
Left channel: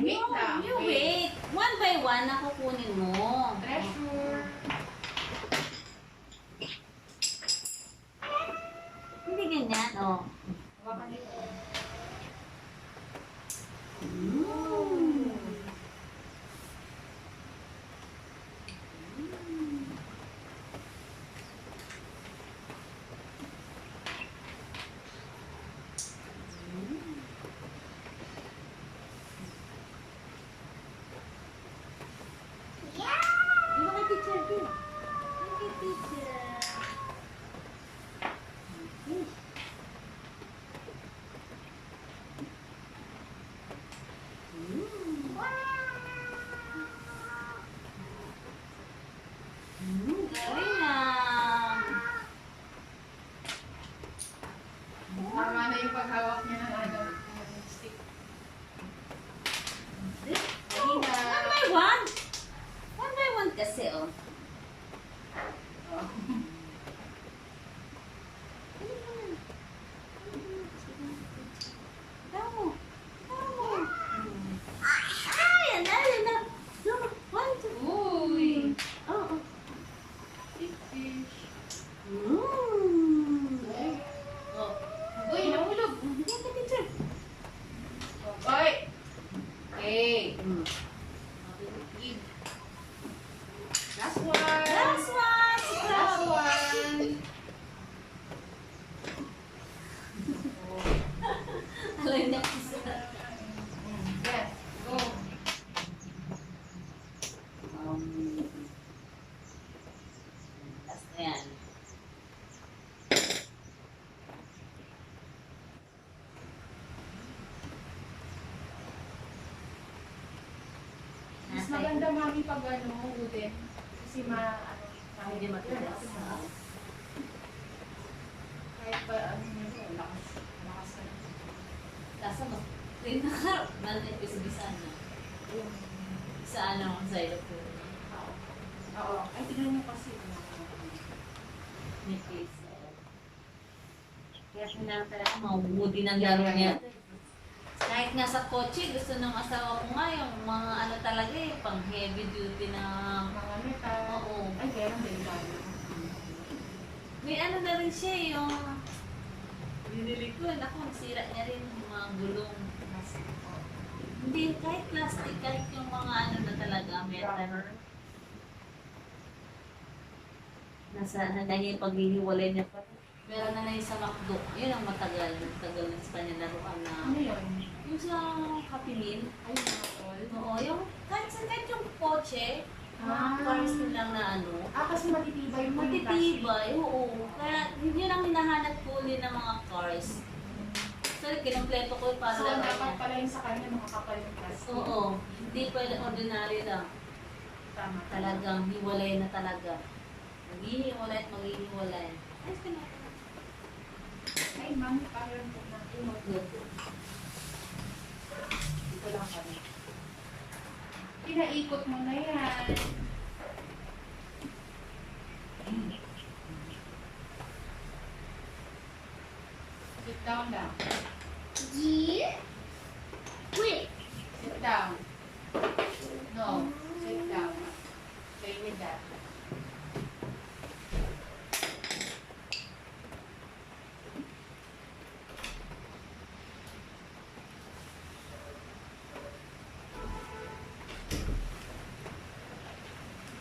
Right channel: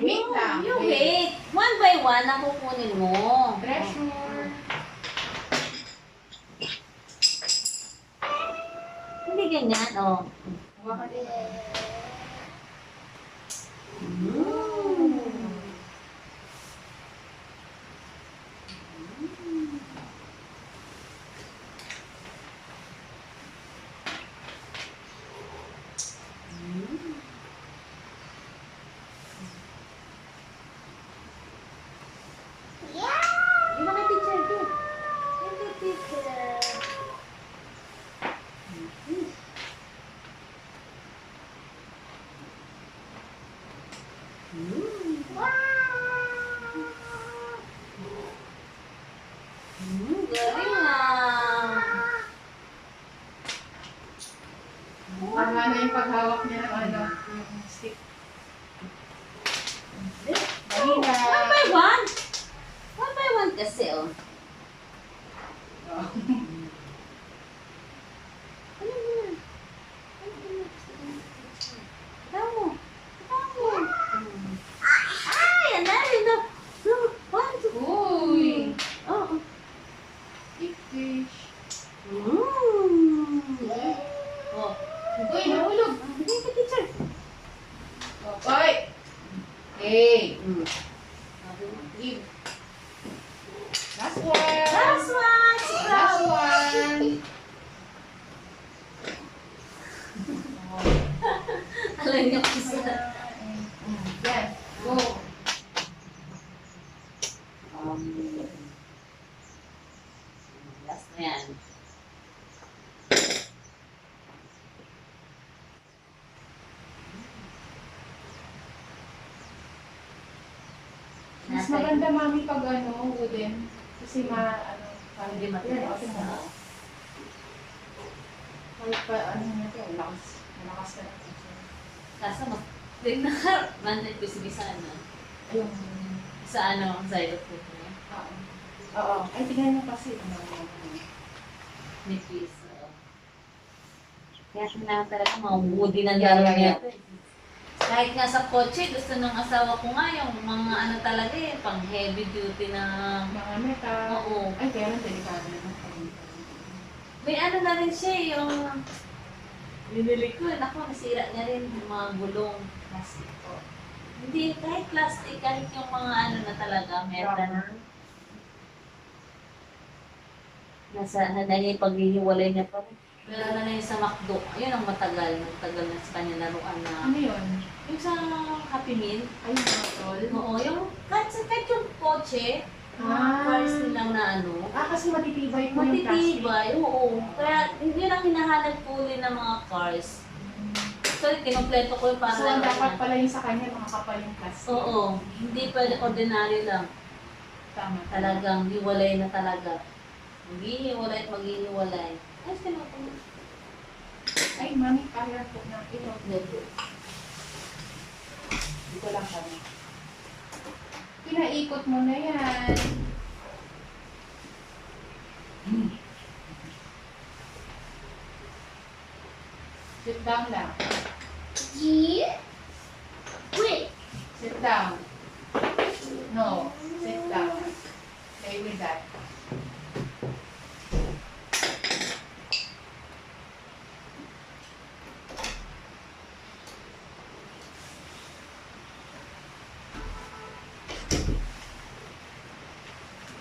Wait No, lang, you wait. wait. One by one ang kukunin mo. Treasure. Hindi ganyan, oh. Hawakan din. Di ba kay teacher, di? Kay teacher. Galing ah. Tama na yung paghawak niya ng ano, yung stick. Dali na. One by one. One by one kasi, oh. Oh. Ano mo? Tamo. Tamo. Ay, anali na. No, one, two. Uy! Oh, oh. Big fish. Oh. Uy, nahulog. Bigay ka, teacher. Oy! Hey! Give. Last one! Last one. Last one! Alam niya po sila. Yes, go. Last na yan. Mas maganda mami pag ano, wooden. Kasi ano, parang Hindi matigas. Yes, kahit pa ano nito, malakas ka na. Kaso mas din na manted ko si Bisana. Ayun. Sa ano, sa ilo po. Oo. Oo. Ay, tignan niyo kasi. May piece. Kaya kailangan talaga mawudi ng dalawa niya. Kahit nga sa kotse, gusto ng asawa ko nga yung mga ano talaga eh, pang heavy duty na... Mga metal. Oo. Ay, kaya lang delikado naman. May ano na rin siya yung... Binili ko, naku, nasira niya rin yung mga gulong. Plastic po. Hindi, kahit plastic, kahit yung mga ano na talaga, metal. Rubber. Nasa, naging paghihiwalay niya pa rin. Meron na lang yung sa McDo. Ayun ang matagal. Nagtagal na sa kanya laruan na... Ano yun? Yung sa Happy Meal. Ay, mga tol. Oo, yung kahit yung kotse, Ah. cars nilang na ano, Kasi matitibay po yung plastic. matitibay, oo. Kaya yun ang hinahanap po ulit ng mga cars. So, kinumpleto ko yung para So, ang dapat pala yung sa kanya, makakapal yung plastic. Oo, hindi pwede ordinary lang. Tama. Talagang hiwalay na talaga. Maghihiwalay at maghihiwalay. Ay, sinapon. Ay, mami, pahiram po na. Good. Dito lang kami. Pinaikot mo na yan. Sit down lang. Wait. Sit down. No, sit down. Play with that.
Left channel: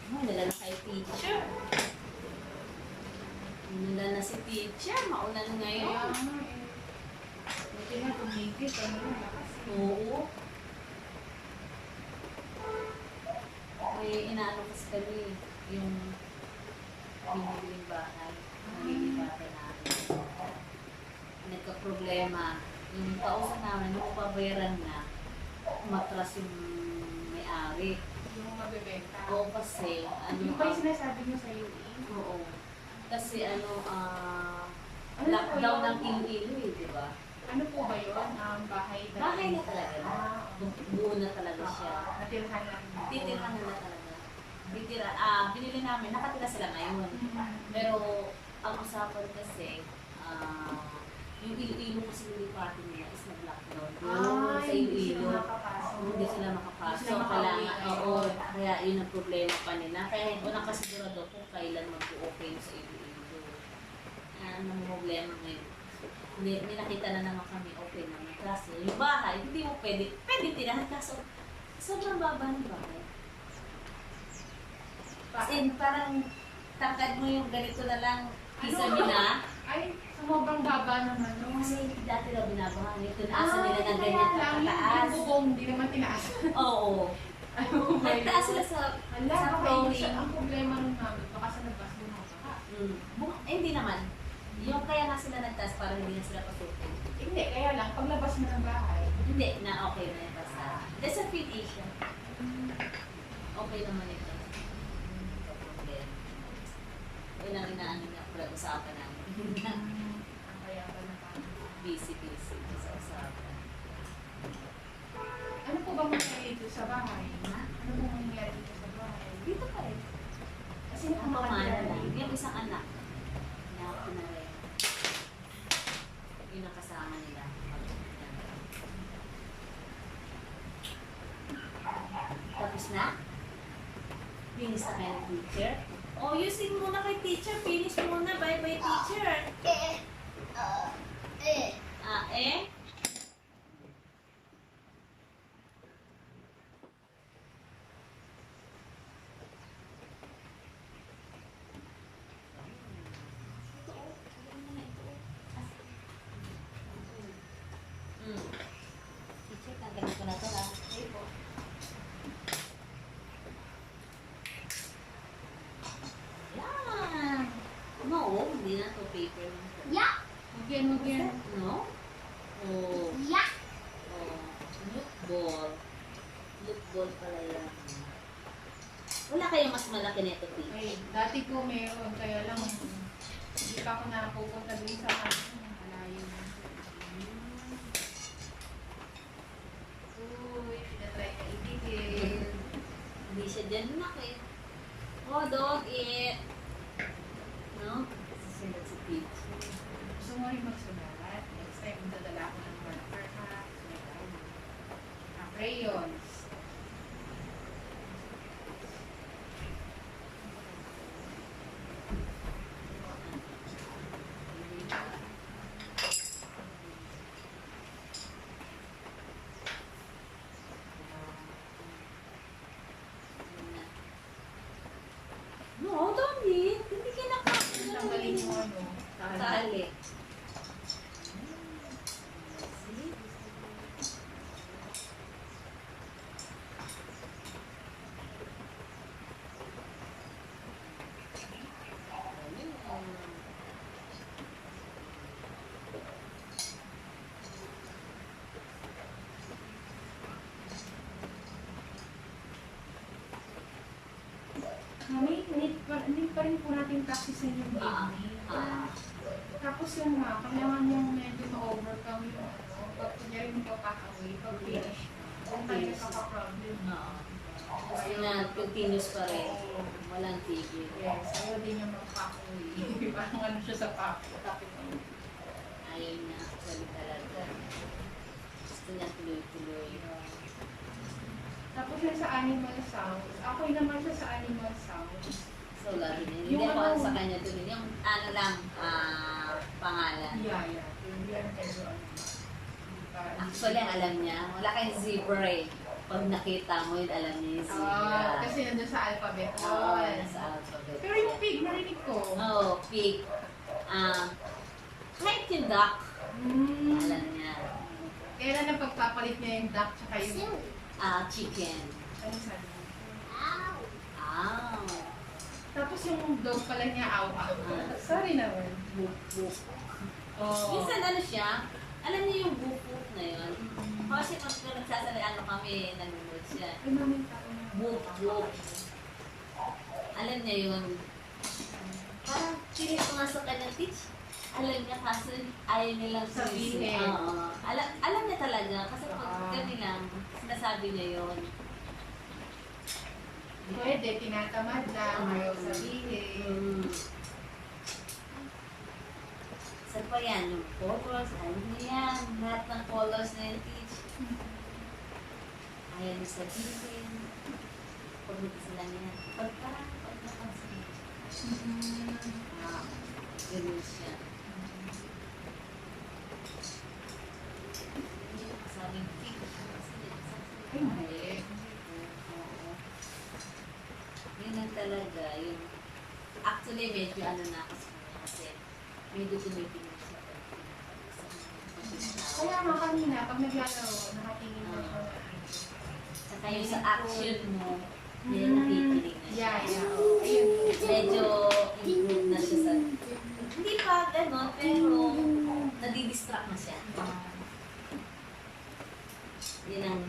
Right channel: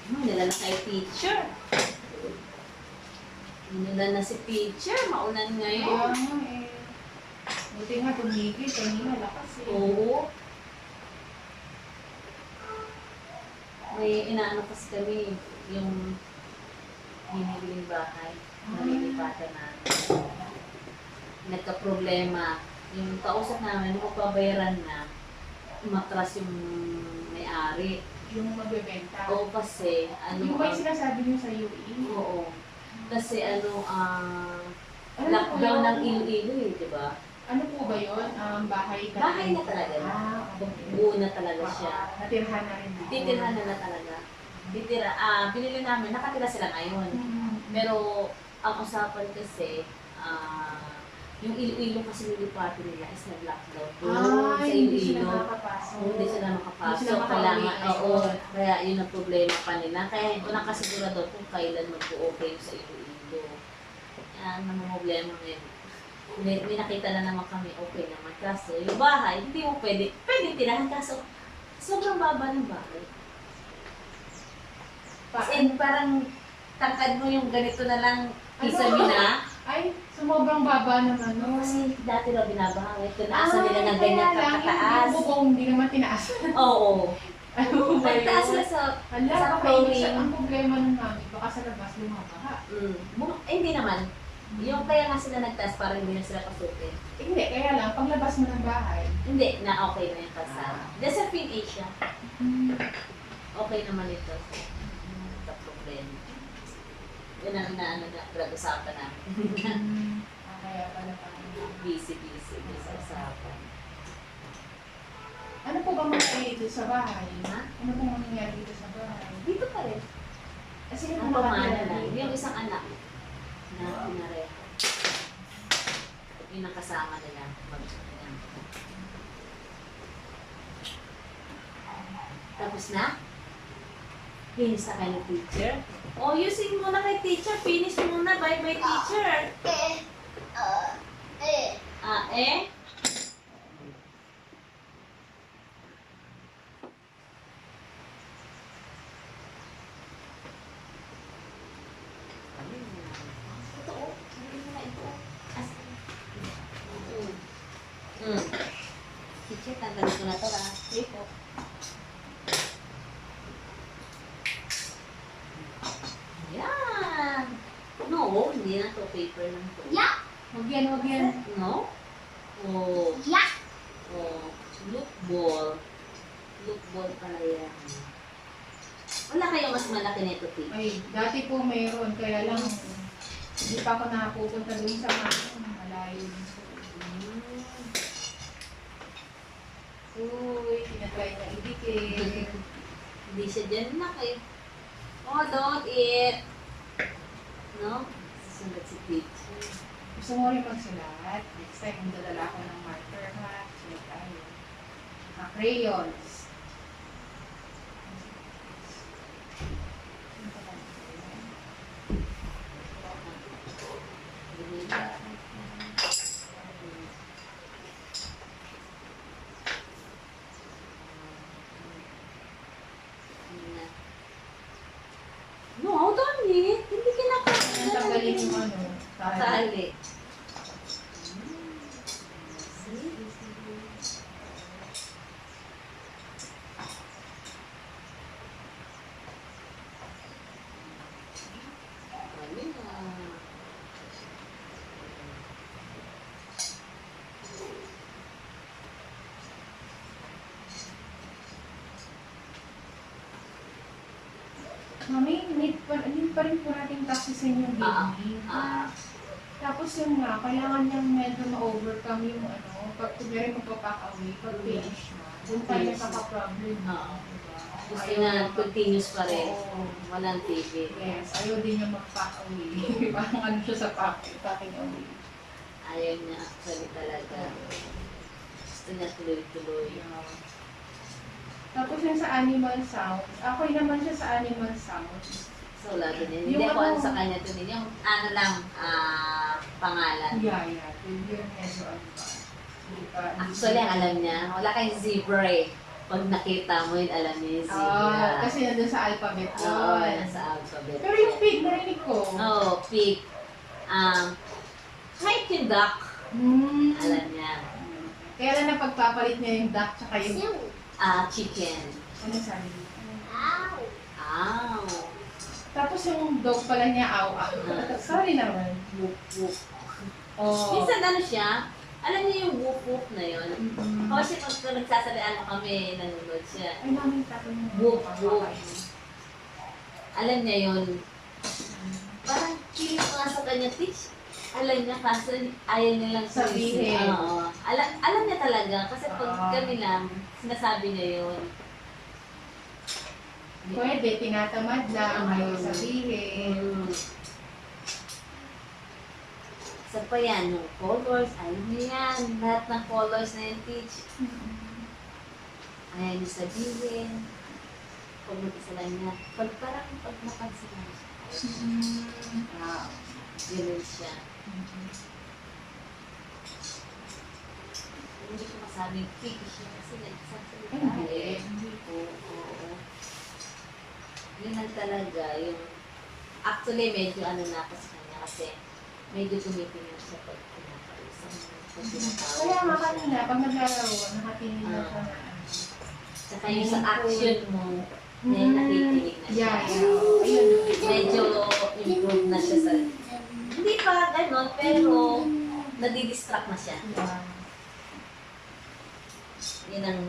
Nila na kay teacher. Nila na si teacher. Maulan Kaya ngayon. nga eh. Buti nga tumigil. Kanina lakas eh. Oo. May inaano kasi kami yung hinihiling bahay. Nalilipatan namin. Nagka-problema. Yung kausap namin, mapabayaran na. Umatras yung may-ari. Yung magbebenta. Oo kasi, ano, Yung ba yung sinasabi niyo sa UE? oo. Kasi ano, Ano lockdown po ng yun? Iloilo eh, di ba? Ano po ba yun? Bahay ka? Bahay na talaga. Okay. Buo na talaga siya. Natirhan na rin dito. Titirhan na talaga. Binili namin, nakatira sila ngayon. Mm. Pero, ang usapan kasi, yung Iloilo kasi nilipatin nila is nag-lockdown. Doon sa Hindi sila Iloilo. makapasok. Hindi sila makapasok. Hindi sila makauwi Kailangan, ngayon. oo. Kaya yun ang problema pa nila. Kaya walang kasigurado kung kailan mag-o-okay sa Iloilo. Yan, ang problema ngayon. May nakita na naman kami, okay naman. Kaso, yung bahay, hindi mo pwede tirahan. Kaso, sobrang baba ng bahay. As in, parang tangkad mo yung ganito na lang isa-mina. Ay, sumobang baba ng ano. Kasi dati daw binabaha. Ngayon, tinaasan nila ng ganyan Yung kakataas. bubong, hindi naman tinaas. Oo. Ano ba yun? Nagtaas sila sa Hala, sa baka ibig flooring. ang problema nung namin, baka sa labas lumabaha. Hindi naman. Yung kaya nga sila nagtaas para hindi na sila pasukin. Hindi, kaya lang, paglabas mo ng bahay, Hindi, na okay na yung kasama. Dahil sa Asia, okay naman ito. Ito problema. Yun ang inaano na pag-usapan namin. kaya pala kami. Busy sa usapan. Ano po bang mangyari dito sa bahay? Ha? Ano pong mangyayari dito sa bahay? Dito pa rin. Kasi Ang pamana lang. Yung isang anak na pinareha. Yun ang kasama nila. Yan. Tapos na? Finish na kayo ng teacher? Oh, using muna kay teacher. Finish muna. Bye-bye, teacher. Eh? Ito, oh. Sabi mo na ito, oh. Teacher, tanggalin ko na ito, ha? Sige po. Yan. No, hindi na to. Paper lang to. Huwag yan, huwag yan. No? Oh. Oh. Look ball. Look ball pala yan. Wala kayong mas malaki na ito, Tito? Ay, dati po meron, kaya lang hindi pa ako nakapupunta dun sa malayo. Uy, tinatry niya idikit. Hindi siya dyan na kayo. Oh, don't eat. No? Susunod si Peach. Gusto mo rin magsulat? Next time, magdadala ako ng marker ha. Sulat tayo. Crayons. No, don't eat. Hindi kinakain. Ang tanggalin yung ano, Tali. Mami, need pa rin po natin taxi sa inyo, baby. Tapos yun nga, kailangan niyang medyo ma-overcome yung ano, pag kunyari magpapack-away, pag finish na. Doon tayo nagkaka-problem. Oo. Gusto na continuous pa rin. Oo. Walang TV. Yes, ayaw din niya mag-pack-away. Parang ano siya sa packing away. Ayaw niya actually talaga. Gusto niya tuloy-tuloy. Tapos yung sa animal sounds, ako naman siya sa animal sounds. So, lagi niya. Yung Hindi ako ano- ano sa kanya to din. Yung ano lang, pangalan. Yeah. Yun medyo ano ba. Hindi pa- Actually, ang alam niya, wala kayong zebra eh. Pag nakita mo yun, alam niya yung zebra. Kasi nandun sa alphabet Oo, yun. yan sa alphabet. Pero yung pig, narinig ko. Oo, pig. Kahit yung duck, alam niya. Kaya lang napagpapalit niya yung duck tsaka yung... Chicken. Ano sabi niya? Ow. Tapos yung dog pala niya, aw. Sorry naman. Whoop, whoop. Oh. Minsan ano siya, alam niya yung whoop, whoop na yun. Mm-mm. Kasi pag nagsasabihan kami, nanonood siya. Ay, mami, tapos mo. Whoop, whoop. Alam niya yun. Parang kilig ko nga sa kanya, Teach. Alam niya kasi ayaw niya lang Sabihin. Oo. Alam niya talaga kasi pag Oo. kami lang, sinasabi niya yun. Pwede, tinatamad lang, ayaw sabihin. Sa pa yan, no colors, alam niya yan. Lahat ng colors na yan, Teach. Ayaw niya sabihin. Pag mag-isa lang niya. Pag napansin niya siya. Wow. Ganun siya. Hindi ko masabing Teach siya kasi nagsasalita. Hindi. Oo. Yun lang talaga. Yung, actually, medyo ano na ako sa kanya kasi medyo tumitingin siya pag pinakausap. Pag tinatawag Kaya nga mo siya. kanina, pag naglalaro, nakatingin na siya na ano. Saka yung sa action mo, may nakikinig na siya. Yeah. Oh, ayun. Medyo improve na siya sa... Hindi pa gano'n, pero nadidistract na siya. Yeah. Yun ang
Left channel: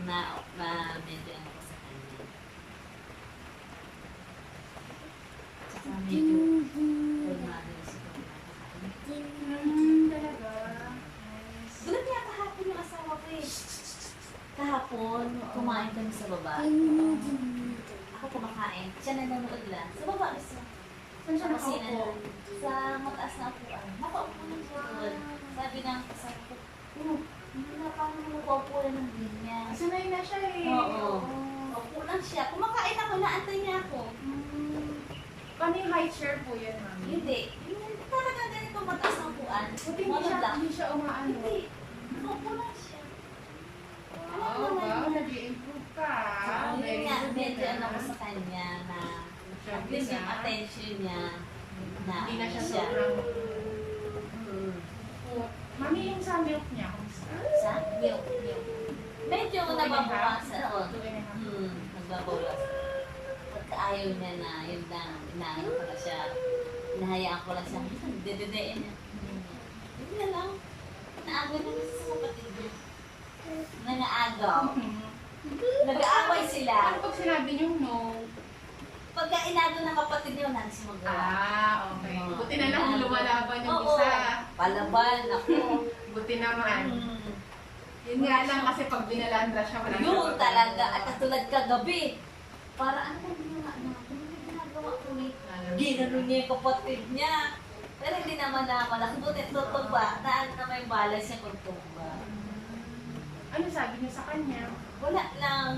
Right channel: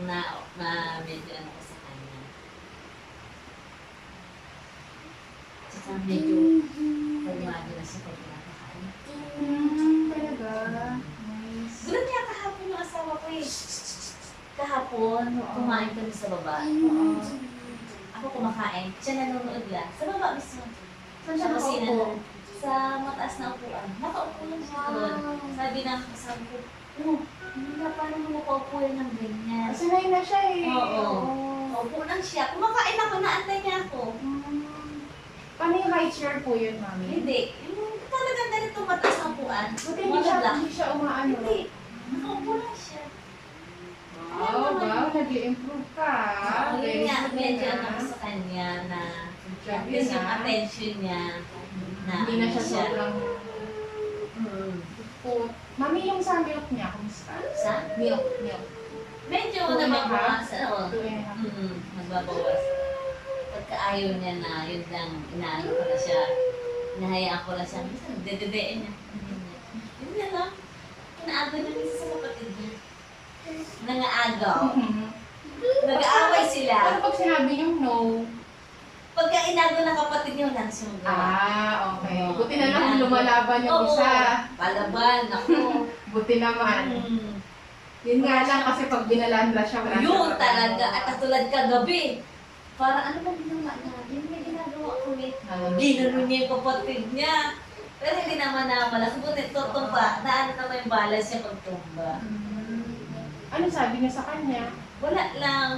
medyo ano ko sa kanya. Saka medyo kalmado na siya pag nakakain. Talaga. Nice. Gulat niya kahapon yung asawa ko eh. Kahapon, kumain kami sa baba. Ako kumakain. Siya nanonood lang. Sa baba mismo. Saan siya nakaupo? Sa mataas na upuan. Nakaupo lang siya doon. Sabi ng kasama ko, hindi na paano mo nakaupo yan ng ganyan. Sanay na siya eh. Oo. Upo lang siya. Kumakain ako, naantay niya ako. Paano yung high chair po yun, mami? Hindi. Yung talagang ganitong mataas na upuan. Buti hindi siya umaano. Hindi. Nakaupo lang siya. Wow, nag-i-improve ka. Yun nga, good medyo na. ano ko sa kanya na Job at least yun, yung ah. attention niya na Hindi na siya sobrang Hmm. put. Mami, yung sa milk niya, kumusta? Sa Milk. medyo 2.5? nababawas. Oo. 2.5. Nagbabawas. Pagka ayaw niya na, yun lang, inaano ko na siya. Inahayaan ko na siya. Dededein niya. Yun na lang. Inaagaw niya kasi sa kapatid niya. Nangaagaw. Nag-aaway sila. Ano pag sinabi niyong no? Pagka inaagaw ng kapatid niya, wala na siya magawa. Okay. Buti na lang lumalaban yung isa. Palaban. Ako. Buti naman. Yun nga lang kasi pag binalandra siya, wala Yun siyang talaga. magagawa. At katulad kagabi. Para ano ba ginawa niya? Yung may ginagawa ko ulit. Ginano niya yung kapatid niya. Pero hindi naman na malaki. Buti tutumba. Na ano naman yung balance niya pagtumba. Ano sabi niya sa kanya? Wala lang.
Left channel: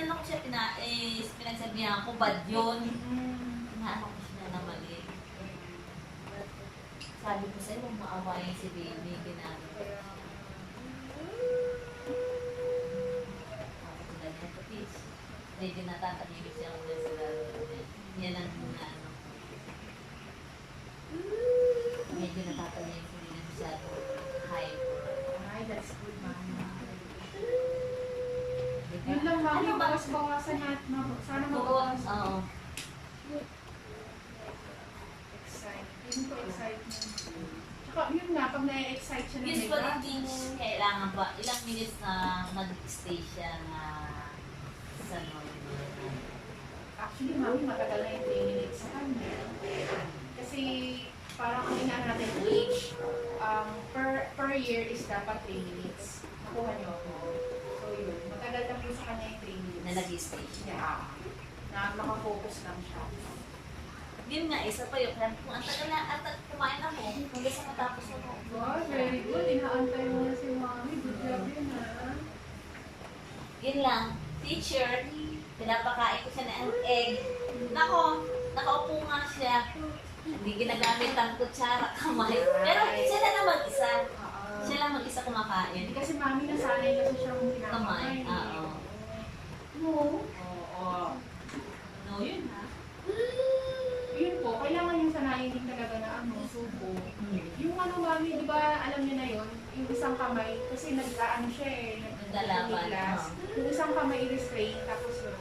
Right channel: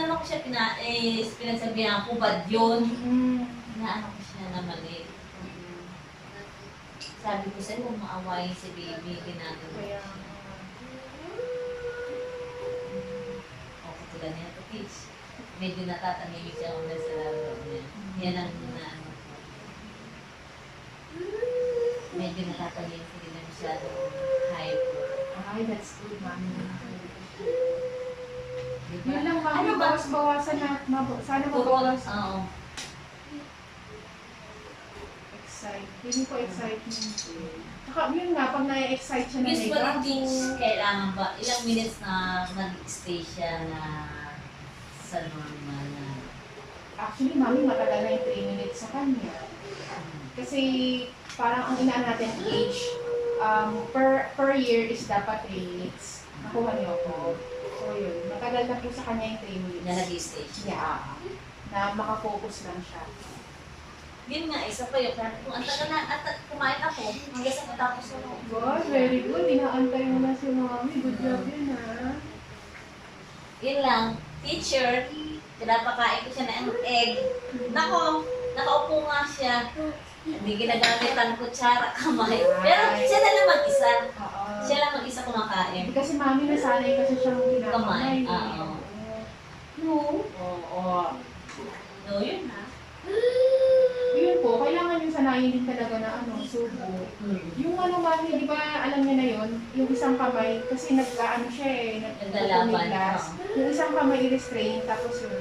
Naman ko siya pinagsabihan ko, bad yun. Inaano ko siya na mali. Sabi ko sa'yo, huwag maawayin si baby. Ginagawa Kaya, siya. O, katulad niya ito, Teach. Medyo natatanimik siya kung nasa laro niya. Yan ang ano. Medyo natatanimik, hindi na masyado hyper. ay, that's good, mami. Diba? Yun lang, mami. Ano ba? Bawas-bawasan na. Sana Oo. mabawas. Oo. Feeling ko excitement. Tsaka yun nga, pag na-excite siya na may Usually, gago. Teach, kailangan ba, ilang minutes na mag-stay siya na sa normal na. Actually, mami, matagal na yung 3 minutes sa kanya. Kasi parang ang inaan natin age, per year is dapat 3 minutes. Nakuha niyo ako. So yun, matagal na po sa kanya yung 3 minutes. Na nag-stage. Yeah. Na makafocus lang siya. Yun nga, isa pa yun. Kaya kung ang tagal na at kumain ako, hanggang sa matapos ko. God, very good. Inaantay mo na si mami. Good job yun, ha? Yun lang. Teacher, pinapakain ko siya ng egg. Nako, nakaupo nga siya. Hindi ginagamit ang kutsara, kamay. Pero siya na lang mag-isa. Oo. Siya lang mag-isa kumakain. Hindi kasi mami nasanay kasi siyang Kamay. ginakamay. Oo. No. Oo. No, yun ha. Yun po, kailangan yung sanayin din talaga na subo. Yung mami, di ba, alam niyo na yun, yung isang kamay, kasi siya eh, Naglalaban, nagpupumiglas. Yung isang kamay i-restrain, tapos yun,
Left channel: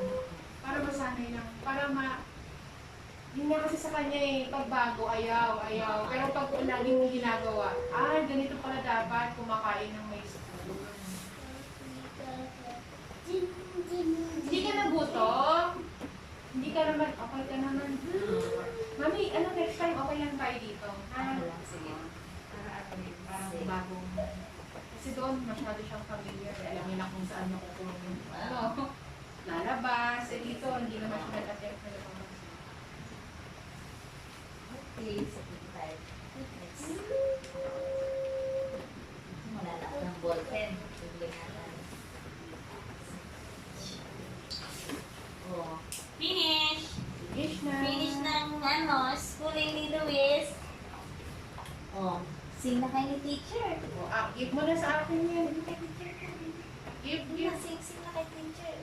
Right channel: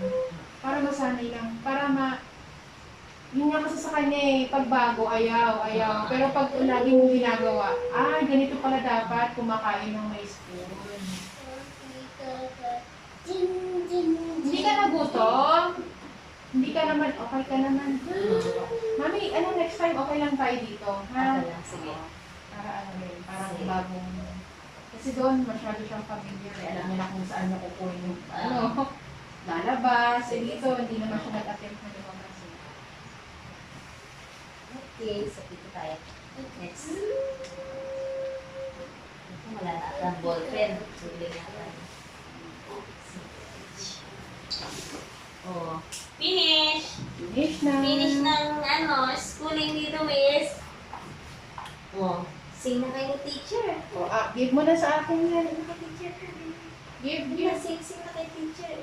para masanay lang, yun nga kasi sa kanya eh, pag bago, ayaw. Pero pag lagi mong ginagawa, ganito pala dapat kumakain ng may spoon. Hindi ka nagutom? Hindi ka naman, okay ka naman. Mami, next time okay lang tayo dito, ha? Okay lang, sige. Para parang Sige. bagong... Kasi doon, masyado siyang familiar. Alam niyo na kung saan niya kukunin yung lalabas. Dito, hindi naman siya nag-attempt na lumabas. Okay, so dito tayo. Next. Wala na ang ballpen. Tuloy natin. Oh. Finish! Finish na. Finish ng schooling ni Luis. Oh, sing na kay teacher. Give mo na sa akin yan. Give Give. na, sing na kay teacher.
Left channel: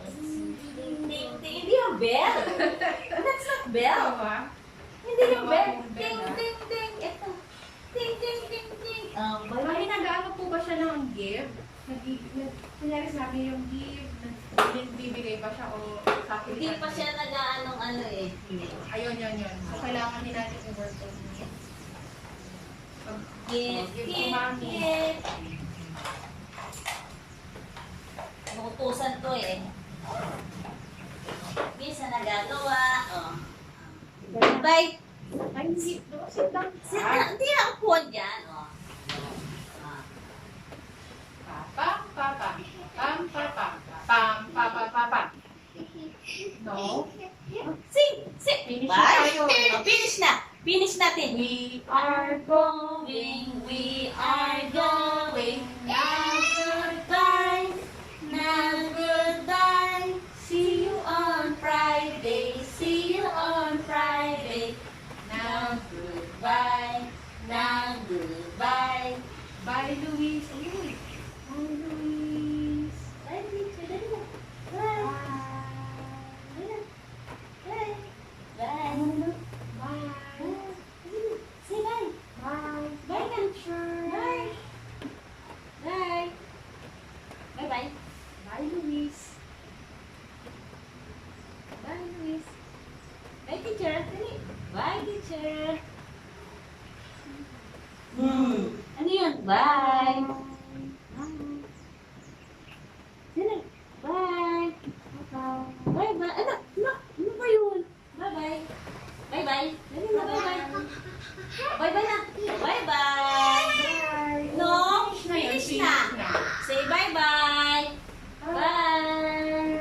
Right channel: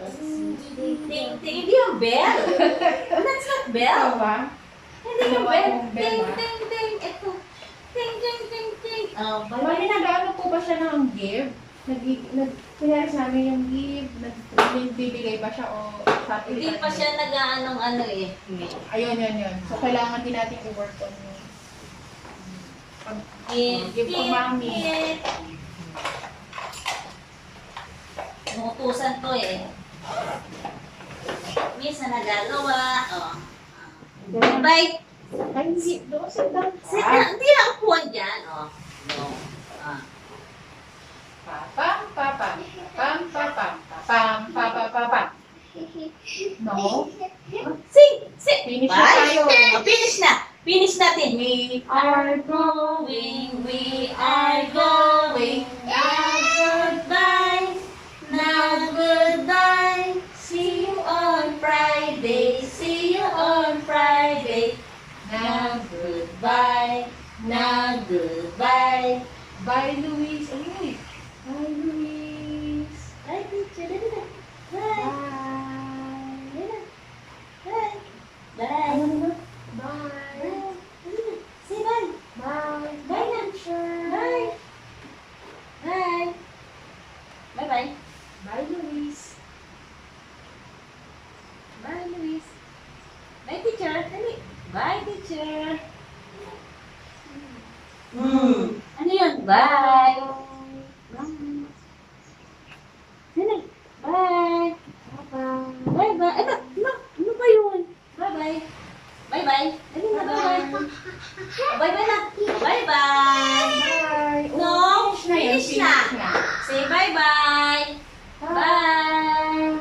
Ting, hindi yung bell. That's not bell. Ba? Hindi yung bell. Yung bell, Ting, ah. ting, ting. Ito. Ting, ting, ting, ting. Oh, Mami, nag-ano po ba siya ng give? Kunyari sa amin yung give, nagbibigay ba siya o sa akin? Hindi pa siya nag-aanong eh. Ayun. So, kailangan din natin i-work on yun. Give to mami. Nukutusan to eh. Minsan nagagawa. Oh. Bye. Ay, sit down. Hindi na upuan dyan. Oh. No. Ah. Pam. No. Sing! Finish na Bye. tayo. Oh, finish na. Finish natin. We are We are going. Now goodbye. Now goodbye. See you on Friday. See you on Friday. Now goodbye. Now goodbye. Bye, Luis. Uy. Bye, Luis. Bye, teacher. Dali na. Bye. Bye. Bye. Bye. Ano na? Bye. Bye. Dali na. Say bye. Bye. Bye na. Teacher. Bye. Bye. Bye-bye. Bye, Luis. Bye, Luis. Bye, teacher. Dali. Bye, teacher. Ano yun? Bye. Bye. Dali. Bye. Bye. Bye-bye. Ano ba yun? Bye-bye. Bye-bye. Dali na, bye-bye. Bye-bye na. Bye-bye. Bye. No, Finish na yun. finish na. Say bye-bye. Bye.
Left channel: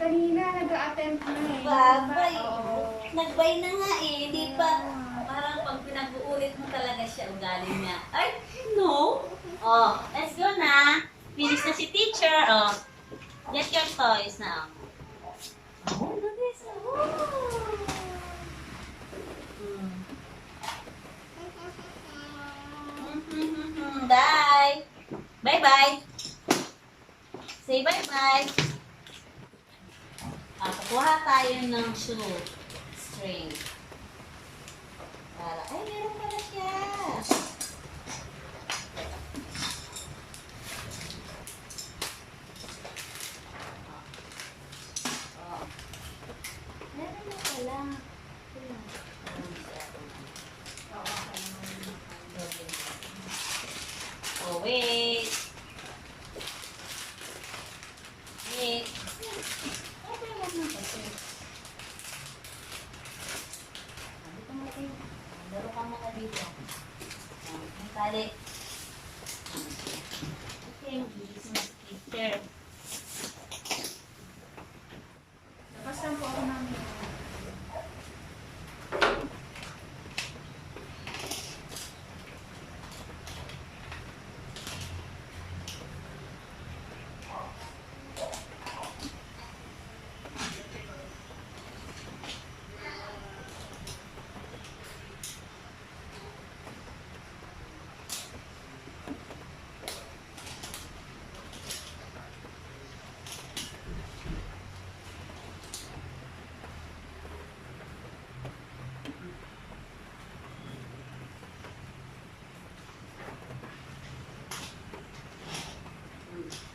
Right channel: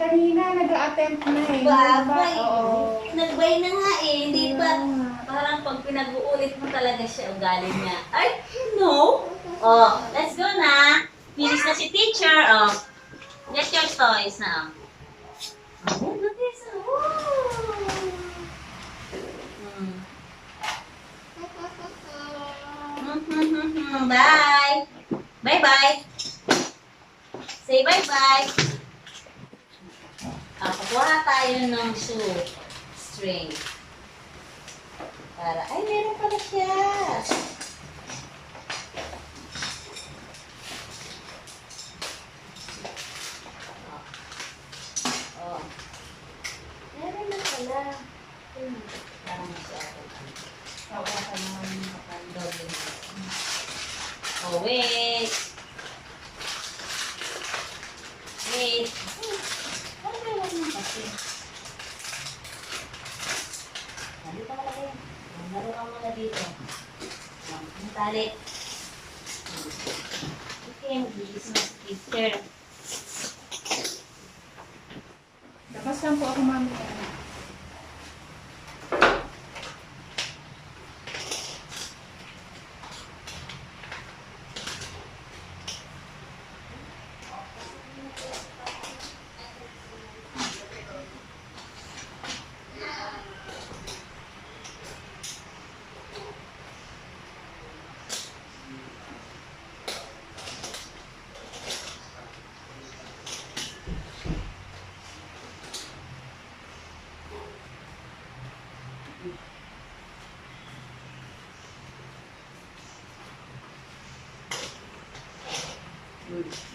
Kanina, nag-attempt na eh. Bye-bye. Oo. Nagbay na nga eh. Hindi pa. Parang pag pinag-uulit mo talaga siya, ugali niya. Ay, no. Oh, let's go na. Finish na si teacher. Oh, get your toys na. Oh, notice. Bye. Bye-bye. Say bye-bye. Kukuha tayo ng shoe string. Ay, meron pala siya. Oh. Meron na pala. Parang masyado. Hawakan mo yung makan. Doble. Oh, wait. teacher. Labas lang po ako mamaya.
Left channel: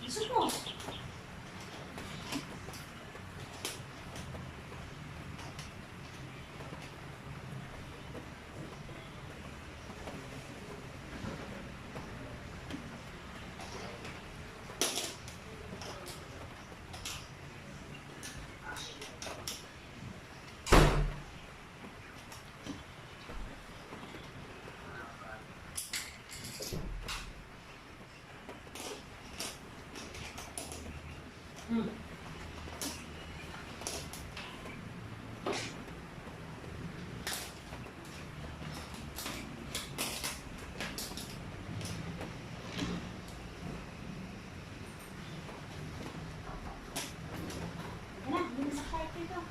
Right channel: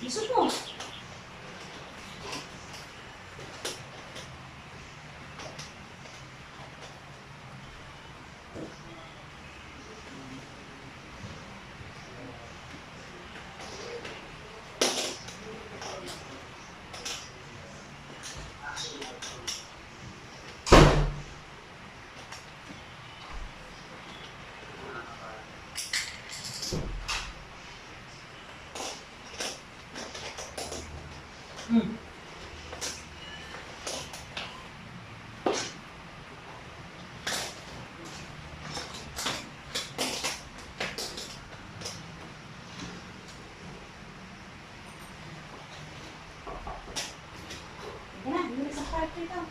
Isok mo. Hmm. Teka na, hindi na sa kwarto ito.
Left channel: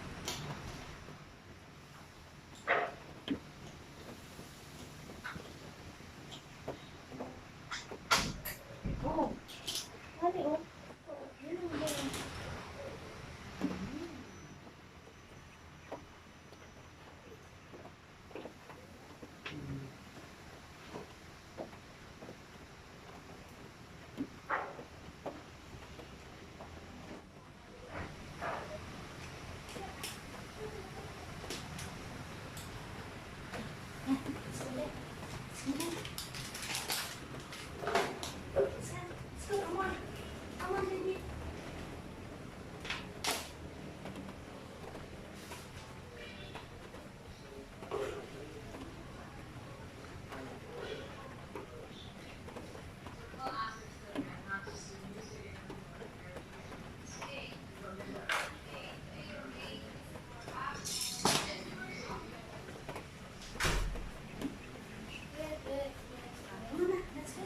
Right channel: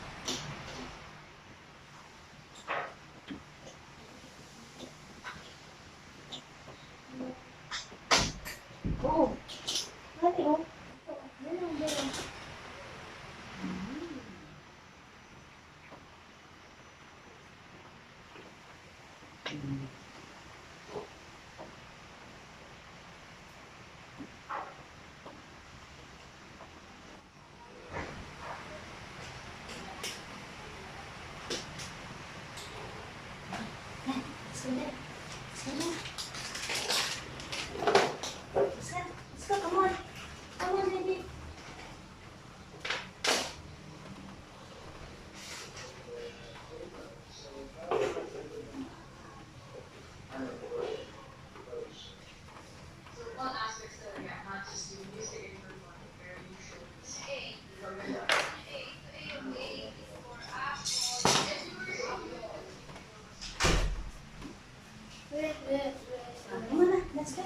Oo. Dali, oh. Yan ang ganyan. Let's go, come on. Come on, baby. Come on na, let's go.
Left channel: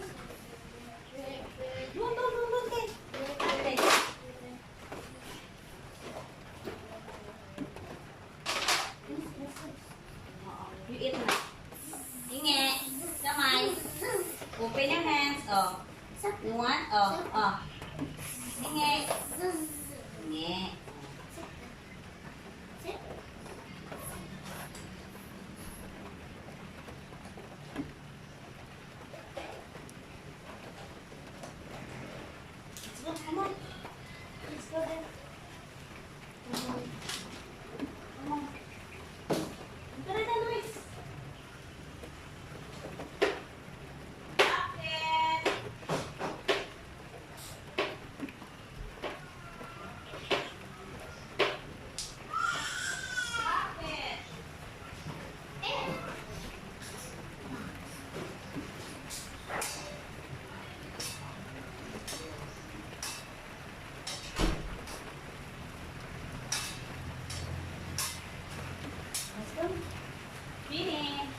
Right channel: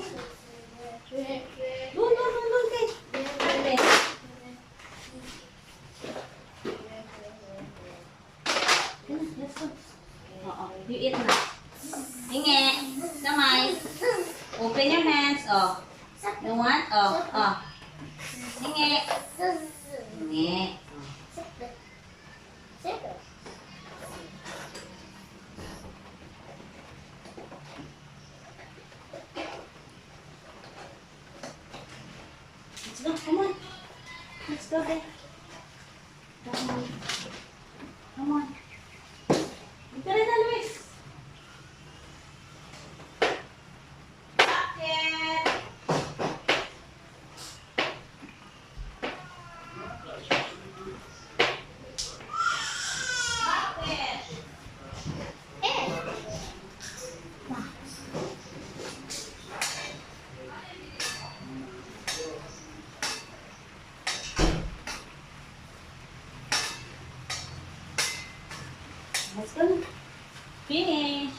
Doon, kay. Okay. Let's go. Oo, you eat na. Hingi. Kamay. Open your hands. Oh. You want? Oh. Hingi. Hingi. Let's go, come on. Let's go there. Come on. Come on. Ito rin na, Luis. Bakit? Bakit? Let's go. Finish.